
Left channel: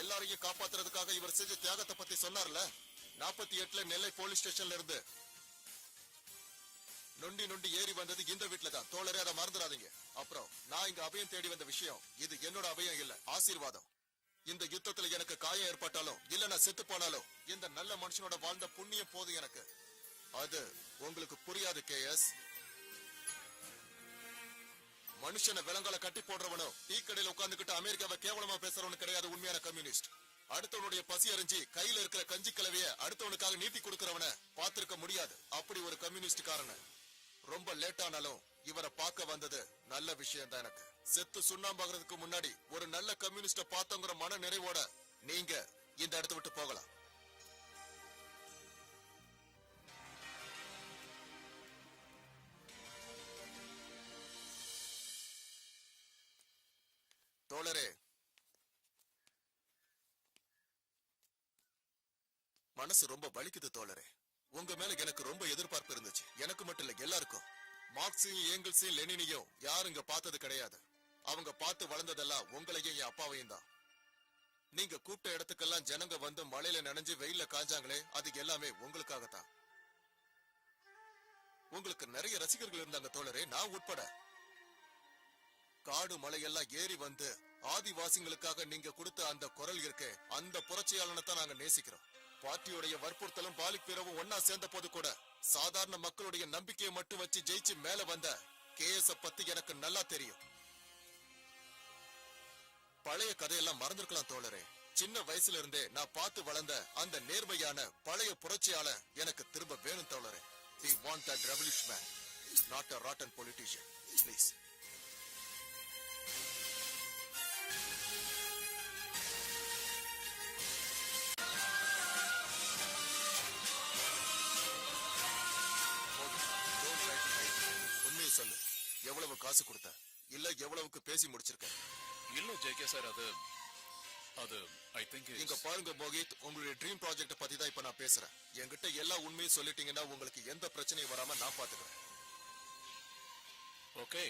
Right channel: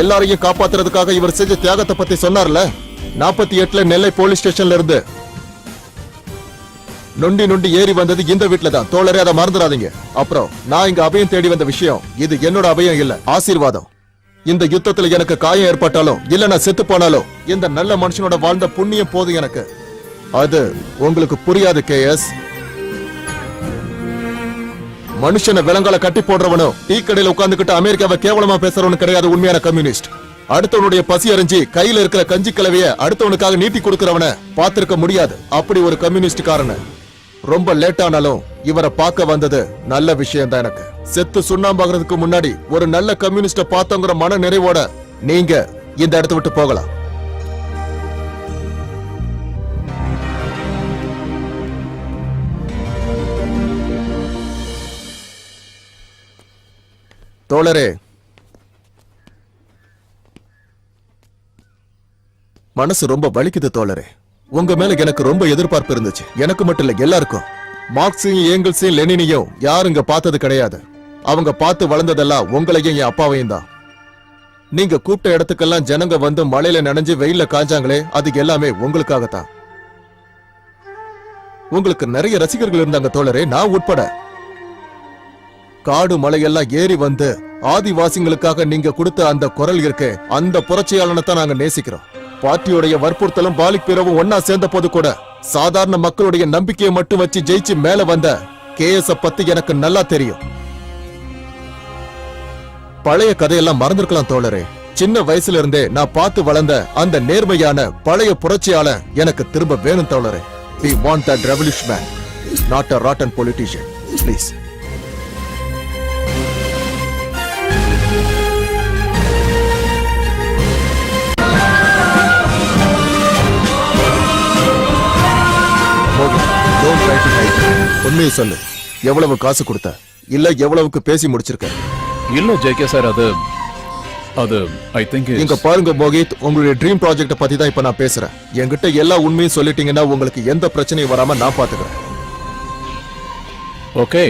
எல்லாரையும் காப்பாத்துறதுக்காக இவர் செஞ்ச தியாகத்தை பத்தி சொன்னார்ல. 48ல நெல்லை போலீஸ் ஸ்டேஷன்ல இருந்து நொண்டி நொண்டி ஏறி வந்தது இந்த வீட்ல தான் தோழரே, அதை மறந்துடாதீங்க. அப்புறம் நான் இங்க அபயம் தேடி வந்த விஷயம் இது என்னோட அபயம் இல்ல, ஆசீர்வாதம். இந்த யுத்தத்துல எனக்கு காயம் ஏற்பட்டாலும் இல்ல நான் செத்து போனாலும் இந்த நல்ல மனுஷனோட வாழ்ந்த புண்ணியம் போதும் எனக்கு. அது உங்களுக்கு புரியாது கேஎஸ். மனுஷனை விலங்கால கட்டி போடுறவனும் டீ கடையில உட்கார்ந்துகிட்டு அமெரிக்காவை கேவலமா பேசுறவனு கிடையாது உண்மையான கம்யூனிஸ்ட். அடுத்தவனுடைய பசி அறிஞ்சு கையில இருக்கிற கஞ்சி கலவைய அடுத்தவனுக்காக நீட்டி கொடுக்கறவன பார்த்திருக்க முடியாது. அப்படி ஒரு கம்யூனிஸ்ட் காரன. ரொம்ப லேட் ஆனாலும் இவரை பார்க்க வந்தது நல்ல விஷயம் தான் எனக்கு. செத்து சுண்ணாம்பாகிறதுக்கு முன்னாடி ஒரு நல்ல கம்யூனிஸ்ட பார்த்தோங்கிற மன நிறைவோட நீங்க இந்த இடத்தை விட்டு போகலாம். தோழரே, மனசு ரொம்ப வலிக்குது தோழரே. உங்க மேல எனக்கு ரொம்ப எதிர்பார்ப்பு இருந்துச்சு. எனக்கு மட்டும் இல்ல, எல்லாருக்கும். மார்க்ஸையும் ஏங்கல்ஸையும் லெனினையும் யாரும் இங்க பார்த்தது கிடையாது. அவங்க பார்த்து வளர்ந்ததெல்லாம் உங்களையும் என் அப்பாவையும் தான். நீங்க கூப்பிட்ட இடத்துக்கெல்லாம் ஜனங்க வந்து மழையில நனைஞ்சு வெயில்ல காஞ்சாங்களே, அது எல்லாமே உங்களுக்காகத்தான். உங்களுக்கு நிறைய ரசிகர்கள் இருந்தாங்க தோழரே, நான் உட்பட. காடு மலையெல்லாம் ஏறி வந்து ஆதிவாசிகளுக்காக நீங்க கொடுத்த அந்த குரல் இருக்கே, அந்த புரட்சியாளனை தான் நாங்க நேசிக்கிறோம். பார்ட்டியோடைய வற்புறுத்தலும் பாலிக் பிறவும் ஒன்னா சேர்ந்த போது கூட சாதாரண மக்களுடைய நம்பிக்கையை மட்டும் வச்சு ஜெயிச்சு மேல வந்த கேஎஸ் பத்தி எனக்கு நல்லா தெரியும். பழைய கதையெல்லாம் மறந்திருக்கலாம் தோழரே. சின்ன வயசுல இருந்தே நான் பார்த்து வளர்ந்த அந்த நேர்மையான பழைய புரட்சியாளன் எனக்கு திரும்ப வேணும் தோழரே. We want that revolution man, not a rotten politician. Please. உண்மையை சொல்லு, எவ்வளவு காசு கொடுத்த, இல்ல எவ்வளவுக்கு பேசி முடிச்சிருக்க? இல்ல ஜேகே சார், அது ஐ திங்க் இங்க பாருங்க மோகித், உங்களுடைய ட்ரீம் ப்ராஜெக்ட பத்தி தான் இப்ப நான் பேசுறேன். என்கிட்ட எல்லா உண்மையும் சொல்லிட்டீங்கன்னா உங்களுக்கு எந்த பிரச்சனையும் வராம நான் பாத்துக்கிறேன். ஓகே,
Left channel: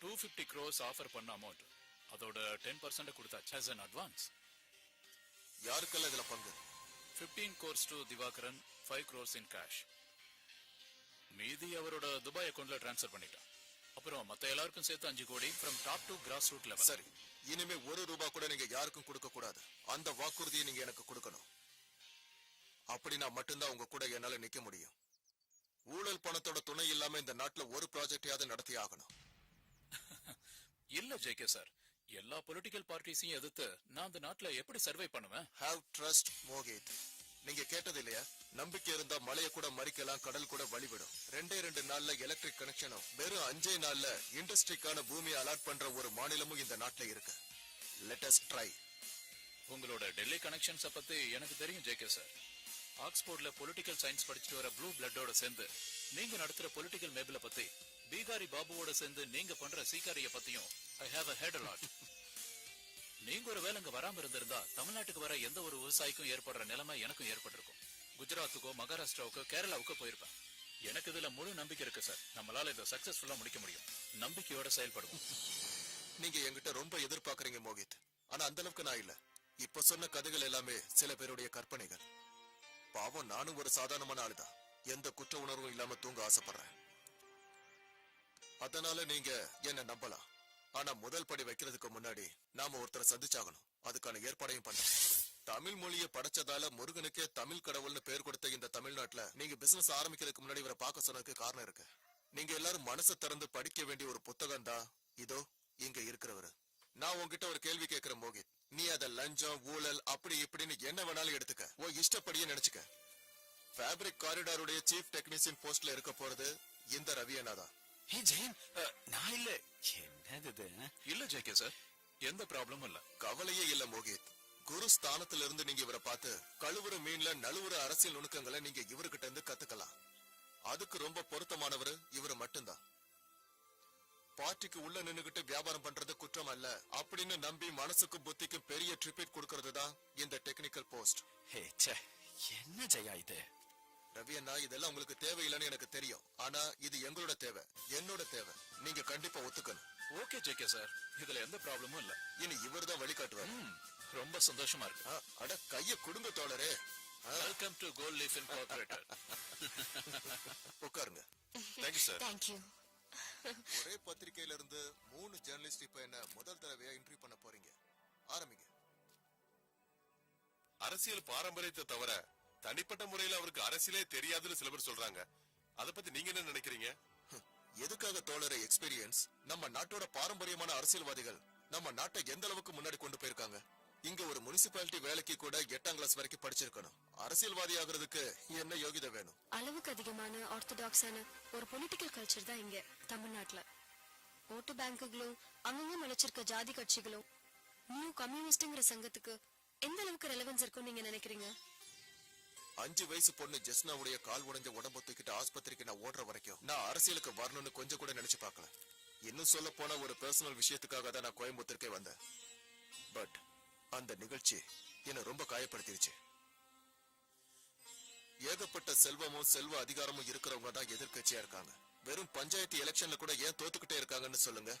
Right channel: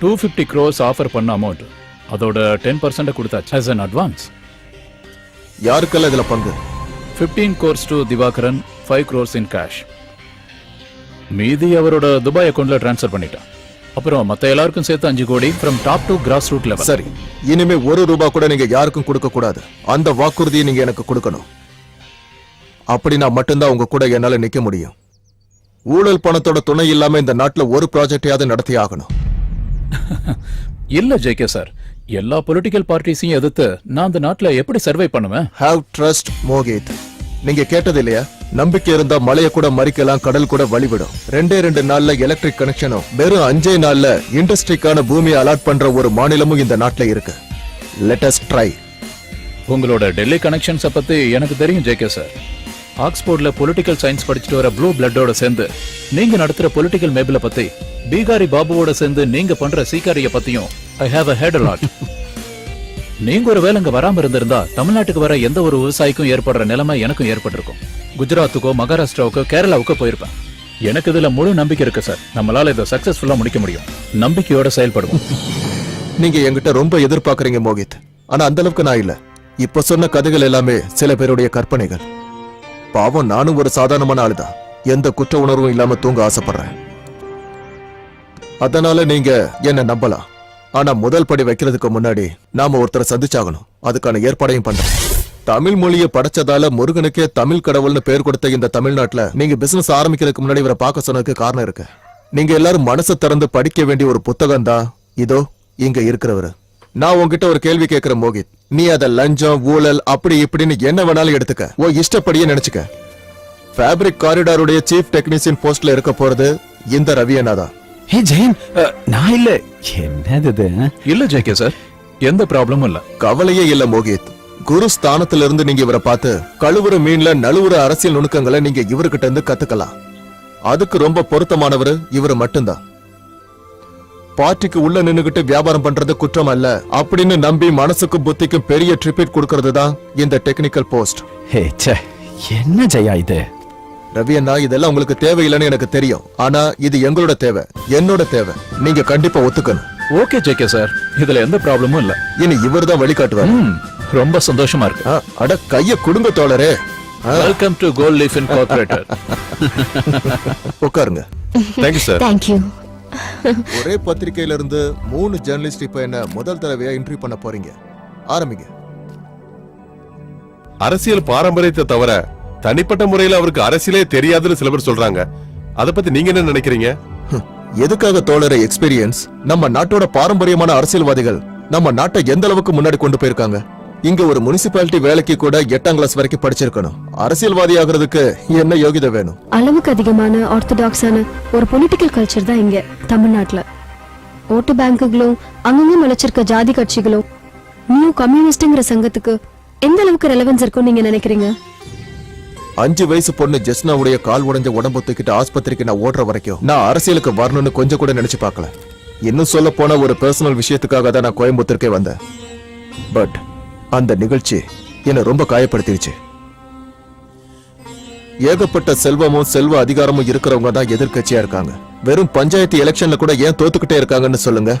250 crores ஆஃபர் பண்ண அமௌண்ட் அதோட 10% கொடுத்தாச்சு as an advance. யாருக்கெல்லாம் இதுல பங்கு? 15 crores to Divakaran, 5 crores in cash. மீதி அவரோட துபாய் அக்கவுண்ட்ல ட்ரான்ஸ்ஃபர் பண்ணிட்டான். அப்புறம் மத்த எல்லாருக்கும் சேர்த்து 5 crore from top to grass root level. சரி, இனிமே ₹1 கூட நீங்க யாருக்கும் கொடுக்க கூடாது. அந்த வாக்குறுதியை நீங்க எனக்கு கொடுக்கணும். அப்படி நான் மட்டும்தான் உங்க கூட என்னால நிக்க முடியும். ஊழல் பணத்தோட துணை இல்லாம இந்த நாட்டுல ஒரு ப்ராஜெக்டையாவது நடத்தி ஆகணும். இல்ல ஜேகே சார், எல்லா பொலிட்டிக்கல் பார்ட்டிஸையும் எதிர்த்து நான் அந்த நாட்டுல எப்படி சர்வை பண்ணுவேன்? Have trust Mohit. நீங்க கேட்டது இல்லையா, நம்பிக்கை இருந்தா மலையை கூட மறிக்கலாம், கடல் கூட வழிவிடும். 2 நாள்ல எலக்ட்ரிக் கனெக்ஷனும் வெறும் 5 நாள்ல இண்டஸ்ட்ரிக்கான பூமியை அலாட் பண்ற ஒரு மாநிலமும் இந்த நாட்டுல இருக்கு. Let us try. உங்களோட டெல்லி கனெக்ஷன்ஸை பத்தி எனக்கு தெரியும் ஜேகே சார். ஆக்ஸ்போர்ட்ல பொலிட்டிக்கல் சயின்ஸ் படிச்சுட்டு வர ப்ளூ பிளட்டோட சேர்ந்து நீங்க நடத்துற பொலிட்டிக்கல் மேபிள பத்தி, பீகாரி பாபுவோட சேர்ந்து நீங்க பண்ற சீக்காரிய பத்தியும் I have a head a lot. நீங்க ஒரு வேலை இங்க வராம இருந்திருந்தா தமிழ்நாட்டுக்கு வர எந்த ஒரு விவசாயிக்கும் ஏற்படுற நிலைமை எனக்கும் ஏற்பட்டிருக்கும். குஜராத்துக்கோ மகாராஷ்டிராவுக்கோ கேரளாவுக்கோ போயிருப்பேன். எனக்கு இதுல முழு நம்பிக்கை இருக்கு சார். நம்மளால இதை சக்சஸ்ஃபுல்லா முடிக்க முடியும். நம்பிக்கையோட செயல்படுவோம். நீங்க என்கிட்ட ரொம்ப எதிர்பார்க்கறீங்க மோகித், ஆனா அந்த அளவுக்கு நான் இல்ல. இப்ப சொன்ன கதைகள் எல்லாமே சில பேருடைய கற்பனைகள். பாவம், நானும் ஒரு சாதாரணமான ஆளுதான். எந்த குற்ற உணர்வும் இல்லாம தூங்க ஆசைப்படுறேன். அதனால நீங்க என்ன நம்பலாம். ஆனா முதல் படி வைக்கிறதுக்கு முன்னாடி நாம ஒருத்தரை சந்திச்சாகணும். அதுக்கான ஏற்பாடையும் பண்றேன். தமிழ் மொழியை படைச்சதால முருகனுக்கே தமிழ் கடவுள்னு பேர் கொடுத்த இந்த தமிழ்நாட்டுல நீங்க பிசினஸ் ஆரம்பிக்கிறதுக்கு முன்னாடி இவரை பார்க்க சொன்னதுக்கு காரணம் இருக்கு. நீங்க எல்லாரும் மனசை திறந்து படிக்க வேண்டிய ஒரு புத்தகம் தான் இதோ இங்க இருக்கிறவரு. நான் உங்ககிட்ட ஒரு கேள்வி கேட்கிறேன் மோகித். நீ அத லஞ்சம், ஊழல், அப்படி இப்படின்னு என்ன வேணாலும் எடுத்துக்க, ஓ இஷ்டப்படியே நினைச்சுக்க. ஃபேப்ரிக் காரிடாருடைய சீஃப் டெக்னீசியன் போஸ்ட்ல இருக்க போறது இந்த ரவி அண்ணா தான். ஹே ஜெயன், நான் இல்ல. என்னது இது? இல்ல ஜேகே சார், எந்த ப்ராப்ளமும் இல்ல. கவலையே இல்ல மோகித். குரு ஸ்தானத்துல இருந்து நீங்க இவரை பார்த்து கழுவுற மீன்ல நழுவுற அரசியல் நுணுக்கங்களை நீங்க இவர்கிட்ட இருந்து கத்துக்கலாம். அதுக்கு ரொம்ப பொருத்தமானவர் இவரு மட்டும்தான். பார்ட்டிக்கு உள்ள நின்னுகிட்டு வியாபாரம் பண்றது குற்றம் அல்ல அப்படின்னு நம்பி மனசுக்கும் புத்திக்கும் பெரிய ட்ரிபிட் கொடுக்கறது தான் இந்த டெக்னிக்கல் போஸ்ட். ஹே ச்சே, என்ன ஜெயா இது? ரவி அண்ணா, இதெல்லாம் உங்களுக்கு தேவையில்லைன்னு எனக்கு தெரியும். ஆனா இது எங்களோட தேவை, என்னோட தேவை. நீங்க கண்டிப்பா ஒத்துக்கணும். ஓகே ஜேகே சார், இதுல எந்த ப்ராப்ளமும் இல்ல. இனி இவர் தான் வழிகாட்டுவார். ரொம்ப சந்தோஷமா இருக்கு. அட கைய குடுங்க தோழரே. Welcome to gold leaf incorporated. உட்காருங்க. Thank you sir. தேங்க்யூ. ஒரே பத்திரிகையில இருந்து 3 ஜெர்னலிஸ்ட் இப்ப என்ன முதல் தடவையா இன்டர்வியூ பண்ண போறீங்க. ஆரம்பிங்க. அரசியல் பாரம்பரியத்தை தவிர தனிப்பட்ட முறையில அவருக்கு அரசியலே தெரியாதுன்னு சில பேர் சொல்றாங்க. அத பத்தி நீங்க என்ன நினைக்கிறீங்க? எதுக்காக தோழரை எக்ஸ்பீரியன்ஸ்? நம்ம நாட்டோட பாரம்பரியமான அரசியல்வாதிகள் நம்ம நாட்டை எந்த அளவுக்கு முன்னாடி கொண்டு போயிருக்காங்க. இங்க ஒரு முனிசிபாலிட்டி வேலைக்கு கூட 8ஆம் கிளாஸ் வரைக்கும் படிச்சிருக்கணும். அரசியல்வாதி ஆகிறதுக்கு என்ன யோகிதை வேணும்? அளவுக்கு அதிகமான ஆர்த்தடாக்ஸான ஒரு பொலிட்டிக்கல் கல்ச்சர் தான் இங்க தமிழ்நாட்டுல. ஓட்டு பேங்குகளும் அங்கங்க முளைச்சிருக்க ஜாதி கட்சிகளும் நியூ கம்யூனிஸ்ட்ங்கிற சங்கத்துக்கு எந்த அளவுக்கு ரெலவன்ஸ் இருக்கும் நீங்க நினைக்கிறீங்க? 5 வயசு பொண்ணு ஜெஸ்னாவுடைய கால் உடைஞ்ச உடம்பு தூக்கிட்டு ஆஸ்பத்திரிக்கு நான் ஓடுற வரைக்கும் நான் அரசியலுக்கு வரணும்னு கொஞ்சம் கூட நினைச்சு பார்க்கல. இன்னும் சொல்ல போன ஒரு பர்சனல் விஷயத்துக்காக தான் நான் கோயம்புத்தூருக்கே வந்தேன். பட் அந்த நிகழ்ச்சி என்ன ரொம்ப காயப்படுத்திடுச்சு. ஏகப்பட்ட செல்வமும் செல்வ அதிகாரமும் இருக்கிறவங்க தான் எதிர்க்கட்சியா இருக்காங்க. வெறும் பஞ்சாயத்து எலெக்ஷன்ல கூட ஏன் தோத்துக்கிட்டே இருக்காங்கன்னு சொல்லுங்க.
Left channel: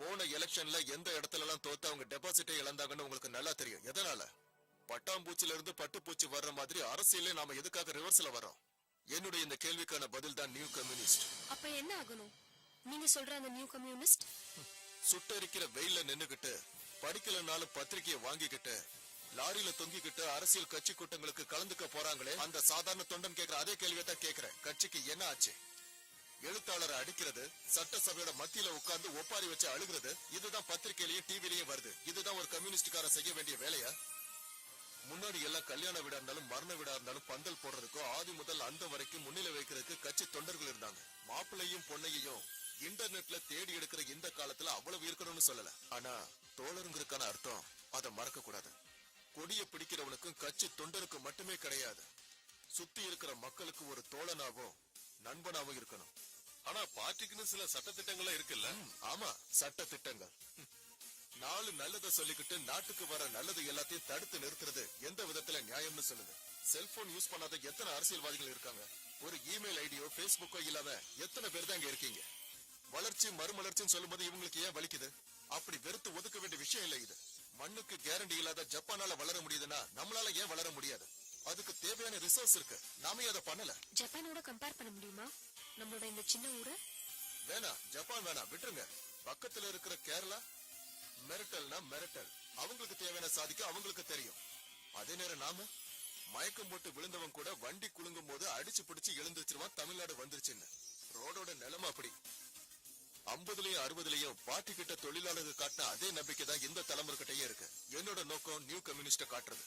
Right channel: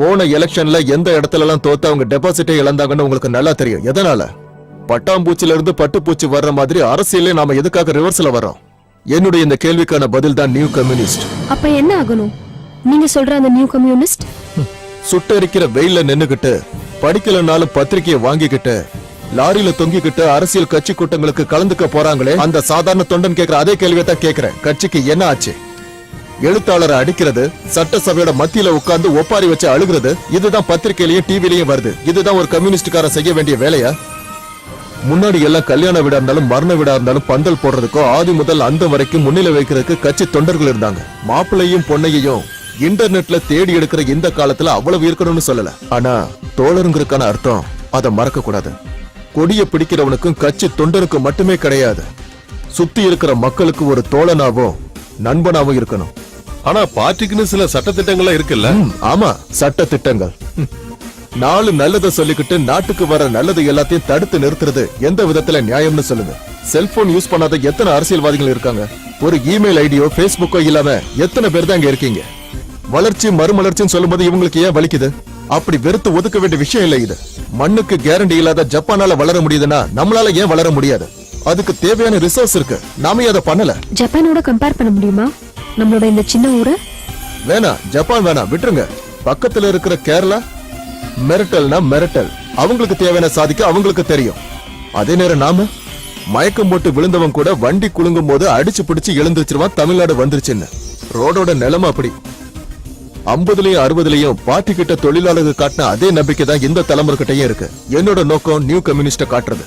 போன எலெக்ஷன்ல எந்த இடத்துல எல்லாம் தோத்து அவங்க டெபாசிட்டை இழந்தாங்கன்னு உங்களுக்கு நல்லா தெரியும். எதனால? பட்டாம்பூச்சில இருந்து பட்டுப்பூச்சி வர்ற மாதிரி அரசியலே நாம எதுக்காக ரிவர்ஸ்ல வரோம்? என்னுடைய இந்த கேள்விக்கான பதில் தான் நியூ கம்யூனிஸ்ட். அப்ப என்ன ஆகணும்? நீங்க சொல்ற அந்த நியூ கம்யூனிஸ்ட் சுட்டரிக்கிற வெயில்ல நின்னுகிட்டு படிக்கலனாலும் பத்திரிகையை வாங்கிக்கிட்டு லாரியில தொங்கிக்கிட்டு அரசியல் கட்சி கூட்டங்களுக்கு கலந்துக்க போறாங்களே அந்த சாதாரண தொண்டன் கேட்கிற அதே கேள்வியை தான் கேட்கிறேன். கட்சிக்கு என்ன ஆச்சு? எழுத்தாளரை அடிக்கிறது, சட்டசபையோட மத்தியில உட்கார்ந்து ஒப்பாரி வச்சு அழுகிறது, இதுதான் பத்திரிகையிலயும் டிவிலையும் வருது. இதுதான் ஒரு கம்யூனிஸ்டுக்காரன் செய்ய வேண்டிய வேலையா? முன்னாடி எல்லாம் கல்யாண வீடா இருந்தாலும் மரண வீடா இருந்தாலும் பந்தல் போடுறதுக்கோ ஆதி முதல் அந்த வரைக்கும் முன்னிலை வைக்கிறதுக்கு கட்சி தொண்டர்கள் இருந்தாங்க. மாப்பிள்ளையும் பொண்ணையையும் இன்டர்நெட்ல தேடி எடுக்கிற இந்த காலத்துல அவ்வளவு இருக்கணும்னு சொல்லல. ஆனா தோழருங்கிறதுக்கான அர்த்தம் அதை மறக்க கூடாது. கொடிய பிடிக்கிறவனுக்கும் கட்சி தொண்டனுக்கும் மட்டுமே கிடையாது, சுத்தி இருக்கிற மக்களுக்கு ஒரு தோழனாவும் நண்பனாவும் இருக்கணும். ஆனா பார்ட்டிக்குன்னு சில சட்ட திட்டங்கள்லாம் இருக்குல்ல? ஆமா, சட்ட திட்டங்கள். 4 நல்லதை சொல்லிக்கிட்டு நாட்டுக்கு வர நல்லது எல்லாத்தையும் தடுத்து நிறுத்துறது எந்த விதத்துல நியாயம்னு சொல்லுங்க. செல்போன் யூஸ் பண்ணாத எத்தனை அரசியல்வாதிகள் இருக்காங்க? ஒரு இமெயில் ஐடியோ பேஸ்புக்கோ இல்லாம எத்தனை பேர் தான் இங்க இருக்கீங்க? வளர்ச்சி மறுமலர்ச்சின்னு சொல்லும்போது இவங்களுக்கு ஏன் வலிக்குது? அப்படி வெறுத்து ஒதுக்க வேண்டிய விஷயம் இல்ல இது. மண்ணுக்கு கேரண்டி இல்லாத ஜப்பானால வளர முடியுதுன்னா நம்மளால ஏன் வளர முடியாது? அதுக்கு தேவையான ரிசோர்ஸ் இருக்கு, நாம அதை பண்ணல. ஜப்பானோட கம்பேர் பண்ண முடியுமா நம்மளோட இந்த சின்ன ஊரை? வேணாம், ஜப்பான் வேணாம், விட்டுருங்க. பக்கத்துல இருக்கிற கேரளா மிரட்டல்னா மிரட்டல், அவங்களுக்கு தேவையான சாதிக்க அவங்களுக்கு தெரியும். அதே நேரம் நாம மயக்கம் போட்டு விழுந்தவன் கூட வண்டி குலுங்கும் போது அடிச்சு பிடிச்சு எழுந்துருச்சிருவான் தமிழ்நாடு வந்துருச்சுன்னு. ரோடோட நிலைமை அப்படி. 50லயும் 60லயும் பார்ட்டி கிட்ட தொழிலாளர்கள் காட்டின அதே நம்பிக்கை தான் இந்த தலைமுறை கிட்டயும் இருக்கு. என்னோட நோக்கம் நியூ கம்யூனிஸ்ட காட்டுறது.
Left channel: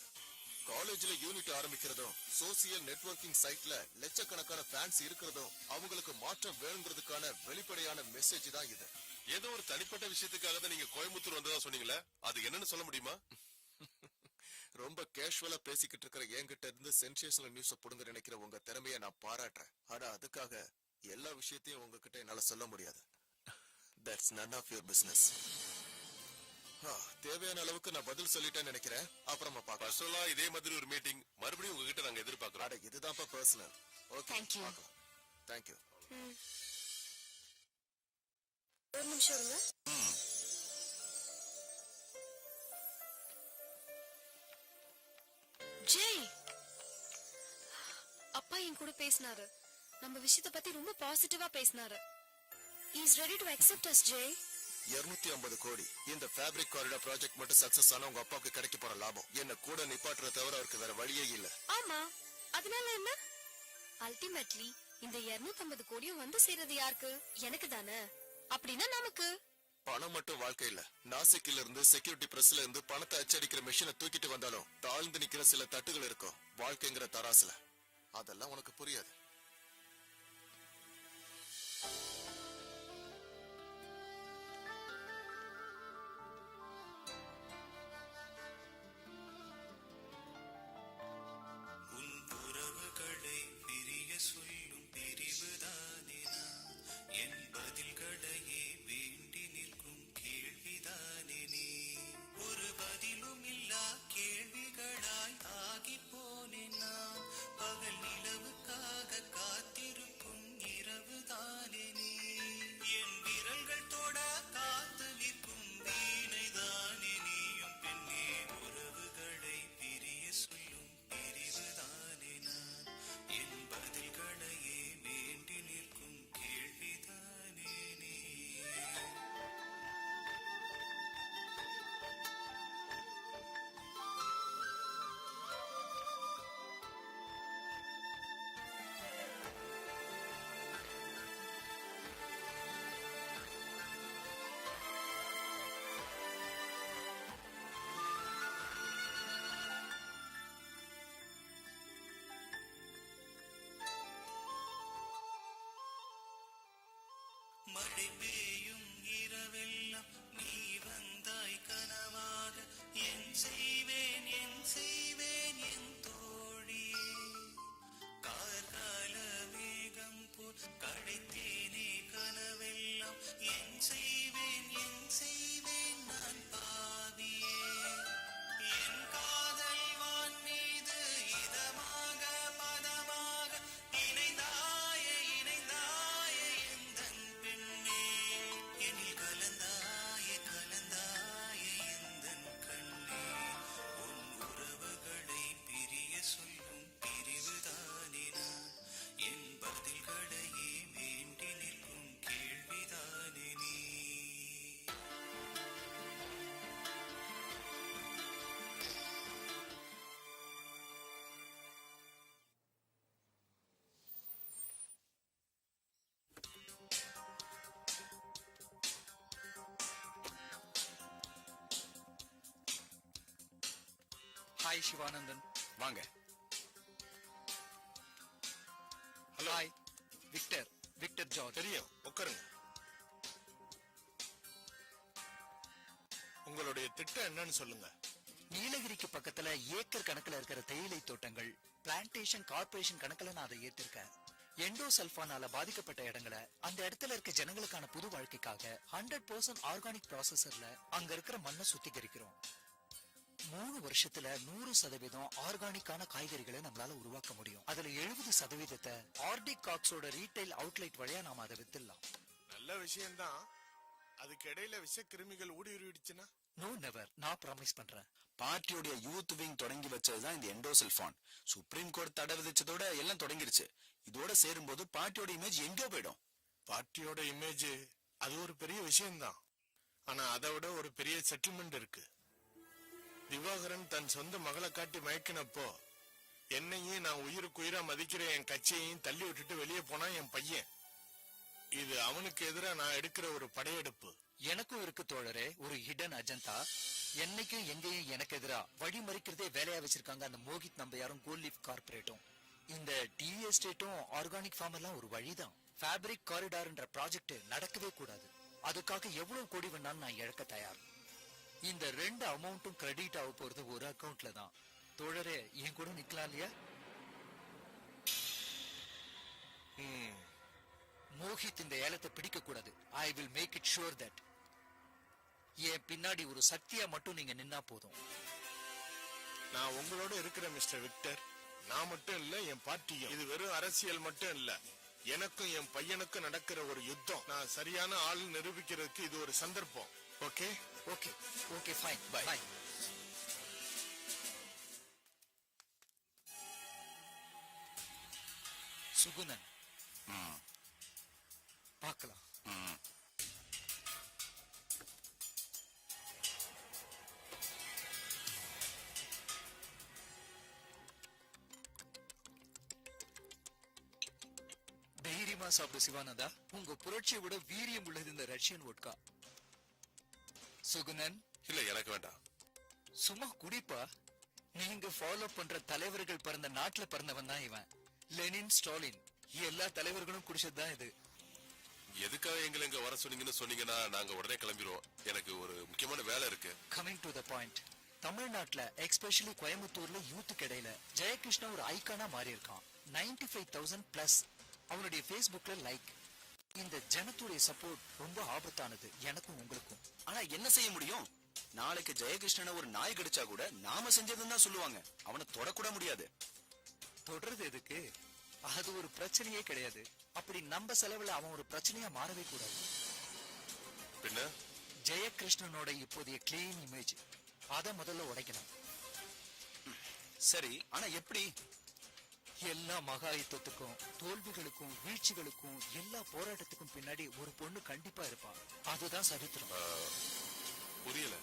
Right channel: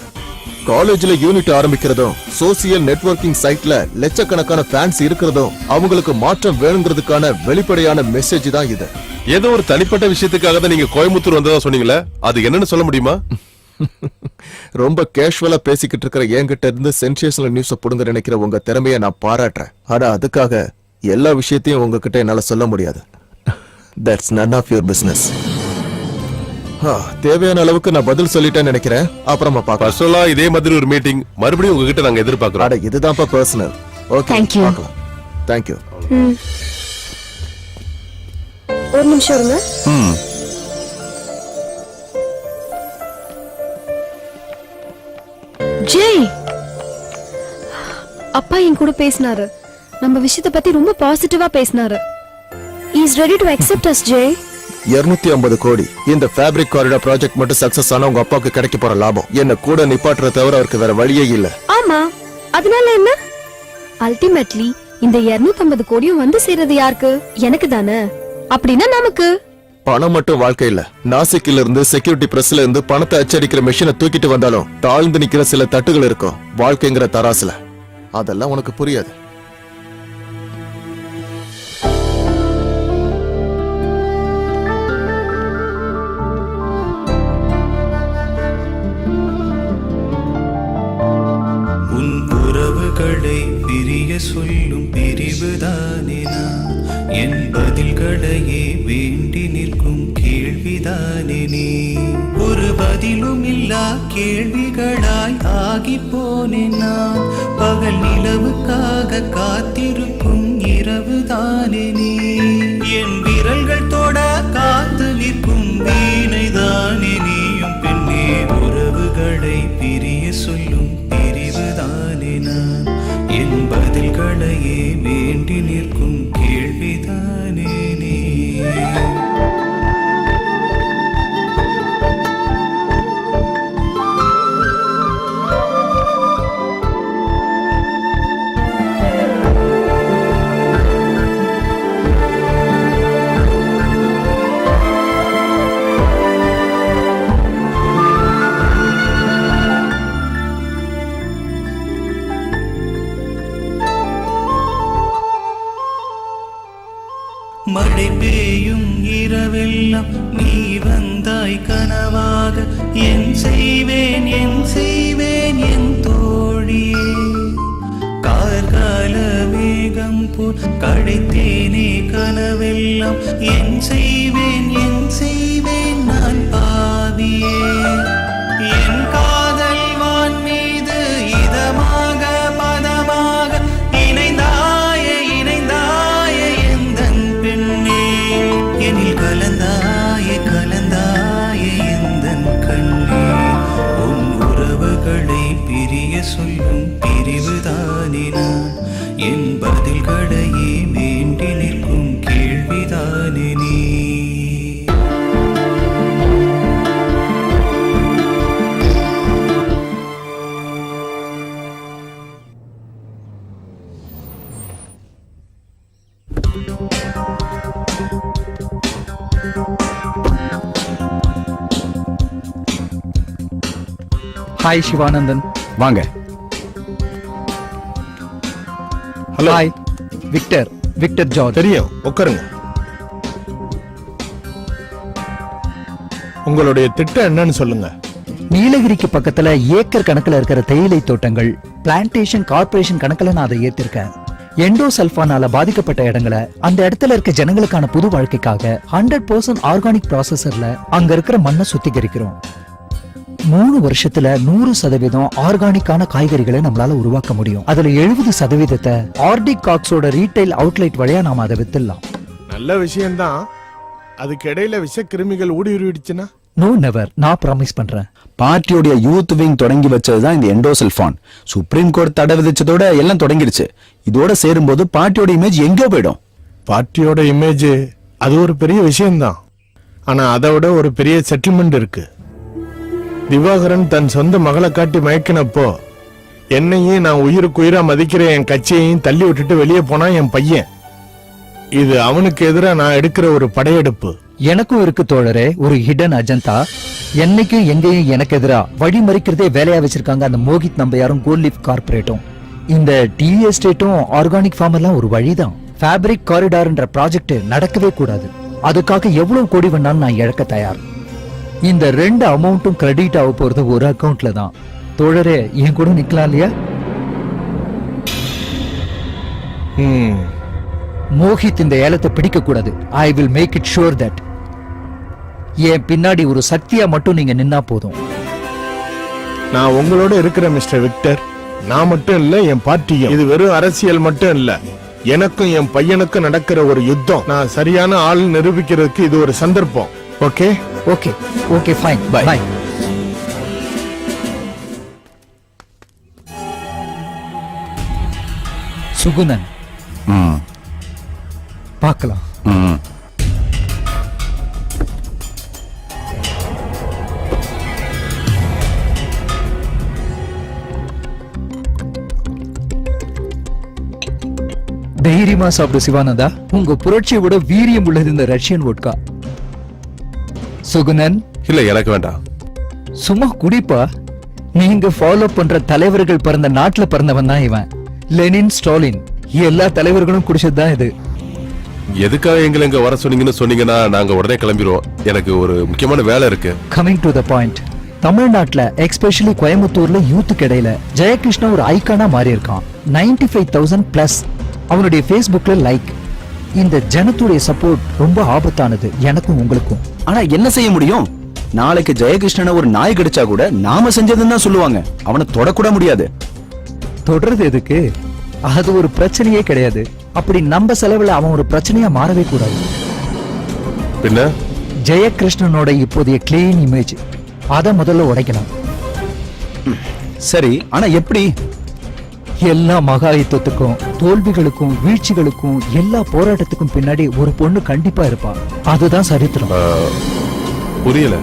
காலேஜ்ல யூனிட் ஆரம்பிக்கிறதும் சோசியல் நெட்வொர்க்கிங் சைட்ல லட்சக்கணக்கான ஃபேன்ஸ் இருக்கிறதும் அவங்களுக்கு மாற்றம் வேணுங்கிறதுக்கான வெளிப்படையான மெசேஜ் தான் இது. ஏதோ ஒரு தனிப்பட்ட விஷயத்துக்காக தான் நீங்க கோயம்புத்தூர் வந்ததா சொன்னீங்களே, அது என்னன்னு சொல்ல முடியுமா? ரொம்ப கேஷுவலா பேசிக்கிட்டு இருக்கிற என்கிட்ட இருந்து சென்சேஷனல் நியூஸ புடுங்க நினைக்கிற உங்க திறமையை நான் பாராட்டுறேன். ஆனா அதுக்காக எல்லா விஷயத்தையும் உங்ககிட்ட என்னால சொல்ல முடியாது. That's none of your business. தேவையான அளவுக்கு நான் பதில் சொல்லிட்டேன்னு நினைக்கிறேன். அப்புறமா பார்க்கலாம். பர்சனலா இதே மாதிரி ஒரு மீட்டிங் மறுபடியும் உங்ககிட்ட நாங்க எதிர்பார்க்கிறோம். அட இதுதான்ப்பா பர்சனல். Okay, Thank you. பார்க்கலாம். Thank you. ஒரு நிமிஷம் இருங்க. ஜெய், அப்பா என் கூட பேசினாரு. நம்ம விஷயத்தை பத்தி ரொம்ப பாசிட்டிவா பேசினாரு. He is ready to accept us, Jai. 250 கோடி இந்த ஃபேப்ரிக் காரிடார் ப்ராஜெக்ட் மட்டும் சக்சஸ் ஆனா உங்க அப்பாவுக்கு கிடைக்க போற லாபம் என்ன கூட நிப்பாட்டுறத தவிர அவருக்கு வேற வழியே இல்ல. ஆமா, அதனால என்ன? அல்டிமேட்லி இந்த 250 கோடியும் வந்து சேர்றது யாருக்கு? எனக்கு தானே. அப்படின்னா நமக்கு பணம் மட்டும் வாழ்க்கை இல்ல. நாசிக்ல இருந்து செக்யூரிட்டி பிரஸ்ல இருந்து பணத்தை அச்சடிக்கிற மெஷினை தூக்கிட்டு வந்தாலும் தாழ்ந்து நிக்கிற சில தட்டுகள் இருக்கும் வாழ்க்கைங்கிற தராசுல. அதெல்லாம் உனக்கு புரியாது. உன் உறவுகளை பிரிய சொல்லும் பிரிவுதானே நான், என் பதில்களையே வேண்டி நிற்கும் கேள்விதானே நீ. ஒரு பதிலும் இல்லா கேள்விகளாய் ஆகி போனேன் நான், பகல் நிலவுக்காக காத்திருக்கும் இரவுதானே நீ. என் விரல்கள் தொட காத்து நிற்கும் வீணைதானே நீயும் பெண்ணே. உறவுகளை பிரிய சொல்லும் பிரிவுதானே நான், என் பதில்களையே வேண்டி நிற்கும் மழை பெய்யும் இரவெல்லாம் நீ வந்தாய் கனவாக. என் செய்வேன் என் தோழியே. கார்கால மேகம் போல் கடைத்தேனே கனவெல்லாம். என் செய்வேன் நான் பாவியே. என் காதல் வான் மீது இதமாக பதமாக இணைந்தாயே எந்தன் பெண்ணே. எனில் கலந்தாயே எந்தன் கண்ணே. உன் உறவுகளை பிரிய சொல்லும் பிரிவுதானே நான். என் பதில்களையே வேண்டி நிற்கும் கேள்விதானே நீ. ஹாய் சிவானந்தன். வாங்க. ஹலோ. Hi Victor George. தெரியும், உட்காருங்க. உங்களுடைய திட்டம் என்னன்னு சொல்லுங்க. நீலகிரிக்கு பக்கத்துல ஏக்கர் கணக்குல இருக்கிற தேயிலை தோட்டங்கள் பிளான்டேஷன் கார்ப்பரேஷன் கணக்குல நான் அதை ஏத்திருக்கேன். எண்டோசல்ஃபானால பாதிக்கப்பட்ட இடங்களை அந்த இடத்துல இருக்க ஜனங்களுக்கான புது வாழ்க்கைக்காக 100% ஆர்கானிக் ப்ராசஸர்ல அங்க இருக்கிற மண்ணை சுத்திகரிக்கிறோம். 3 வருஷத்துல 100% ஆர்கானிக்கான காய்கறிகளை நம்மளால உருவாக்க முடியும். அதுல 70% ஆர்டிக் காக்ஸோட ரீட்டைல் அவுட்லெட் வழியா நாம அதை வித்துடலாம். நல்ல விஷயம்தான். அதுக்கு இடையில விஷ கிருமிகள் ஊடுருவிடுச்சுன்னா? நோ நெவர், நான் ப்ராமிஸ் பண்றேன். பார்ட்டியோட யூத் விங் தொடங்கி வச்சதுதான் இந்த எண்டோசல்ஃபான். சுப்ரீம் கோர்ட் தடை விதிச்சதோட எல்லாம் தொடங்கிடுச்சு. இதோட சேரும்போது பார்ட்டியோட இமேஜ் எங்கேயோ போயிடும். பார்ட்டியோட இமேஜ் அது ஒரு பெரிய விஷயம்தான். ஆனா அதை விட ஒரு பெரிய செட்டில்மெண்ட் இருக்கு. திவாகரன் தன் சொந்த மகளை காட்டி மயக்கினப்போ என்னையும் நான் உயிருக்குயிரா மதிக்கிற என் கட்சியையும் தள்ளி விட்டுட்டு வெளியே போனா என் பையன். இது அவனுக்கு எதிராக நான் எடுக்கிற ஒரு படையெடுப்பு. எனக்கும் இருக்கு தோழரே ஒரு ஹிடன் அஜந்தா. என்னைக்கும் எங்கேயும் எனக்கு எதிரா வழி மறிக்கிறதே வேலையா வச்சிருக்காங்க அந்த மோகித் நம்பையாரும் கோல்ட் லீஃப் கார்பரேட்டும். இந்த டீ எஸ்டேட்டும் ஆர்கானிக் ஃபார்ம் எல்லாம் ஒரு வழிதான். ஃபேப்ரிக் காரிடார்ன்ற ப்ராஜெக்ட் நடக்கவே கூடாது. அதுக்காக எவ்வளவு கோடி வேணாலும் நான் இழக்க தயார். இந்த 2 அமௌண்ட்டும் கிரெடிட் ஆக போறது ஒரு அக்கவுண்ட்ல தான். தோழரே என் கூட நிக்கலாம் இல்லையா? மோகித் இந்த ஏலத்தை பிடிக்க கூடாது. I will make it sure that. என் பின்னாடி ஒரு சக்தியா மட்டும் நீங்க நின்னா போதும். நான் உங்களோட இருக்கிற மிஸ்டர் விக்டர். நான் மட்டும் இல்ல, என் பார்ட்டியும். இது வெறும் அரசியல் மட்டும் இல்ல, எனக்கும் என் பையனுக்கும் நடக்கிற ஒரு யுத்தம். நான் சரியான ஆள் நிரூபிக்கிறதுக்கு இது ஒரு சந்தர்ப்பம். Okay okay okay fine bye bye. Sugunan பார்க்கலாம். தைரியமா சாப்பிடு சிவானந்தா. உங்க புரட்சியை விட வீரியம் உள்ளது இந்த ரஷ்யன் வோட்கா. சுகுணன் இல்ல, எனக்கு வேண்டாம். சும்மா குடிப்பா. நீங்க ஃபாலோ பண்ற தலைவர்கள் பிறந்த நாட்டுல பிறந்தவன் தான் இவன். லெனின், ஸ்டாலின் எல்லா தலைவர்களும் குடிச்சதுதான் இது. எதுக்காக எங்களை இங்க வர சொன்னீங்கன்னா நாங்க உடனே கிளம்பிடுவோம். எனக்கு ஒரு முக்கியமான வேலை இருக்கு. Coming to the point. தமிழ்நாட்டுல எக்ஸ்பெஷலி கோயம்புத்தூர்ல யூத்துக்கு இடையில ஜெயகிருஷ்ணா ஒரு ஐக்கானா மாறி இருக்கான். 95,000 பிளஸ் அவனுடைய Facebookல லைக். இந்த ஜனத்துடைய சப்போர்ட் ரொம்ப ஆபத்தானது எனக்கும் உங்களுக்கும். ஆனா என்ன செய்ய முடியும்? நாளைக்கு ஜெயகிருஷ்ணனை ஒரு நாய் கடிச்சா கூட நாம செஞ்சதுன்னு தான் சொல்லுவாங்க. அவனை தொடக்கூட முடியாது. தொடர்றது எதுக்கு? அது ஒரு பிரச்சனையே கிடையாது. அப்படி நம்ம செலவுல அவன் ஒரு பிரச்சனையா மாறவே கூடாது. பின்ன ஜெயகிருஷ்ணனோட இப்போதைய கிளீன் இமேஜ் அத முதல்ல உடைக்கணும். சரி, ஆனா எப்படி? எல்லா மகாயுத்தத்துக்கும் தோல்விகளுக்கும் வீழ்ச்சிகளுக்கும் எல்லா போராட்டத்துக்கும் பின்னாடி ஒரு பொண்ணு கண்டிப்பா இருப்பா. அதுதான் சரித்திரம். புரியல.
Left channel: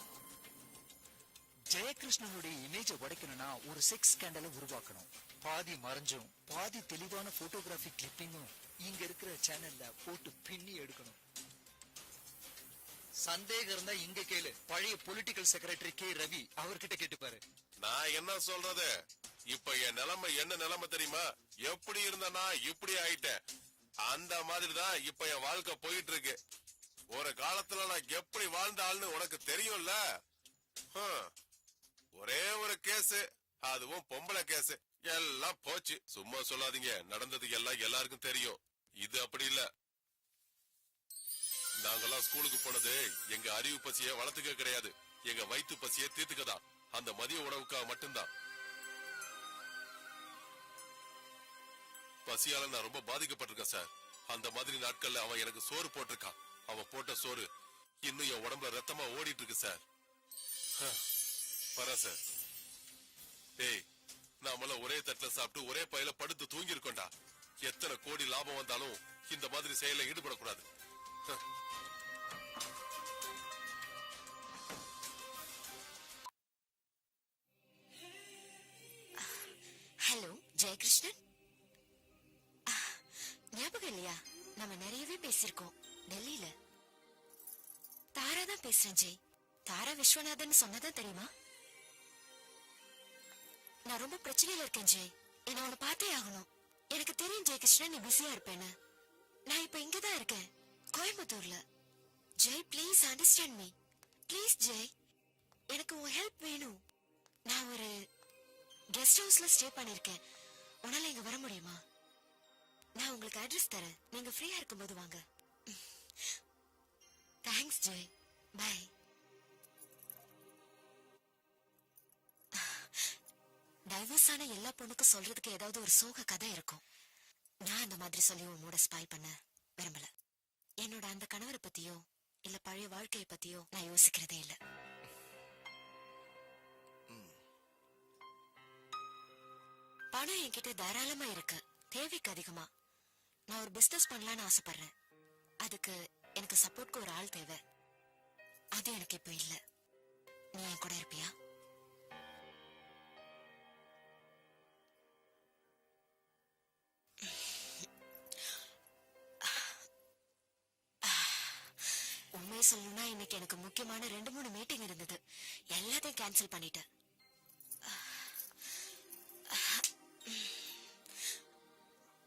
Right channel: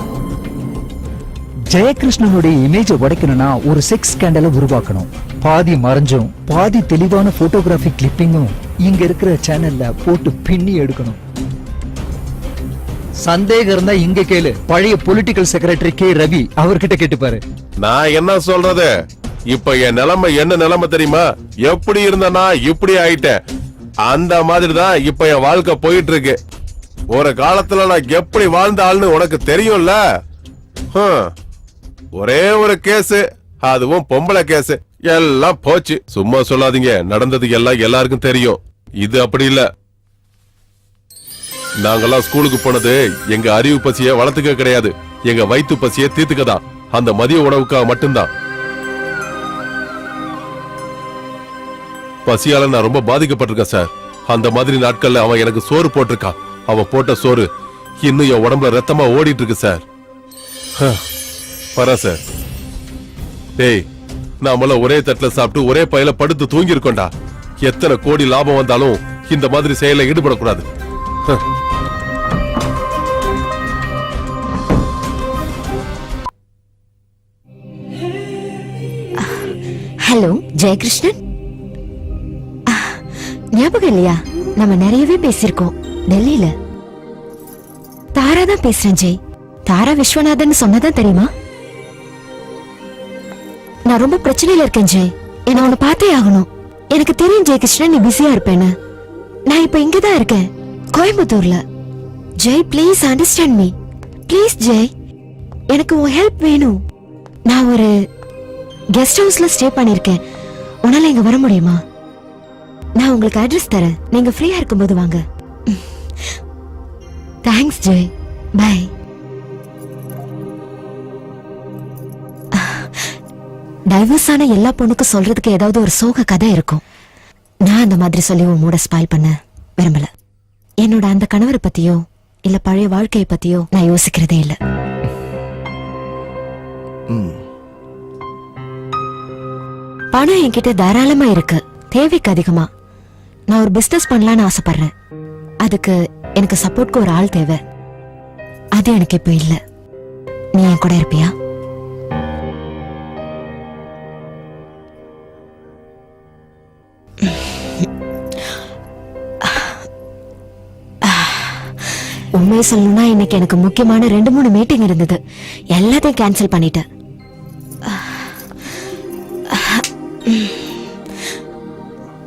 ஜெயகிருஷ்ணனுடைய இமேஜை உடைக்கணும்னா ஒரு செக்ஸ் ஸ்கேண்டலை உருவாக்கணும். பாதி மறைஞ்சும் பாதி தெளிவான போட்டோகிராஃபி கிளிப்பிங்கும் இங்க இருக்கிற சேனல்ல போட்டு பின்னி எடுக்கணும். சந்தேகம் இருந்தா இங்க கேளு. பழைய பொலிட்டிக்கல் செக்ரட்டரி கே ரவி அவர்கிட்ட கேட்டுப்பாரு. நான் என்ன சொல்றது? இப்ப என் நிலைமை என்ன நிலைமை தெரியுமா? எப்படி இருந்தனா இப்படி ஆயிட்டேன். அந்த மாதிரி தான் இப்ப என் வாழ்க்கை போயிட்டு இருக்கு. ஒரு காலத்துல நான் எப்படி வாழ்ந்த ஆள்னு உனக்கு தெரியும்ல. ஒரே ஒரு கேஸ், அதுவும் பொம்பளை கேஸ், எல்லாம் போச்சு. சும்மா சொல்லாதீங்க, நடந்தது எல்லாம் எல்லாருக்கும் தெரியும். இது அப்படி இல்ல. நாங்கெல்லாம் ஸ்கூலுக்கு போனது எங்க அறிவு பசிய வளர்த்துக்க கிடையாது, எங்க வயிற்று பசிய தீர்த்துக்கதான். அந்த மதிய உணவுக்காக மட்டும்தான். பசியால நான் ரொம்ப பாதிக்கப்பட்டிருக்கேன் சார். அந்த மாதிரி நாட்கள்ல அவன் எனக்கு சோறு போட்டிருக்கான். அவன் போட்ட சோறு இன்னும் என் உடம்புல ரத்தமா ஓடிட்டு இருக்கு சார். பரா சார். டேய், நாமள ஒரே தட்டுல சாப்பிட்டு ஒரே பையில படுத்து தூங்கி இருக்கோண்டா. எத்தனை கோடி லாபம் வந்தாலும் இந்த மாதிரி செயல ஈடுபடக்கூடாது. ஹலோ ஜெயகிருஷ்ணன், ஞாபகம் இல்லையா? நம்ம நிறையவே பேசியிருக்கோம் டெல்லியில. தாரா தான் பேசுறேன் ஜெய். தாரா விஸ்வநாதன் சொன்னதான் தெரியுமா? நான் ரொம்ப பிரச்சனையில இருக்கேன் ஜெய். என்ன உன்னை பார்த்தே ஆகணும். எனக்கு தெரியும் ஜெயகிருஷ்ணன் நீ பிஸியா இருப்பேன்னு. நான் இப்ப இங்கதான் இருக்கேன், கோயம்புத்தூர்ல. Jai please understand me. Please Jai, எனக்கு உன் ஹெல்ப் வேணும். நான் ஒரு கெஸ்ட் ஹவுஸ்ல ஸ்டே பண்ணிருக்கேன். உன்னால இங்க வர முடியுமா? நான் உங்களுக்கு அட்ரஸ் தரேன், நீங்க ஃப்ரீயா இருக்கும்போது வாங்க. Thanks Jai, by. டைவர்ஸ் ஆன எல்லா பொண்ணுக்கும் சொல்றதுக்கு ஏதாவது ஒரு சோக கதை இருக்கும். நான் அந்த மாதிரி சொல்லி உன் மூட ஸ்பாயில் பண்ண விரும்பல. என்னோட அந்த கணவரை பத்தியோ இல்ல பழைய வாழ்க்கையை பத்தியோ நான் யோசிக்கிறதே இல்ல. பணம் என்கிட்ட தாராளமா இருக்கு, தேவைக்கு அதிகமா. நான் ஒரு பிசினஸ் பண்ணலான்னு ஆசைப்படுறேன். அதுக்கு எனக்கு சப்போர்ட்க்கு ஒரு ஆள் தேவை. அது எனக்கு இப்ப இல்ல. நீ என் கூட இருப்பியா? உண்மையை சொல்லணும்னா இன்னைக்கு எனக்கு முக்கியமான 2-3 மீட்டிங் இருந்தது. எல்லாத்தையும் கேன்சல் பண்ணிட்டேன்.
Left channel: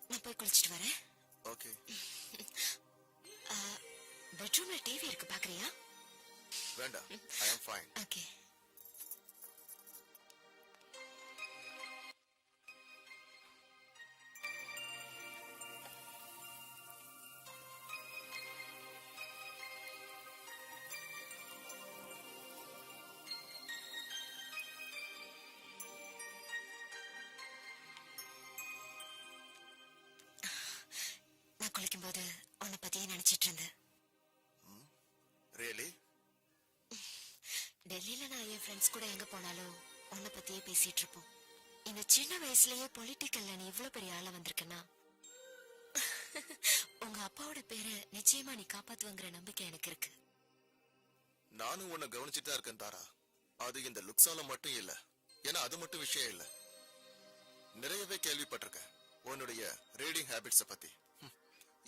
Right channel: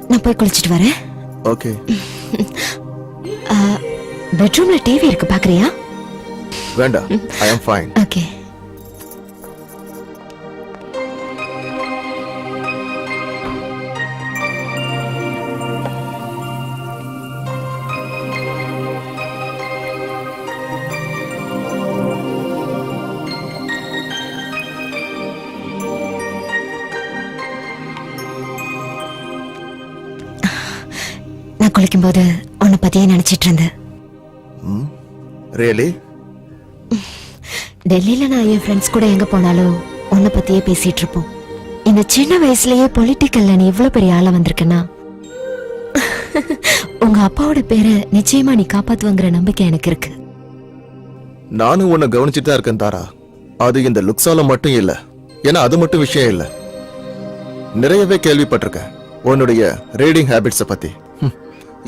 நான் போய் குளிச்சிட்டு வரேன். ஓகே. பெட்ரூம்ல டிவி இருக்கு, பாக்குறியா? வேண்டாம், ஐ அம் ஃபைன். ஓகே. நான் குளிக்கும்போது உன்னை பத்தியே நினைச்சிட்டு இருந்தேன். ரியலி? டெல்லியில நான் என் ஃப்ரெண்ட்ஸ் கூட எங்க போனாலும் உன்னை பத்தியே பேசிட்டு இருப்போம். இந்த சின்ன வயசுலயே பொலிட்டிக்கல்ல நீ இவ்வளவு பெரிய ஆளா வந்திருக்கனா, உங்க அப்பாவோட பேரை நிச்சயமா நீ காப்பாத்துவங்கிற நம்பிக்கை எனக்கு இருக்கு. நானும் உன்னை கவனிச்சுட்டு தான் இருக்கேன் தாரா. அது இந்த லுக்ஸால மட்டும் இல்ல, ஏன்னா அது மட்டும் விஷயம் இல்ல. நிறையவே கேள்விப்பட்டிருக்கேன் உன்னுடைய ரீடிங் ஹேபிட்ஸ பத்தி.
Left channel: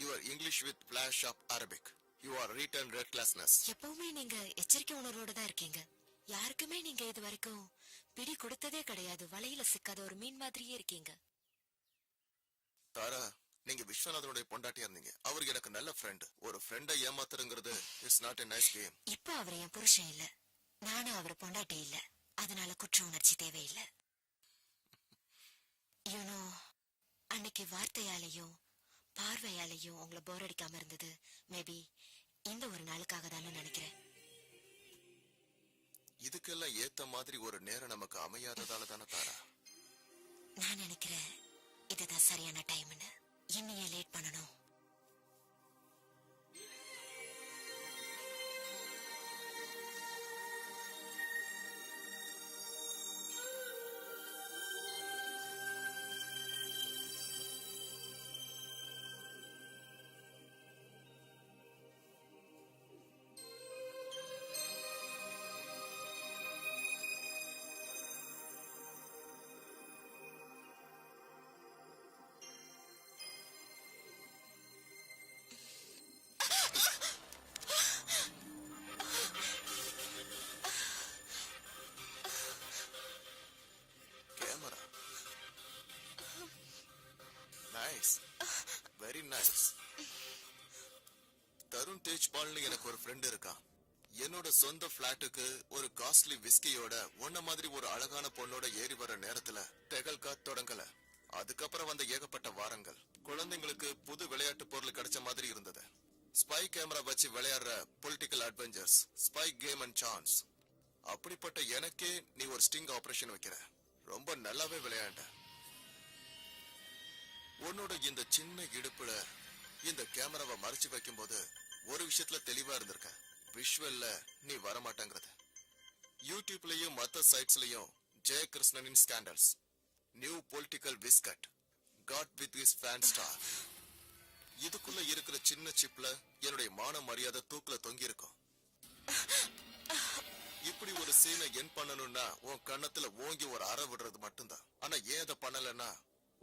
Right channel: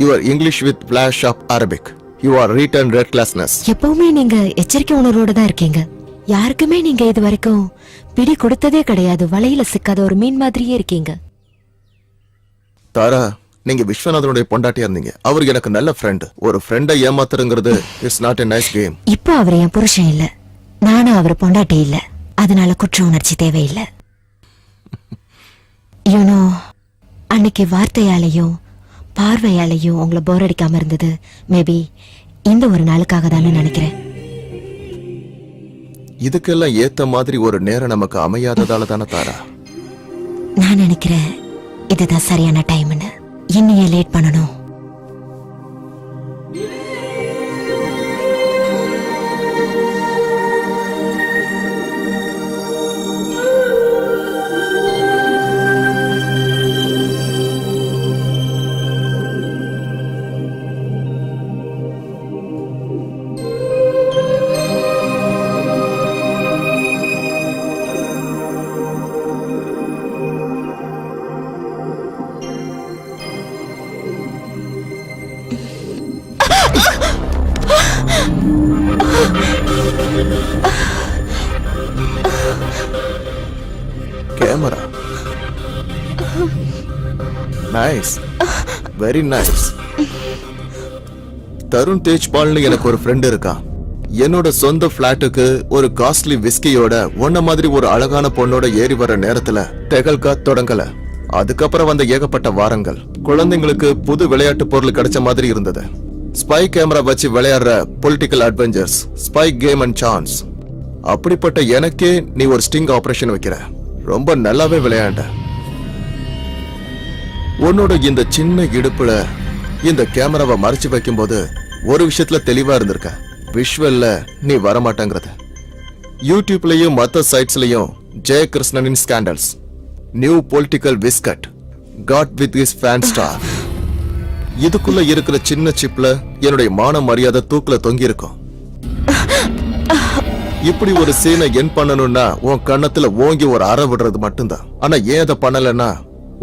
Your English with flash of Arabic, your written red classness. எப்பவுமே நீங்க எச்சரிக்கை உணர்வோட தான் இருக்கீங்க. யாருக்குமே நீங்க இது வரைக்கும் பிடி கொடுத்ததே கிடையாது. வலையில சிக்காத ஒரு மீன் மாதிரியே இருக்கீங்க. தாரா, நீங்க விஸ்வநாதனுடைய பொண்டாட்டியா இருந்தீங்க. அவர் எனக்கு நல்ல ஃப்ரெண்ட். ஒரு ஃப்ரெண்டை ஏமாத்துறங்கிறது it's not a nice game. இப்போ அவர் என் புருஷன் இல்ல, நானும் அவர் பொண்டாட்டி இல்ல. அதனால குற்ற உணர்ச்சி தேவையில்லை. யூனோ, அன்னைக்கு வார்த்தையாலையும் பார்வையாலையும் உங்களை போர் அடிக்காம இருந்தது மேபி இந்த ஒரு நாளுக்காக தானே நினைக்கிறேன். இதுக்கெல்லாம் ஏத்த மாதிரி ஒரு நேரம் நமக்கு அமையாததால தானே தாரா? நான் நினைக்கிறேன் இதுதான் சரியான டைம்னு. இன்னையே லேட் பண்ணணும். Nice, very nice. தருண் தேஜ்பால்னு எனக்கு ஒரு ஃப்ரெண்ட் இருக்கான். என்னோட சொந்த பிளாட்டுக்கு ஒரு காஸ்ட்லி விஸ்கியோட உன்ன மாதிரி ஒரு அழகான பொண்ணோட ஏறி வர நேரத்துல தெகல்கா தொடங்கல. அதுக்கப்புறம் வந்த ஏகப்பட்ட வாரங்கள் குழந்தைங்களுக்கு புது விளையாட்டு பொருள் கிடைச்ச மாதிரி இருந்தது. ஸ்பை கேமரா வச்சு விளையாடுற political adventures, spy game and chance. அப்படிப்பட்ட எனக்கே நீ ஒரு ஸ்டிங் ஆபரேஷன் வைக்கிற. ரொம்ப நல்லாவே விளையாண்ட. உன்னோட இந்த சின்ன இடுப்புல இந்த கேமராவை மறைச்சு வைக்கும்போது ஒரு விஷயத்துல தெளிவா இருந்திருக்க. விஷுவல்ல நீ வரமாட்டேங்கிறது. யூடியூப்லயும் மத்த சைட்ஸ்லயும் ஜெயகிருஷ்ணனின் ஸ்கேண்டல்ஸ், நியூ பொலிட்டிக்கல் விஸ்கட், got with his fan star, இதுக்குள்ள இருக்கிற சின்ன சிப்ல என்னுடைய மான மரியாதை தூக்குல தொங்கி இருக்கும். இப்படி ஒரு சீனை என் பண்ணணும்னா உன் கண்ணத்துல ஓங்கி ஒரு அற விடுறது மட்டும்தான். ஆனா ஏன் அதை பண்ணலன்னா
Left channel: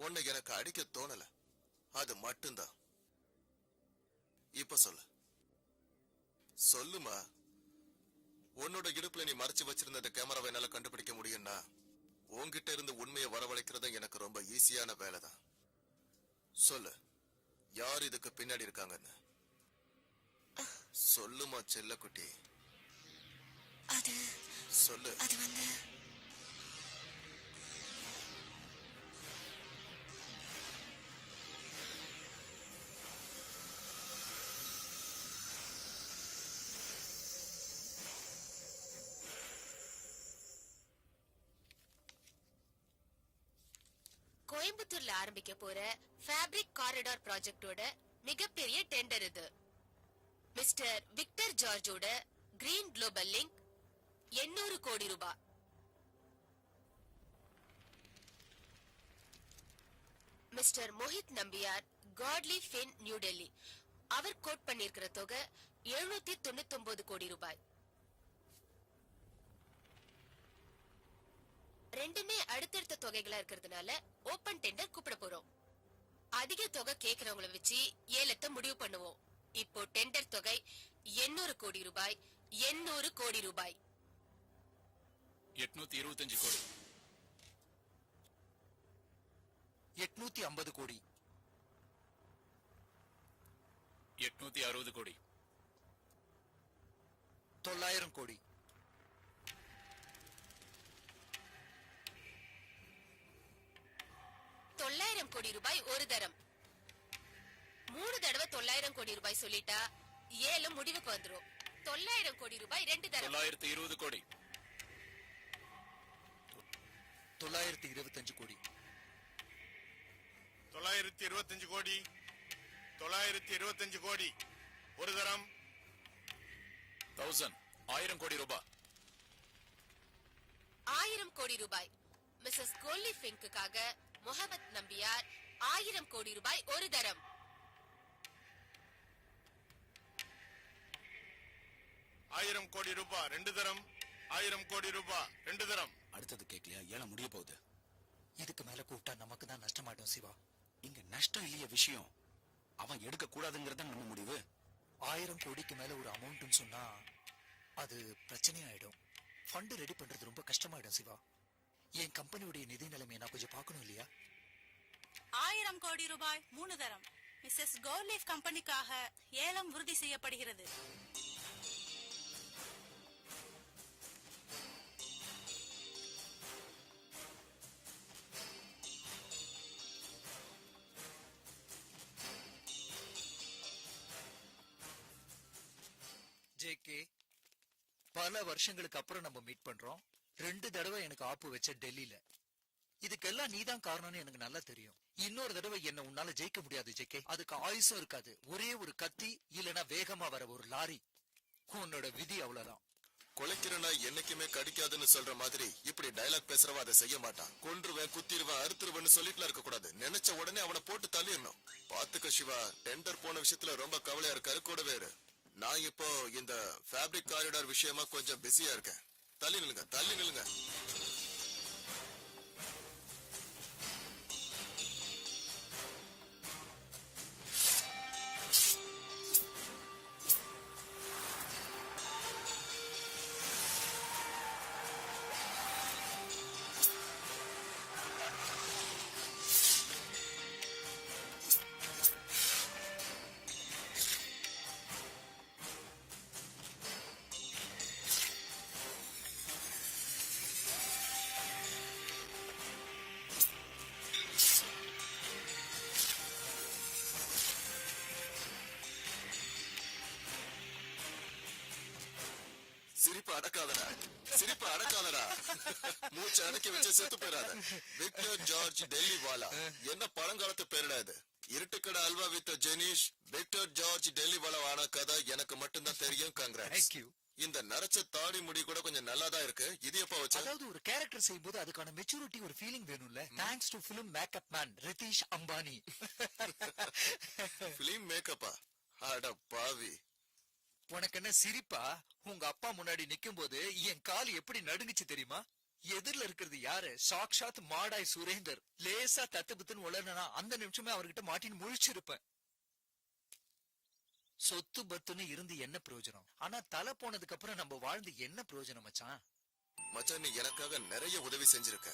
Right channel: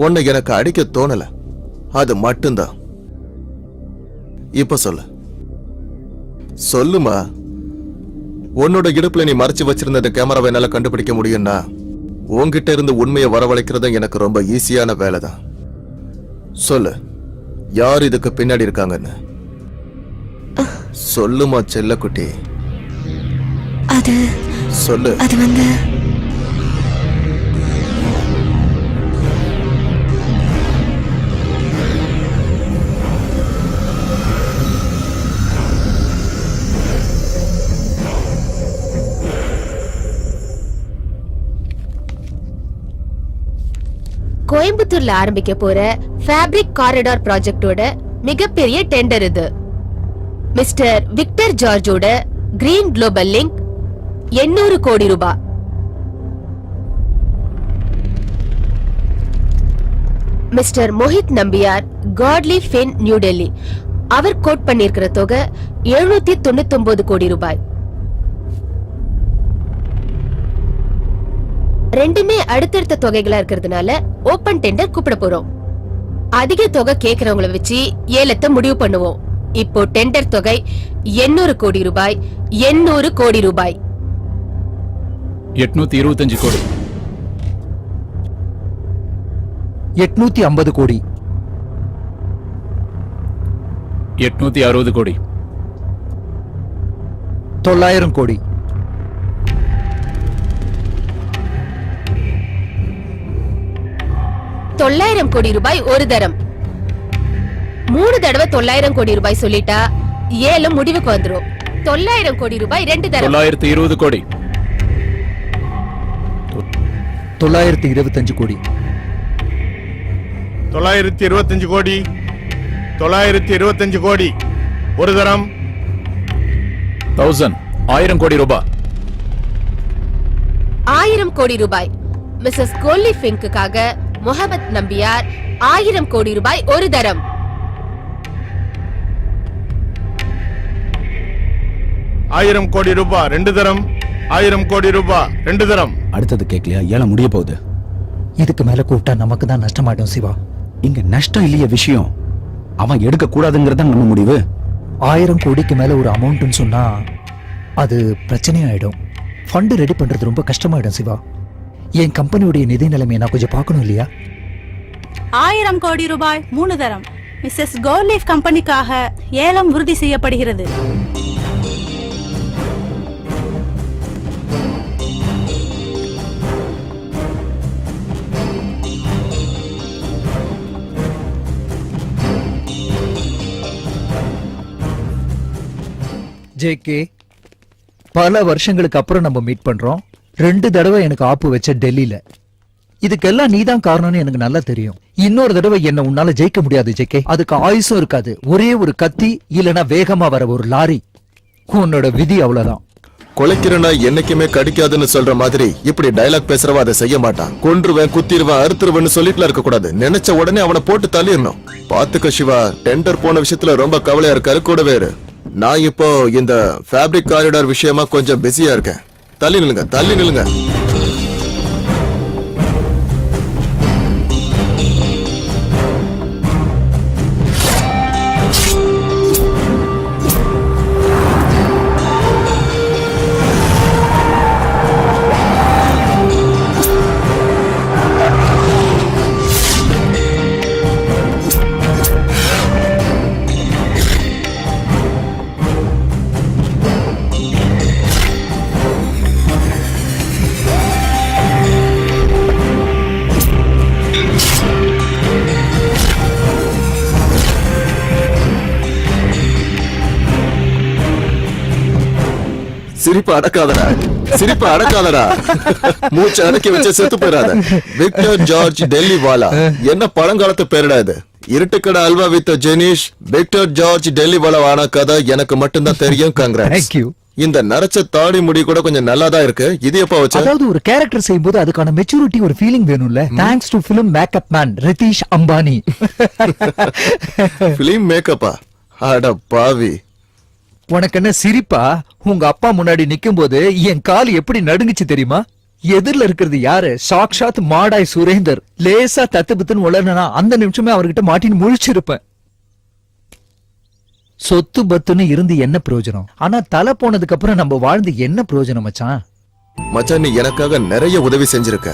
உன்னை எனக்கு அடிக்க தோணல. அது மட்டும்தான். இப்ப சொல்லு, சொல்லுமா. உன்னோட இடுப்புல நீ மறைச்சு வச்சிருந்த இந்த கேமராவை என்னால கண்டுபிடிக்க முடியும்னா உன்கிட்ட இருந்து உண்மையை வரவழைக்கிறது எனக்கு ரொம்ப ஈஸியான வேலைதான். சொல்லு, யார் இதுக்கு பின்னாடி இருக்காங்கன்னு சொல்லுமா செல்லக்குட்டி. அது சொல்லு. அது வந்து கோயம்புத்தூர்ல ஆரம்பிக்க போற ஃபேப்ரிக் காரிடார் ப்ராஜெக்டோட மிகப்பெரிய டெண்டர் இது. மிஸ்டர் விக்டர் ஜார்ஜோட கிரீன் குளோபல் லிங்க் 800 கோடி ரூபாய். Mister Mohit Nambiar, Godly Fin, new Delhi, அவர் கோட் பண்ணிருக்கிற தொகை 799 கோடி ரூபாய். ரெண்டுமே அடுத்தடுத்த தொகைகளா இருக்கிறதுனால ஓபன் டெண்டர் கூப்பிட போறோம். அதிக தொகை கேக்குறவங்கள வச்சு ஏலத்தை முடிவு பண்ணுவோம். இப்போ டெண்டர் தொகை 800 கோடி ரூபாய். 800 கோடி ரூபாய். 825 கோடி. 850 கோடி. 860 கோடி. 900 கோடி. 900 கோடி ரூபாய் ஒரு தரம். 3 தடவை 900 கோடி ரூபாய் சொல்லிட்டா ஏலம் முடிவுக்கு வந்துரும். 900 கோடி ரூபாய் 2 தரம். 920 கோடி. 925 கோடி. 925 கோடி. 925 கோடி ஒரு தரம். 1000 கோடி ரூபாய். 1000 கோடி ரூபாய். மிஸ்ஸஸ் கோலி ஃபின்க்குக்காக முகமது நம்பியார் 1000 கோடி ரூபாய் ஒரு தரம். 1000 கோடி ரூபாய் 2 தரம். 1000 கோடி ரூபாய் 2 தரம். அடுத்தது கேட்கலையா? ஏலம் முடிய போகுது. இதுக்கு மேல கூப்பிட்டா நமக்கு தான் நஷ்டமாயிடும் சிவா. இங்க நஷ்டம் இல்லைய விஷயம், அவன் எடுக்க கூடாதுங்கிறத நம்ம முடிவு. 1000 கோடிக்கு மேல ஒரு அமௌண்ட்னு சொன்னா அது பிரச்சனையாயிடும். ஃபண்ட் ரெடி பண்றது ரொம்ப கஷ்டமாயிடும் சிவா. என் கம்பெனியுடைய நிதி நிலைமையை நான் கொஞ்சம் பார்க்கணும் இல்லையா? 1000 கோடி ரூபாய் 3 தரம். மிஸ்ஸஸ் கோலீஃப் கம்பெனிக்காக ஏலம் உறுதி செய்யப்படுகிறது. ஜேகே, பல வருஷங்களுக்கு அப்புறம் நம்ம மீட் பண்றோம். 2 தடவை எனக்கு ஆப்பு வச்ச டெல்லியில. இதுக்கெல்லாம் நீதான் காரணம்னு எனக்கு நல்லா தெரியும். இன்னொரு தடவை என்ன உன்னால ஜெயிக்க முடியாது ஜேகே. அதுக்கு ஆயுசும் இருக்காது. ஒரே ஒரு கத்தி இல்லனா வேகமா வர ஒரு லாரி. உன்னோட விதி அவ்வளவுதான். கொலைக்கிறனா என்னைக்குமே கடிக்காதுன்னு சொல்ற மாதிரி இப்படி டயலாக் பேசுறவ அதை செய்ய மாட்டான். கொன்றுவேன், குத்திடுவேன், அறுத்துருவேன்னு சொல்லிட்டுல இருக்க கூடாது. நினைச்ச உடனே அவனை போட்டு தள்ளிடணும். பாத்துக்க சிவா, டெண்டர் போன விஷயத்துல ரொம்ப கவலையா இருக்காரு. கூடவே இரு. நான் இப்போ இந்த ஃபேப்ரிக் காரிடார் விஷயமா கொஞ்சம் பிஸியா இருக்கேன். தள்ளி நில்லுங்க, தள்ளி நில்லுங்க. சிரிப்பு அடக்காதடா, சிரிப்பு அடக்காதடா. மூச்சு அடக்கி வச்சு செத்து போயிடாத. விக்டர் ஜார்ஜ் டெல்லிவாலா என்ன பழங்காலத்து பேருடா இது? இருட்டுக்கடை அல்வா வித் ஜெனிஷ். விக்டர் ஜார்ஜ் டெல்லிவாலா ஆன கதை எனக்கு மட்டும்தான் தெரியும். கங்க்ராட்ஸ். Thank you. இந்த நரைச்ச தாடி முடி கூட கொஞ்சம் நல்லாதான் இருக்கு. இது எப்ப வச்ச? அதாவது ஒரு கேரக்டர் செய்யும்போது அதுக்கான மெச்சூரிட்டி ஒரு ஃபீலிங் வேணும்ல. Thanks to film makeup man Ritheesh Ambani. Film மேக்கப்பா? அட பாவி. உனக்கு என்ன சிரிப்பா? உங்க அப்பா முன்னாடி நிக்கும் போது என் கால் எப்படி நடுங்குச்சு தெரியுமா? எதிரில இருக்கிறது யாரு? சாக்ஷாத் மாடாய் சுரேந்தர். லேசா தத்துபத்துன்னு உளறனா அந்த நிமிஷமே அவர்கிட்ட மாட்டின்னு முழிச்சிருப்பேன். சொத்து பத்துன்னு இருந்து என்ன பிரயோஜனம்? ஆனா தலை போனதுக்கு அப்புறம் நம்ம வாழ்ந்து என்ன பிரயோஜனம் மச்சான்? மச்சான், நீ எனக்காக நிறைய உதவி செஞ்சிருக்க.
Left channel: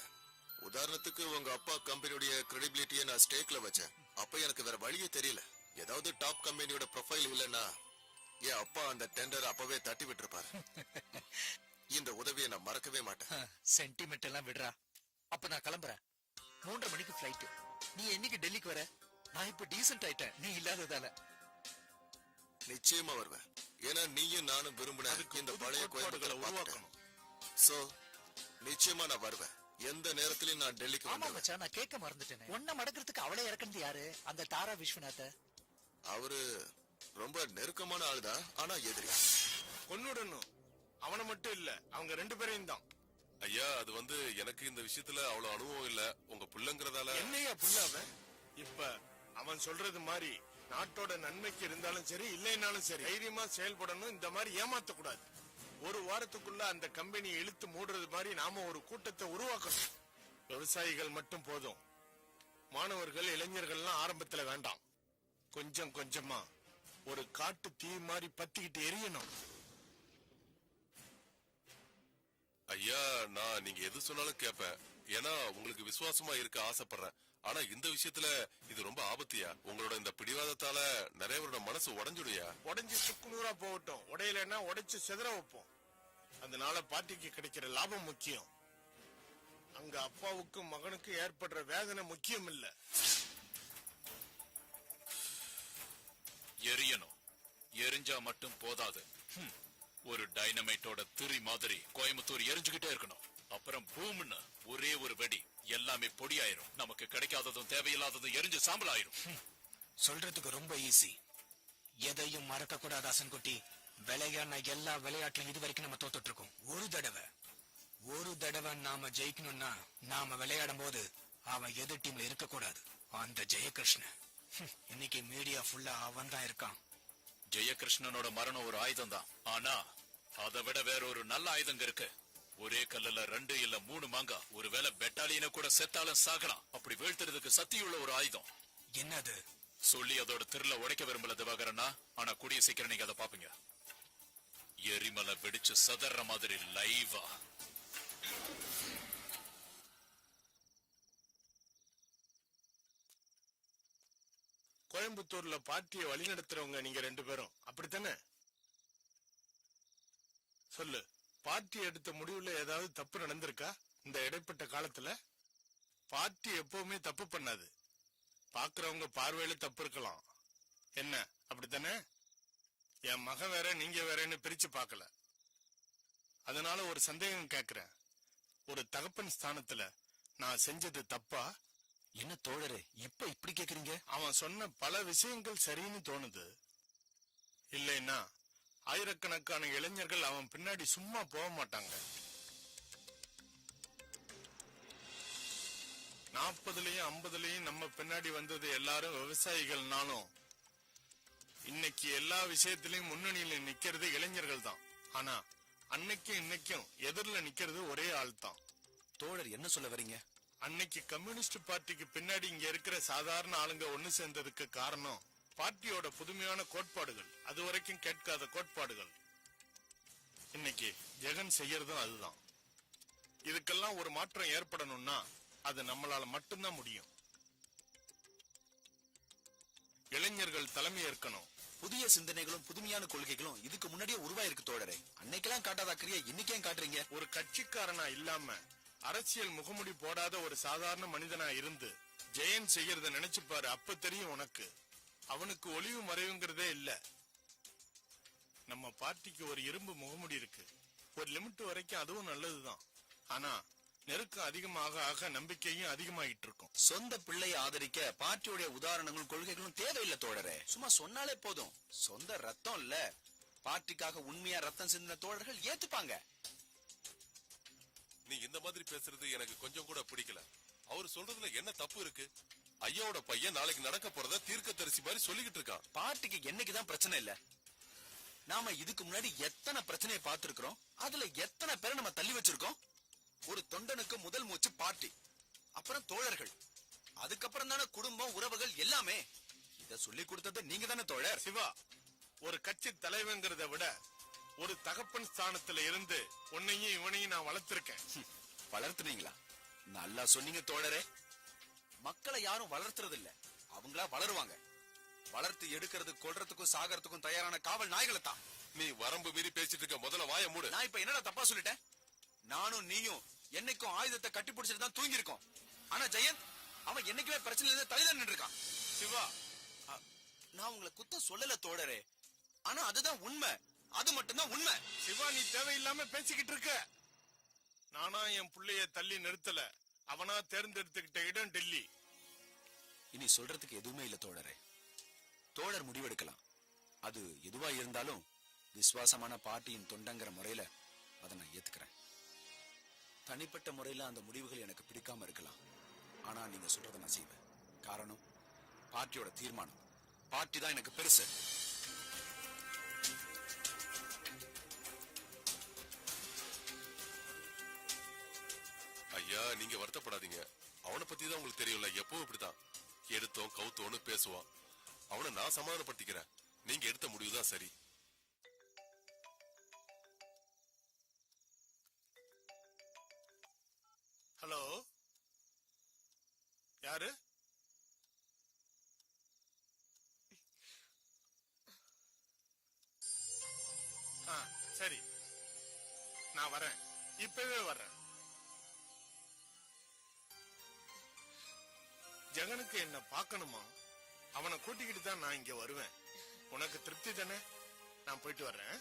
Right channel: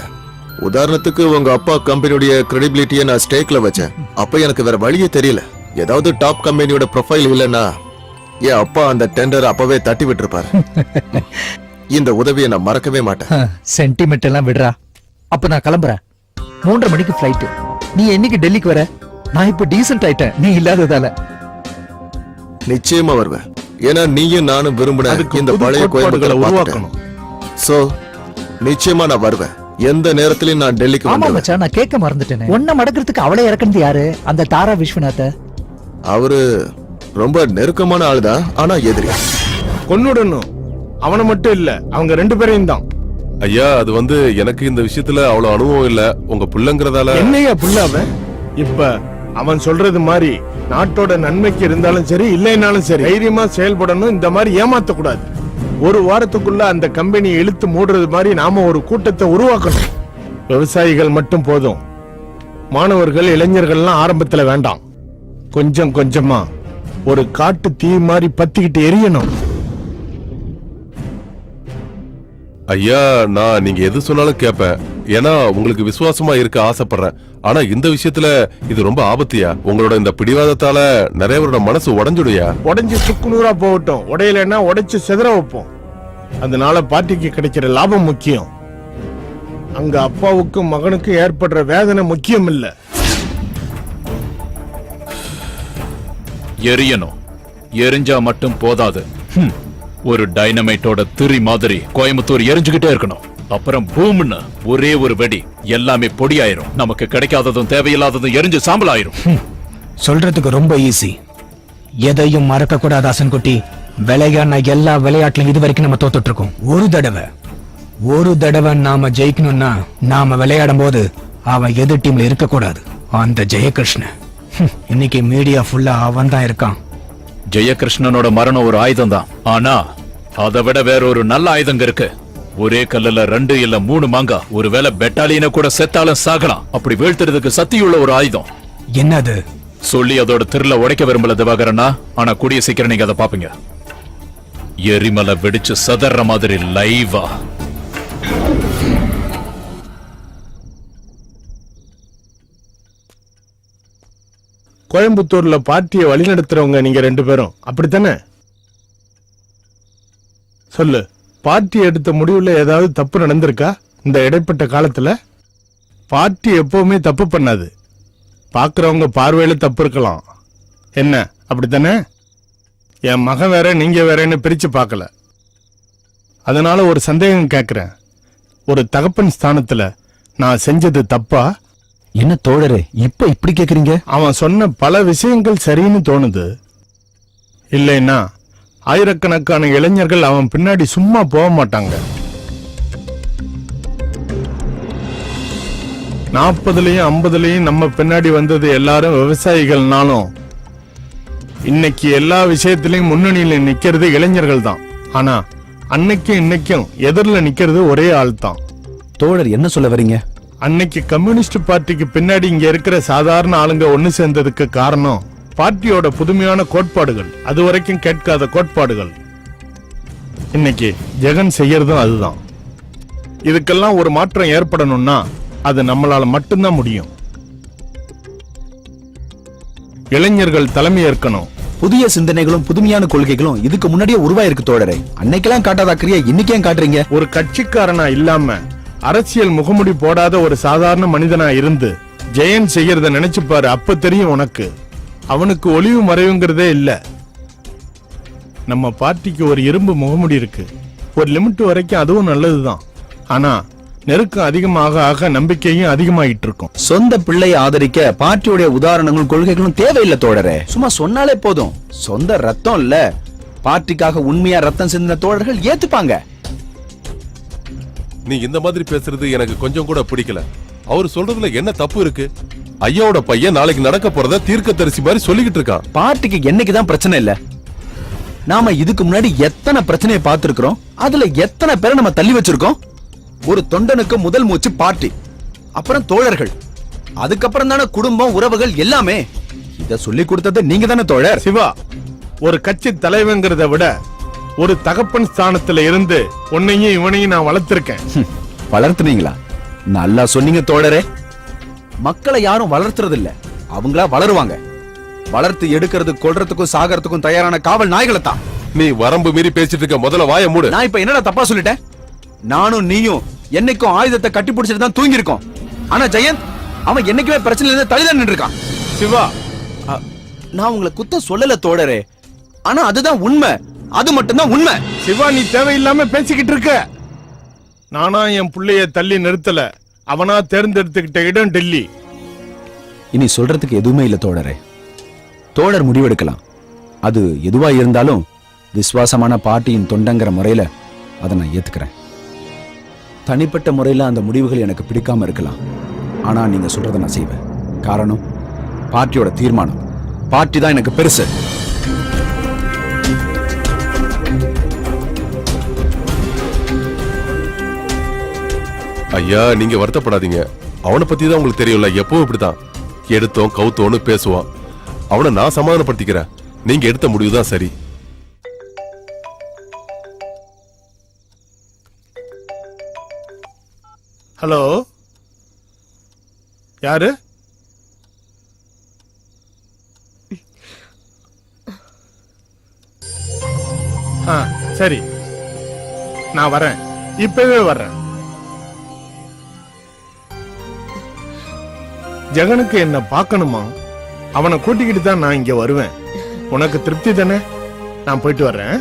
உதாரணத்துக்கு உங்க அப்பா கம்பெனியுடைய கிரெடிபிலிட்டியை நான் ஸ்டேக்ல வச்சேன். அப்ப எனக்கு வேற வழியே தெரியல. ஏதாவது டாப் கம்பெனியோட ப்ரொஃபைல் இல்லைன்னா என் அப்பா அந்த டெண்டர் அப்பவே தட்டி விட்டுருப்பாரு. இந்த உதவியை நான் மறக்கவே மாட்டேன். சென்டிமெண்ட் எல்லாம் விடுறா. அப்ப நான் கிளம்புறேன். 3:30 மணிக்கு ஃபிளைட். நீ என்னைக்கு டெல்லிக்கு வர? நான் இப்ப டீசென்ட் ஆயிட்டேன் நீ இல்லாததால. நிச்சயமா வருவேன். ஏன்னா நீயும் நானும் விரும்பின இந்த பழைய கோயம்புகளை உருவாக்கணும். சோ நிச்சயமா நான் வருவேன். எந்த நேரத்திலயும் நான் டெல்லிக்கு ஆமா வந்துடுவேன். மச்சான், நான் கேட்க மறந்துட்டேனே. ஒன்ன மடக்கிறதுக்கு அவளை இறக்குனது யாரு? அந்த தாரா விஸ்வநாத. அவரு ரொம்ப நெருக்கமான ஆளுதான், ஆனா எதிரி. கொன்னுடணும். அவனை மட்டும் இல்ல, அவங்க 2 பேரையும் தான். ஐயா, அது வந்து எனக்கு இந்த விஷயத்துல அவ்வளவு அனுபவம் இல்ல. உங்க புள்ளங்கிறதால. என்னையா புள்ள அவன்? இப்ப அவன் சொல்றது மாதிரி நாட்டோட நன்மைக்கு இருந்தாலும் சரி இல்லைனாலும் சரி தைரியமா செயல்படணும். இந்த மாதிரி ஏமாத்த கூடாது. ஒரு வாரத்துக்குள்ள அந்த கம்பெனியை இழுத்து மூடுறது மாதிரி நாம ஒரு கூட்டத்தை உருவாக்கணும். விவசாயிகள் மட்டும் போதும். மாணவர்கள் இளைஞர்கள்லாம் ஆரம்பத்துல வேண்டாம். கொஞ்சம் கொஞ்சமா ஒரு காட்டு தீ மாதிரி பத்திக்கிட்டு எரியணும். ஐயா, நான் நீங்க எது சொன்னாலும் கேட்பேன். ஏன்னா உங்களுக்கு விசுவாசமா இருக்க ஆசைப்படுறேன். ஆனா இந்த விஷயத்துல இது ரொம்ப ஆபத்தியா. உங்களோட இந்த பிடிவாதத்தால நிறைய பேரோட மனசு உடைஞ்சுடுயா. உடைஞ்சு சுக்குநூறா போகட்டும். உடையலன்னா உடைச்சு செதற வைப்போம். அதனால பார்ட்டிக்கு கிடைக்கிற லாபம் முக்கியம். அங்க அப்பாவுக்கும் மகனுக்கும் ஏற்படுற வேதனை முக்கியம் இல்ல. எரியணும். எரிஞ்சா மட்டும் போதாது. ஒரு டைனமைட்டோட திரி மாதிரி கோயம்புத்தூர் எரிஞ்சுகிட்டே இருக்கணும். அப்புறம் பூம்னு ஒரே ஒரு வெடி எல்லாமே பொடியாயிரும். நமக்கு கிடைக்காததும் தேவையில்லாததும் எரிஞ்சு சாம்பல் ஆயிரும். சொல்றதுக்கு ரொம்ப ஈஸி. எதையும் மறக்க கூடாது அசன்குட்டி. விளையாடின எல்லா விளையாட்டுல இது வரைக்கும் நம்ம தோத்துட்டு இருக்கோம். ஒரு தடவை நாம ஜெயிக்கணும்னா நாம விளையாடும் போது அவன் எதிர் டீம்ல இருக்க கூடாது. அந்த ஜெயகிருஷ்ணன் இன்னைக்கு மீடியா ஃபுல்லா அவன் தான் இருக்கான். ஜெயகிருஷ்ணனோட மரணம் ஒரு ஆயுதம் தான். ஆனா அதை விட வேற ஒரு நல்ல ஆயுதங்க இருக்கு. ஒரே கல்லுல 2 இல்ல 3 மாங்கா. ஒருவேளை பெட்டாலியனை கூட செத்தாலும் சாகலாம். அப்படி வீழ்த்துறதுக்கு சக்தியுள்ள ஒரு ஆயுதம். என்னது? சொல்லி அதோட திருல உடைக்க விரும்பல திவாகரனா. ஆனா கூடிய சீக்கிரம் நீங்க அதை பாப்பீங்க. எரிமலை வெடிச்சு சதற மாதிரி லைவா. கோயம்புத்தூர்ல பார்ட்டியை வழிநடத்துறவங்க நீங்க 2 பேரும் அப்படித்தானே? சொல்லு, பார்ட்டி எடுத்த முடிவுல ஏதாவது தப்பு நடந்திருக்கா இந்த இடைப்பட்ட காலத்துல? பார்ட்டி எப்பவுமே தப்பு பண்ணாது. பாக்குறவங்க பார்வையில தப்பு இருக்கலாம். என்ன அப்படித்தானே? என் மகன் வேற நீங்க வேறன்னு பிரிச்சு பார்க்கல. அதனால ஒரு சந்தேகம் கேட்கிறேன். ஒரு தகப்பன் ஸ்தானத்துல நான் செஞ்சது தப்பா? என்ன தோழரே இப்ப இப்படி கேக்குறீங்க? அவன் சொன்ன பல விஷயங்கள் சரின்னு தோணுது. இல்லைன்னா ஆயிரக்கணக்கான இளைஞர்கள் அவன் பின்னாடி சும்மா போக மாட்டாங்க. 40லயும் 50லயும் நம்ம பின்னாடி வந்தது எல்லாரும் விவசாயிகள்னாலும் இன்னைக்கு எல்லா விஷயத்திலையும் முன்னணியில நிக்கிறது இளைஞர்கள் தான். ஆனா அன்னைக்கும் இன்னைக்கும் எதிரில நிக்கிறது ஒரே ஆள் தான். தோழர் என்ன சொல்ல வரீங்க? அன்னைக்கு கம்யூனிஸ்ட் பார்ட்டிக்கு பின்னாடி இங்க இருக்கிற சாதாரண ஆளுங்க ஒண்ணு சேர்ந்ததுக்கு காரணம் பார்ட்டியோட புதுமையான கோட்பாடுகள், அது வரைக்கும் கேட்காத கோட்பாடுகள். இன்னைக்கு ஜெகன் செய்யறதும் அதுதான். இதுக்கெல்லாம் ஒரு மாற்றம் ஏற்படணும்னா அது நம்மளால மட்டும்தான் முடியும். இளைஞர்கள் தலைமை ஏற்கணும். புதிய சிந்தனைகளும் புதுமையான கொள்கைகளும் இதுக்கு முன்னாடியே உருவாயிருக்கு தோழரே. அன்னைக்கெல்லாம் காட்டாத அக்கறையா இன்னைக்கு ஏன் காட்டுறீங்க? ஒரு கட்சிக்காரனா இல்லாம அரசியல் முகமுடி போடாத ஒரு சாதாரண மனிதனா இருந்து ஜெயன் செய்யறத நினைச்சு பாரு. அப்ப தெரியும் உனக்கு. அவனுக்கு ஒளிவு மறைவுங்கிறதே இல்ல. நம்ம பார்ட்டிக்கு ஒரு இரும்பு முகமுடி இருக்கு. ஒரு லிமிட் வரைக்கும் அதுவும் நல்லதுதான். ஆனா நெருக்கம் அதிகமாக ஆக நம்பிக்கையும் அதிகமாயிட்டு இருக்கும். சொந்த பிள்ளையை ஆதரிக்க பார்ட்டியுடைய உதாரணங்களும் கொள்கைகளும் தேவையில்லை தோழரே. சும்மா சொன்னாலே போதும். சொந்த ரத்தம் இல்ல, பார்ட்டிக்காக உண்மையா ரத்தம் சிந்தின தோழர்கள் ஏத்துப்பாங்க. நீ இந்த மாதிரி பேசுறது எனக்கு கொஞ்சம் கூட பிடிக்கல. அவர் சொல்றதுல என்ன தப்பு இருக்கு? ஐயாவோட பையன் நாளைக்கு நடக்க போறத தீர்க்கதரிசி மாதிரி சொல்லிக்கிட்டு இருக்கான். பார்ட்டிக்கு என்னைக்குதான் பிரச்சனை இல்ல? நாம இதுக்கு முன்னாடி எத்தனை பிரச்சனையை பார்த்திருக்கிறோம், அதுல எத்தனை பேரை நம்ம தள்ளி வச்சிருக்கோம். ஒரு தொண்டனுக்கு முதல் மூச்சு பார்ட்டி, அப்புறம் தோழர்கள், அதுக்கப்புறம் தானே குடும்பம், உறவுகள் எல்லாமே. இத சொல்லி கொடுத்தது நீங்க தானே தோழர். சிவா, ஒரு கட்சி தலைவங்கிறத விட ஒரு தகப்பன் ஸ்தானத்துல இருந்து உன்னையும் இவனையும் நான் வளர்த்திருக்கேன். வளர்த்துனீங்களா? நல்லா சொன்னீங்க தோழரே. மக்களை யாரும் வளர்த்துறது இல்ல, அவங்களா வளருவாங்க. வளர்த்து எடுக்கிறது கொல்றதுக்கும் சாகறதுக்கும் தயாரான காவல் நாய்களை தான். நீ வரம்பு மீறி பேசிட்டு இருக்க, முதல்ல வாயை மூடு. நான் இப்ப என்னடா தப்பா சொல்லிட்டேன்? நானும் நீயும் என்னைக்கும் ஆயுதத்தை கட்டி பிடிச்சிட்டு தான் தூங்கி இருக்கோம். ஆனா ஜெயந்த் அவன் என்னைக்குமே பிரச்சனையில இருந்து தள்ளிதான் நின்று இருக்கான். சிவா, நான் உங்களை குத்த சொல்லல தோழரே, ஆனா அதுதான் உண்மை. அது மட்டும்தான் உண்மை. சிவா, நீ தேவையில்லாம பேசிக்கிட்டு இருக்க. நானா என் புள்ளைய தள்ளி நிறுத்தல, அவனா தேர்ந்தெடுத்துக்கிட்ட இடம் டெல்லி. இனி சொல்றதுக்கு எதுவுமே இல்ல தோழரே. தோழர் முடிவெடுக்கலாம். அது எதுவா இருந்தாலும் விசுவாசமான பார்ட்டியின் தொண்டங்கிற முறையில அதை நான் ஏத்துக்கிறேன். தனிப்பட்ட முறையில அந்த முடிவுகள் எனக்கு பிடிக்காம இருக்கலாம், ஆனா நீங்க சொல்றதை நான் செய்வேன். காரணம், பார்ட்டியோட தீர்மானம். பார்ட்டி தான் எனக்கு பெருசு. ஐயா, நீங்க வருத்தப்படாதீங்க. அவனை பத்தி தான் உங்களுக்கு தெரியும்ல, எப்பவும் இப்படிதான் எடுத்தோம் கவுத்தோன்னு பேசுவான். அவனை நான் சமாதானப்படுத்திக்கிறேன். நீங்க எடுத்த முடிவுதான் சரி. ஹலோ, யாரு? சரி, நான் வரேன், இப்பவே வர்றேன். ஜெகனுக்கு என்ன பார்க்கணுமா? அவனை கூட்டிக்கிட்டு தான் நான் இங்க வருவேன். உனக்கு திருப்தி தானே? நான் போயிட்டு வர்றேன்.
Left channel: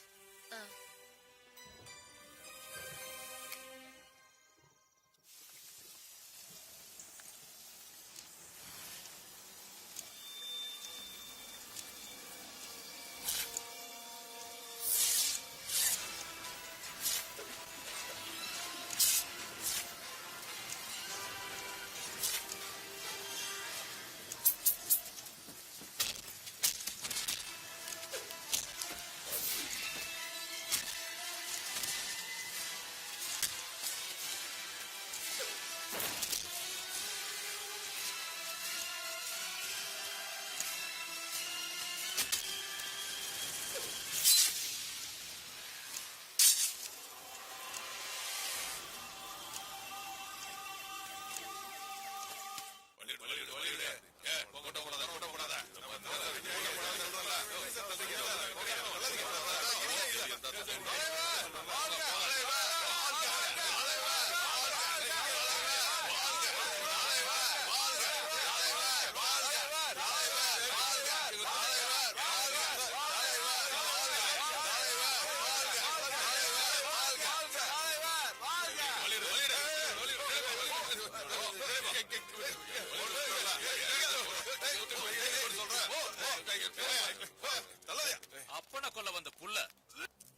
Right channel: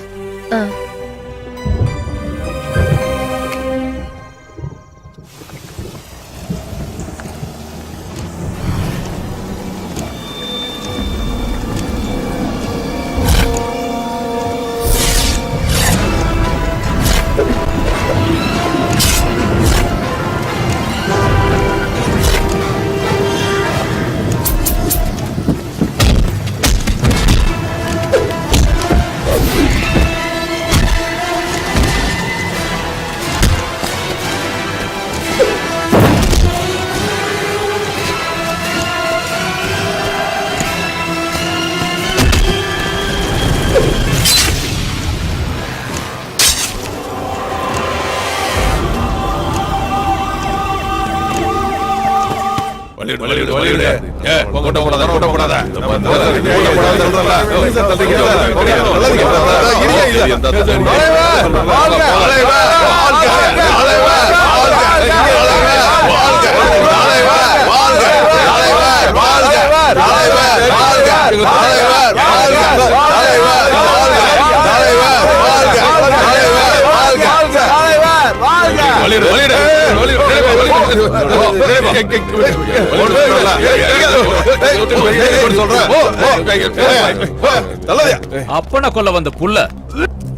அப்பன கொல்ல வந்த புள்ள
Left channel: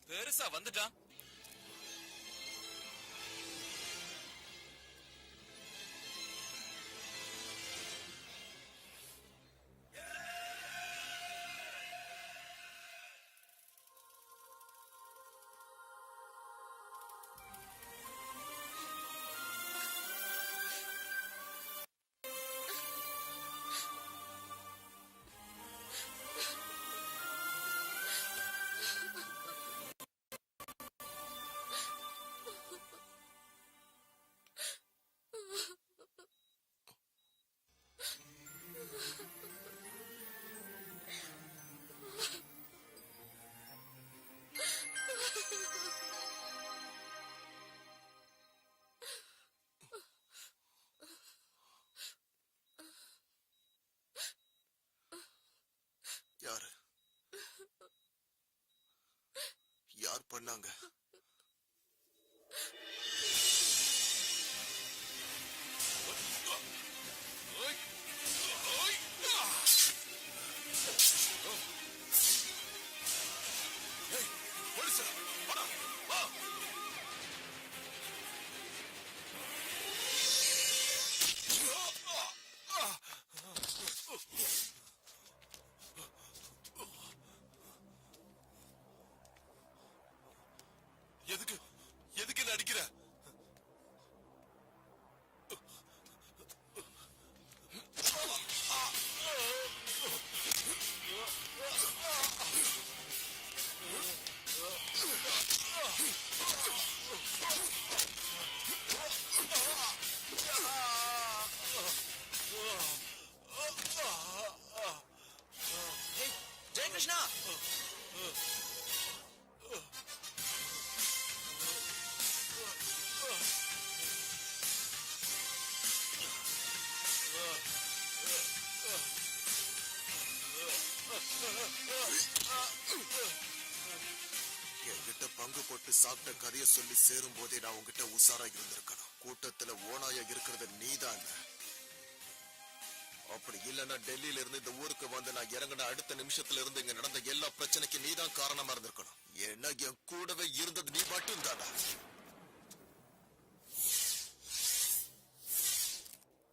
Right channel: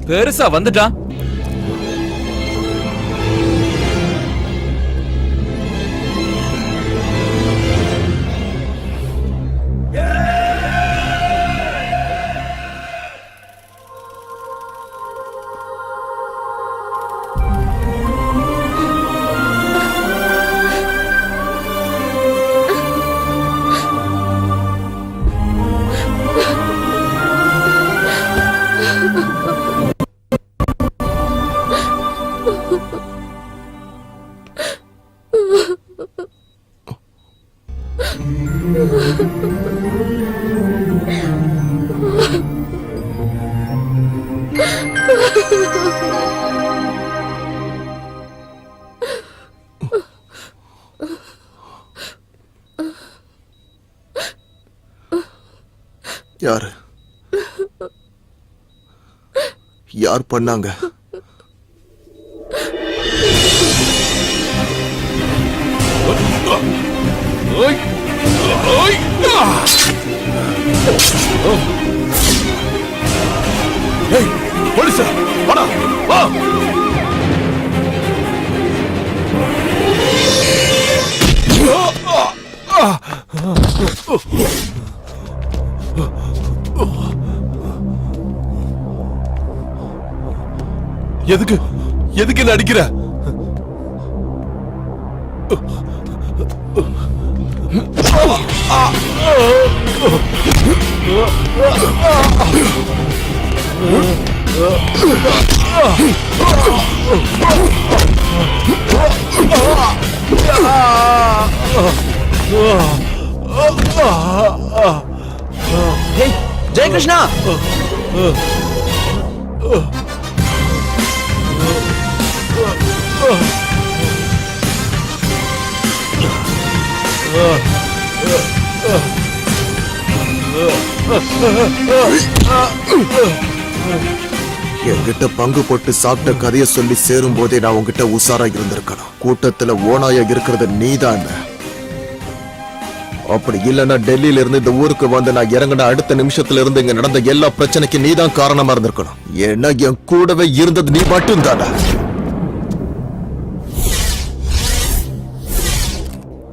பெருசா வந்துட்டான். யாரு? யார் பண்ணாங்க? போலீஸ் வாடா வா. எதுக்கு எதுக்கு என்ன அடிக்கிற? ஜெயகிருஷ்ணா, என்கிட்ட பங்கு போட்டு சாப்பிட்ட கதைய சொல்லி சேரும் போதே நான் உன்கிட்ட உசாரா இருந்திருக்கணும். கூட்டத்துல ஓனாயா இருக்கிறது நீதான். அப்படி இல்லைன்னா டெல்லியில இருந்து இந்த ஊருக்கு வந்து நான் இறங்கின அடுத்த நிமிஷத்துல இருந்து இங்க நடந்த எல்லா பிரச்சனைக்கும் நீதான் காரணமா இருந்திருக்கணும். ஏன்னா என் கூடவே இருந்தது நீ மட்டும் தானே.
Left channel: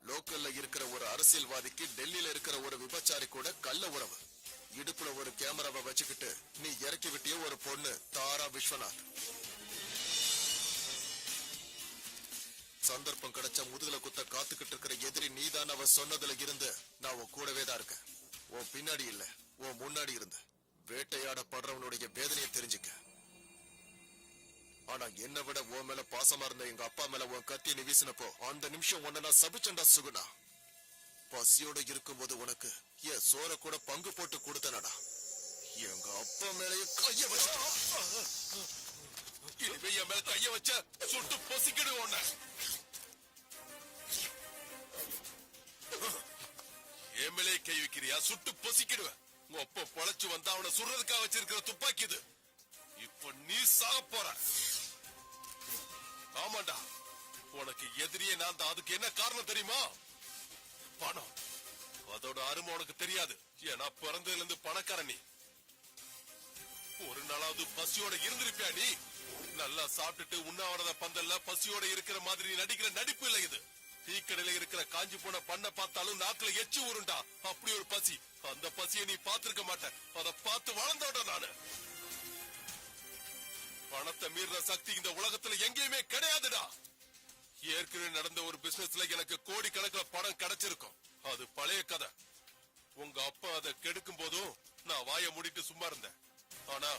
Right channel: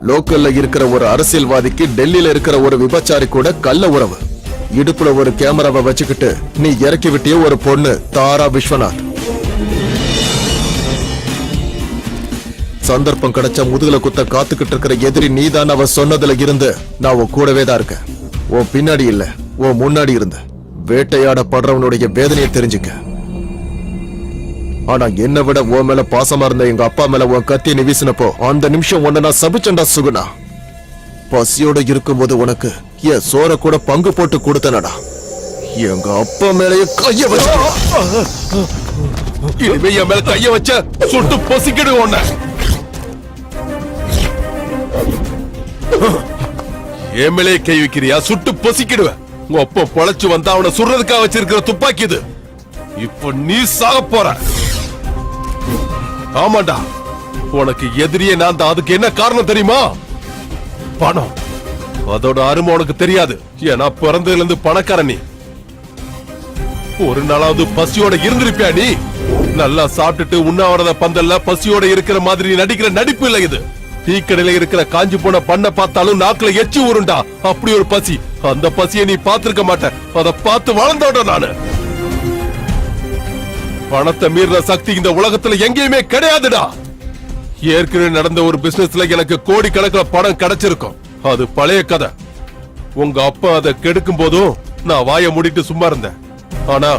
லோக்கல்ல இருக்கிற ஒரு அரசியல்வாதிக்கு டெல்லியில இருக்கிற ஒரு விபச்சாரி கூட கள்ள உறவு. இடுப்புல ஒரு கேமராவை வச்சுக்கிட்டு நீ இறக்கி விட்டிய ஒரு பொண்ணு தாரா விஸ்வநாத். சந்தர்ப்பம் கிடைச்சா முதுகுல குத்த காத்துக்கிட்டு இருக்கிற எதிரி நீதான். அவ சொன்னதுல இருந்து நான் உன் கூடவே தான் இருக்கேன். உன் பின்னாடி இல்ல, உன் முன்னாடி இருந்த வேட்டையாடப்படுறவனுடைய வேதனையை தெரிஞ்சுக்க. ஆனா என்னை விட உன் மேல பாசமா இருந்த எங்க அப்பா மேல உன் கத்தியை நீ வீசினப்போ அந்த நிமிஷம் உன்னை நான் சபிச்சண்டா சுகுணா. பசியோட இருக்கும்போது உனக்கு என் சோற கூட பங்கு போட்டு கொடுத்தனடா. எங்க அப்பா மேலேயே கைய வச்ச. இனிமே என் மேல கைய வச்ச சுட்டு பொசிக்கிடு உன்னை. என் மேலே கை வைக்கிறியா? சுட்டு பொசிக்கிடுவேன். உங்க அப்பா பொழைச்சு வந்தா அவனை சுடுறதுக்காக வச்சிருக்கிற துப்பாக்கி இது. இப்ப நீ சாக போற. ஆமாண்டா, உனக்கு எதிரியே நான் தான். அதுக்கு என்ன காரணம் தெரியுமா? பணம். அதோட அருமை உனக்கு தெரியாது. ஏன்னா பிறந்ததுல இருந்து பணக்காரன் நீ. ஒரு நாளாவது பசியோட இருந்திருப்பியா நீ? நல்லா சாப்பிட்டுட்டு உண்ணாவிரத பந்தல்ல பசியோட இருக்கிற மாதிரி நடிக்கிற நடிப்பு இல்ல இது. டீ கடையில இருக்கிற காஞ்சி போன பண்ண பார்த்தாலும் நாக்குல எச்சி ஊருண்டா. அப்படி ஒரு பசி. அந்த பசியை நீ பார்த்திருக்க மாட்ட. அதை பார்த்து வளர்ந்தோட நானு. பணத்தை மீறின சக்தி இந்த உலகத்துல எங்கேயுமே கிடையாதுடா. ஏற்கனவே நடந்த ஒரு பிசினஸ்ல எனக்கு கோடி கணக்கில் பணம் கிடைச்சிருக்கும். அது பழைய கதை. உங்க அப்பா அதை கெடுக்கும் போதும் நான் வாயை மூடிட்டு சும்மா இருந்தேன். ஆனா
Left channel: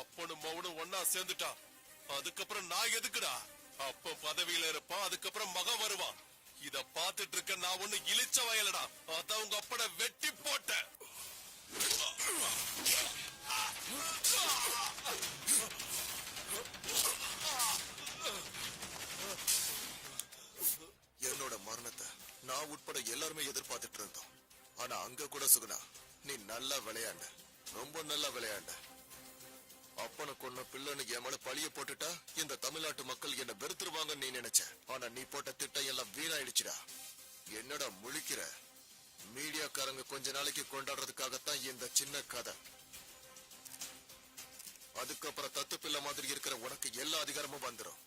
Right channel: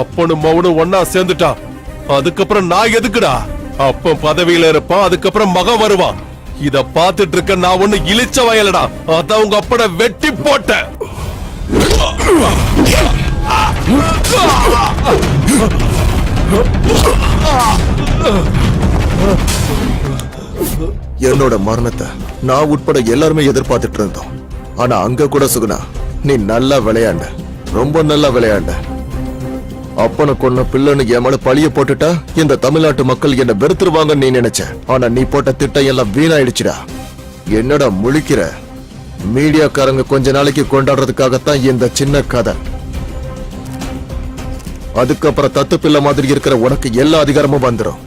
அப்பனும் மவனும் ஒன்னா சேர்ந்துட்டா. அதுக்கப்புறம் நான் எதுக்குடா? அப்பன் பதவியில இருப்பான், அதுக்கப்புறம் மகன் வருவான். இத பாத்துட்டு இருக்க நான் ஒண்ணு இழிச்ச வயலடா. அதான் உங்க அப்பட வெட்டி போட்ட. என்னோட மரணத்தை நான் உட்பட எல்லாருமே எதிர்பார்த்துட்டு இருந்தோம். ஆனா அங்க கூட சுகுணா நீ நல்லா விளையாண்ட, ரொம்ப நல்லா விளையாண்ட. அப்பனை கொன்ன பிள்ளைன்னு என் மேல பழிய போட்டுட்டா இந்த தமிழ்நாட்டு மக்கள் என்ன வெறுத்துருவாங்கன்னு நீ நினைச்ச. ஆனா நீ போட்ட திட்டம் எல்லாம் வீணாயிடுச்சுடா. என்னடா முழிக்கிற? மீடியாக்காரங்க கொஞ்ச நாளைக்கு கொண்டாடுறதுக்காகத்தான் இந்த சின்ன கதை. அதுக்கப்புறம் தத்து பிள்ளை மாதிரி இருக்கிற உனக்கு எல்லா அதிகாரமும் வந்துடும்.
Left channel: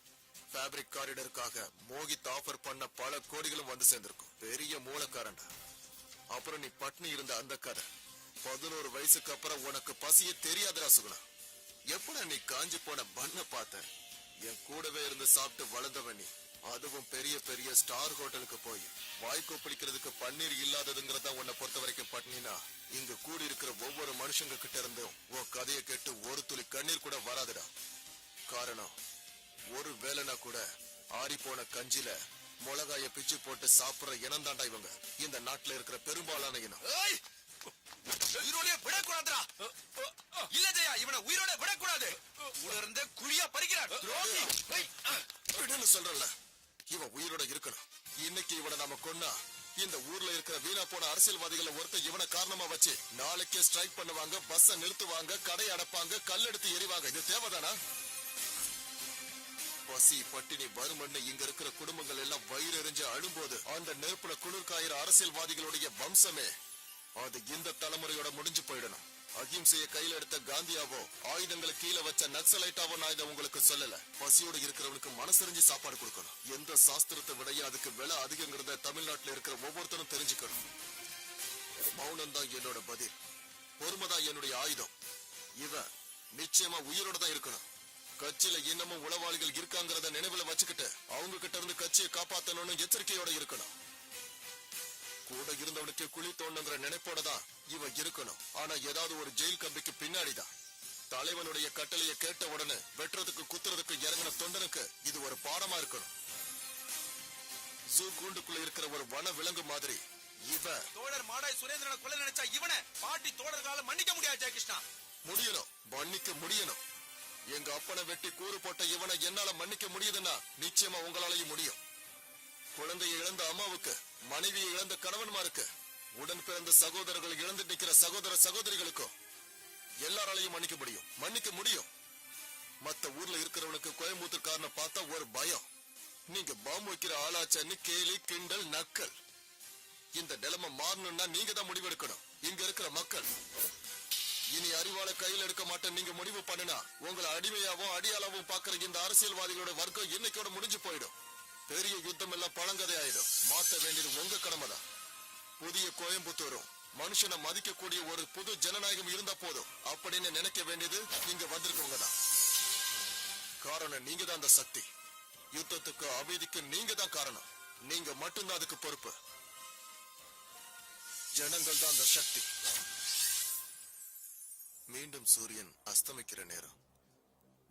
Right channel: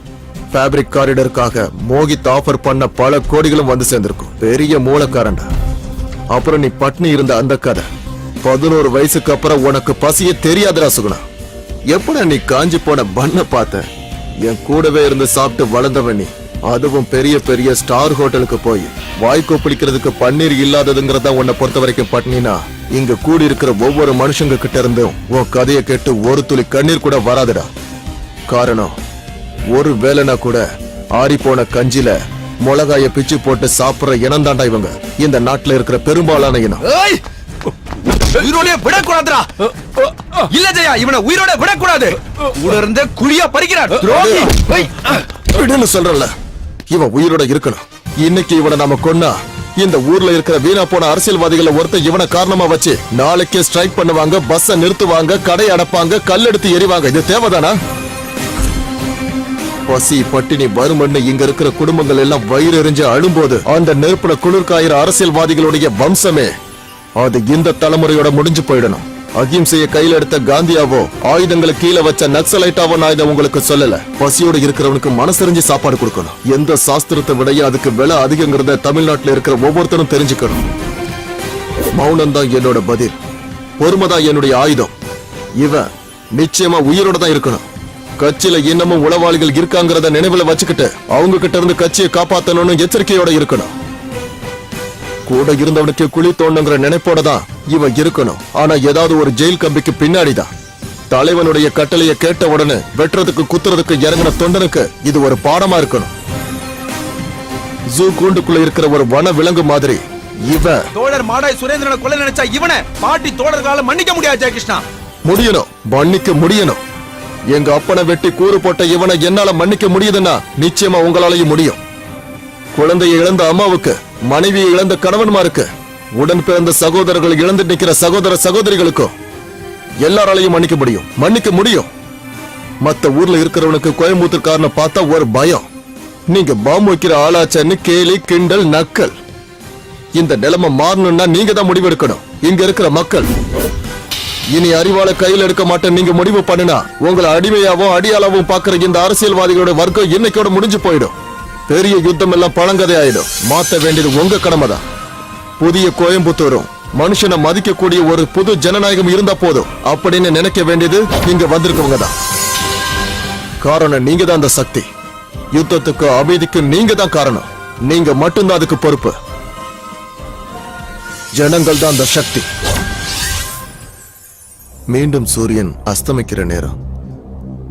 ஃபேப்ரிக் காரிடருக்காக மோகித் ஆஃபர் பண்ண பல கோடிகளும் வந்து சேர்ந்திருக்கும். பெரிய மூலக்காரன்டா. அப்புறம் நீ பட்னி இருந்த அந்த கதை. 11 வயசுக்கு அப்புறம் உனக்கு பசியே தெரியாதுடா சுகுணா. எப்படா நீ காஞ்சி போன பண்ண பார்த்த? என் கூடவே இருந்து சாப்பிட்டு வளர்ந்தவன் நீ. அதுவும் பெரிய பெரிய ஸ்டார் ஹோட்டலுக்கு போய் வாய்க்கோ பிடிக்கிறதுக்கு பன்னீர் இல்லாததுங்கிறதா உன்னை பொறுத்த வரைக்கும் பட்னினா. இங்க கூடி இருக்கிற ஒவ்வொரு மனுஷங்க கிட்ட இருந்தும் உன் கதையை கேட்டு ஒரு துளி கண்ணீர் கூட வராதுடா. காரணம், ஒரு வேலைனா கூட ஆறி போன கஞ்சில மிளகாய பிச்சு போட்டு சாப்பிடுற இனம் தாண்டா இவங்க. இந்த நாட்டுல இருக்கிற பெரும்பாலான இனம். உயிரோட விடக்கூடாதுடா. இல்ல ஜெயா, இவனை உயிரோட விடக்கூடாது. கூட இருந்த குழியா பறிக்கிறான். விடுன்னு சொல்றல. இவன் உயிரோட இருக்கணும். இன்னைக்கு இவனை நாம கொன்னா இந்த ஊர்ல இருக்கிற வீணா போன அரசியல்வாதிகளை ஒருத்தர் இவனை காரணமா வச்சு நாளைக்கே ஸ்ட்ரைக் பண்ணுவாங்க, பஸ்ஸ நிறுத்துவாங்க, கடை அடைப்பாங்க, கல் எடுத்து எறிவாங்க. இது தேவைதானா? பசி பட்டினி வறுமன்னு இங்க இருக்கிற குடும்பங்கள் எல்லாம் வயிறு எறிஞ்சு அழும்போது அந்த நெருப்புல குளிர்காயிற அரசியல்வாதிகளுடைய வம்சமே அது இந்த தலைமுறையோட முடிஞ்சு போயிடணும். அகிம்சையை கையில எடுத்த காந்தியாவோ ஆயுதங்களை கீழே வச்ச நக்சலைட்டாவோ நான் இதை உங்களுக்கு சொல்லல. பசியோட இருக்கிறவனுக்கு மனசறிஞ்சு சாப்பாடு கொடுக்கணும். எந்த சாஸ்திரத்தை விடையும் அதுக்கு விலை அதிகங்கிறத தமிழ்நாட்டுல இருக்கிற ஒவ்வொருத்தரும் தெரிஞ்சுக்கணும். மௌனம் தான் என்னோட பதில், பொறுமைதான் என்னுடைய ஆயுதம். இவன் நிச்சயமா உயிரோட தான் இருக்கணும். கட்சியில இன்னமும் உளவாளிகள் இருக்காங்கிறத நினைவுல வச்சுக்கிட்டு அவங்க கிட்ட இருந்து கட்சியை காப்பாத்தணும்னு எச்சரிக்கையோட இருக்கணும். கூட இருந்தவனுக்கு குழி தோண்டுங்கிற நினைப்போட தான் இவன் இருக்கணும். ஆனா ஏதாவது ஒரு ஜெயில் கம்பிக்கு பின்னாடிதான். தலைவனுடைய கட்டளையை கேட்ட உடனே வெட்டுறதுக்கு குத்துறதுக்கு இறங்கின தொண்டனுக்கு இது ஒரு பாடமா இருக்கணும். ஜூ கூண்டுக்குள்ள இருக்கிற ஒரு வன விலங்கு மாதிரி இவன் தோழர் மாடாய் சுரேந்திரனை கொலை நினைச்சா இவனை பாட்டி தோழர்களால மன்னிக்க முடியாது ஜெயகிருஷ்ணா. முடியணும், மன்னிக்க முடியணும். எங்க அப்பனை வெட்டி கூறு போட்ட இவனை என்னால மன்னிக்க முடியுதுன்னா நிச்சயமா உங்களாலையும் முடியும். குழந்தையை இழந்த அம்மாவுக்கு, மனைவியை இழந்த கணவன்மாருக்கு, உடன் பிறந்த சகோதரர்கள் இழந்து நிக்கிற சகோதர சகோதரிகளுக்கும் எல்லாராலையும் மன்னிக்க முடியும், மன்னிக்க முடியும். மத்த ஊர்ல இருக்கிறவனுக்கு கோயம்புத்தூர்காரனை பார்த்தா ஒரு பயம். நீங்க பாம்பு வைக்கிற ஆளாச்சன்னு கேலி கிண்டல் நக்கல். இந்த நிலைமை மாறணும்னா நீங்க தான் முடிவெடுக்கணும். இங்க இருக்கிற மக்கள் இனி அறிவால கையில் எடுக்க மாட்டேன் நீங்க முடிவு பண்ணுனா உங்களை அடிமையாவும் அடியாளாவும் பாக்குற இந்த அரசியல்வாதிகளோட வர்க்கம் இன்னைக்கோட முடிஞ்சு போயிடும். பெரிய யுத்தம் எல்லாம் பழங்கதை ஆயிடும். மாத்த வேண்டியது உங்க கடமை தான். புதிய கோயம்புத்தூரும் மனுஷனை மதிக்கக்கூடிய ஒரு புது ஜனநாயகம் இருந்தா போதும் அப்படின்னு நினைக்க வேண்டியது இங்க வந்திருக்கவங்க தான். காரணம் நீங்க தான் அந்த சக்தி. யுத்தத்துக்கு அமைதிக்கு நீங்க தான் காரணம். நீங்க மட்டும்தான் அதுக்கு பொறுப்பு. ஜனங்கள் தான் அந்த சக்தி. மீண்டும் சூரியன் அஸ்தமிக்கிற நேரம்.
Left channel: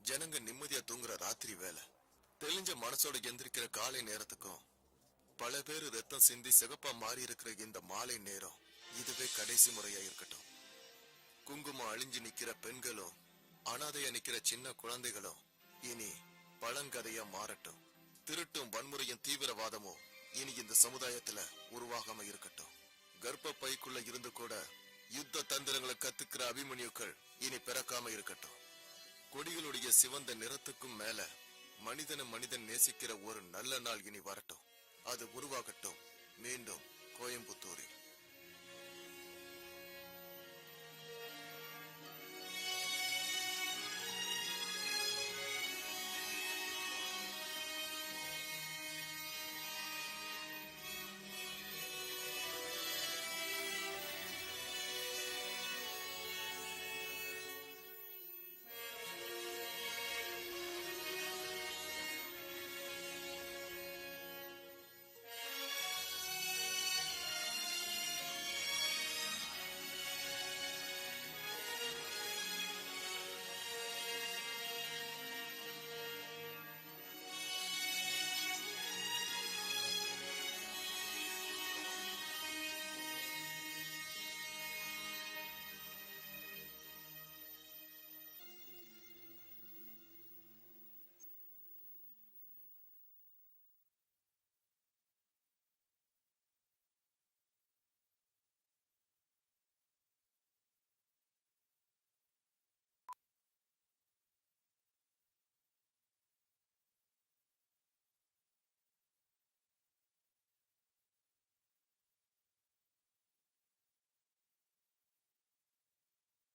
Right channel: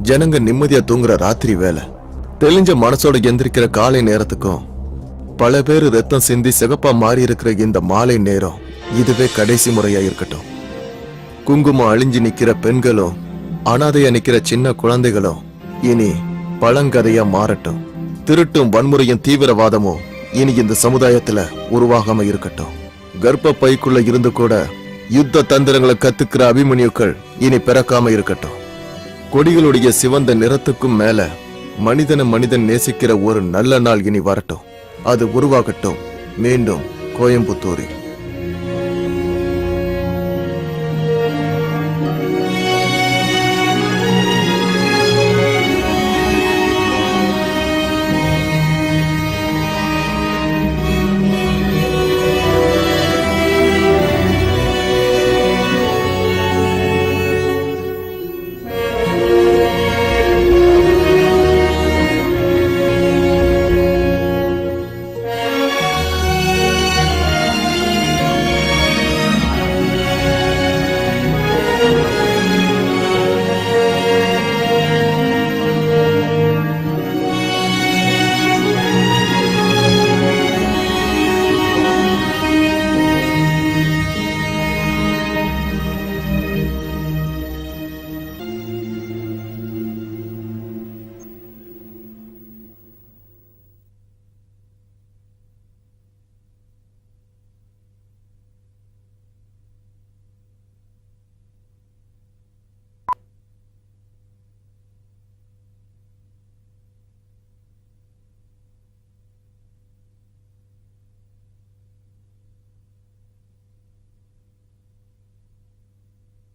ஜனங்க நிம்மதியா தூங்குற ராத்திரி வேலை. தெளிஞ்ச மனசோட எந்திரிக்கிற காலை நேரத்துக்கும் பல பேர் ரத்தம் சிந்தி சிகப்பா மாறி இருக்கிற இந்த மாலை நேரம் இதுவே கடைசி முறையா இருக்கட்டும். குங்குமம் அழிஞ்சு நிக்கிற பெண்களும் அனாதையா நிக்கிற சின்ன குழந்தைகளும் இனி பழங்கதையா மாறட்டும். திருட்டும் வன்முறையும் தீவிரவாதமும் இனி இந்த சமுதாயத்துல உருவாகாம இருக்கட்டும். கர்ப்ப பைக்குள்ள இருந்து கூட யுத்த தந்திரங்களை கத்துக்கிற அபிமன்யுக்கள் இனி பிறக்காம இருக்கட்டும். கொடிகளுடைய சிவந்த நிறத்துக்கும் மேல மனிதன் நேசிக்கிற ஒரு நல்ல நாள் இனி வரட்டும். அது உருவாகட்டும் மீண்டும் கோயம்புத்தூரில்.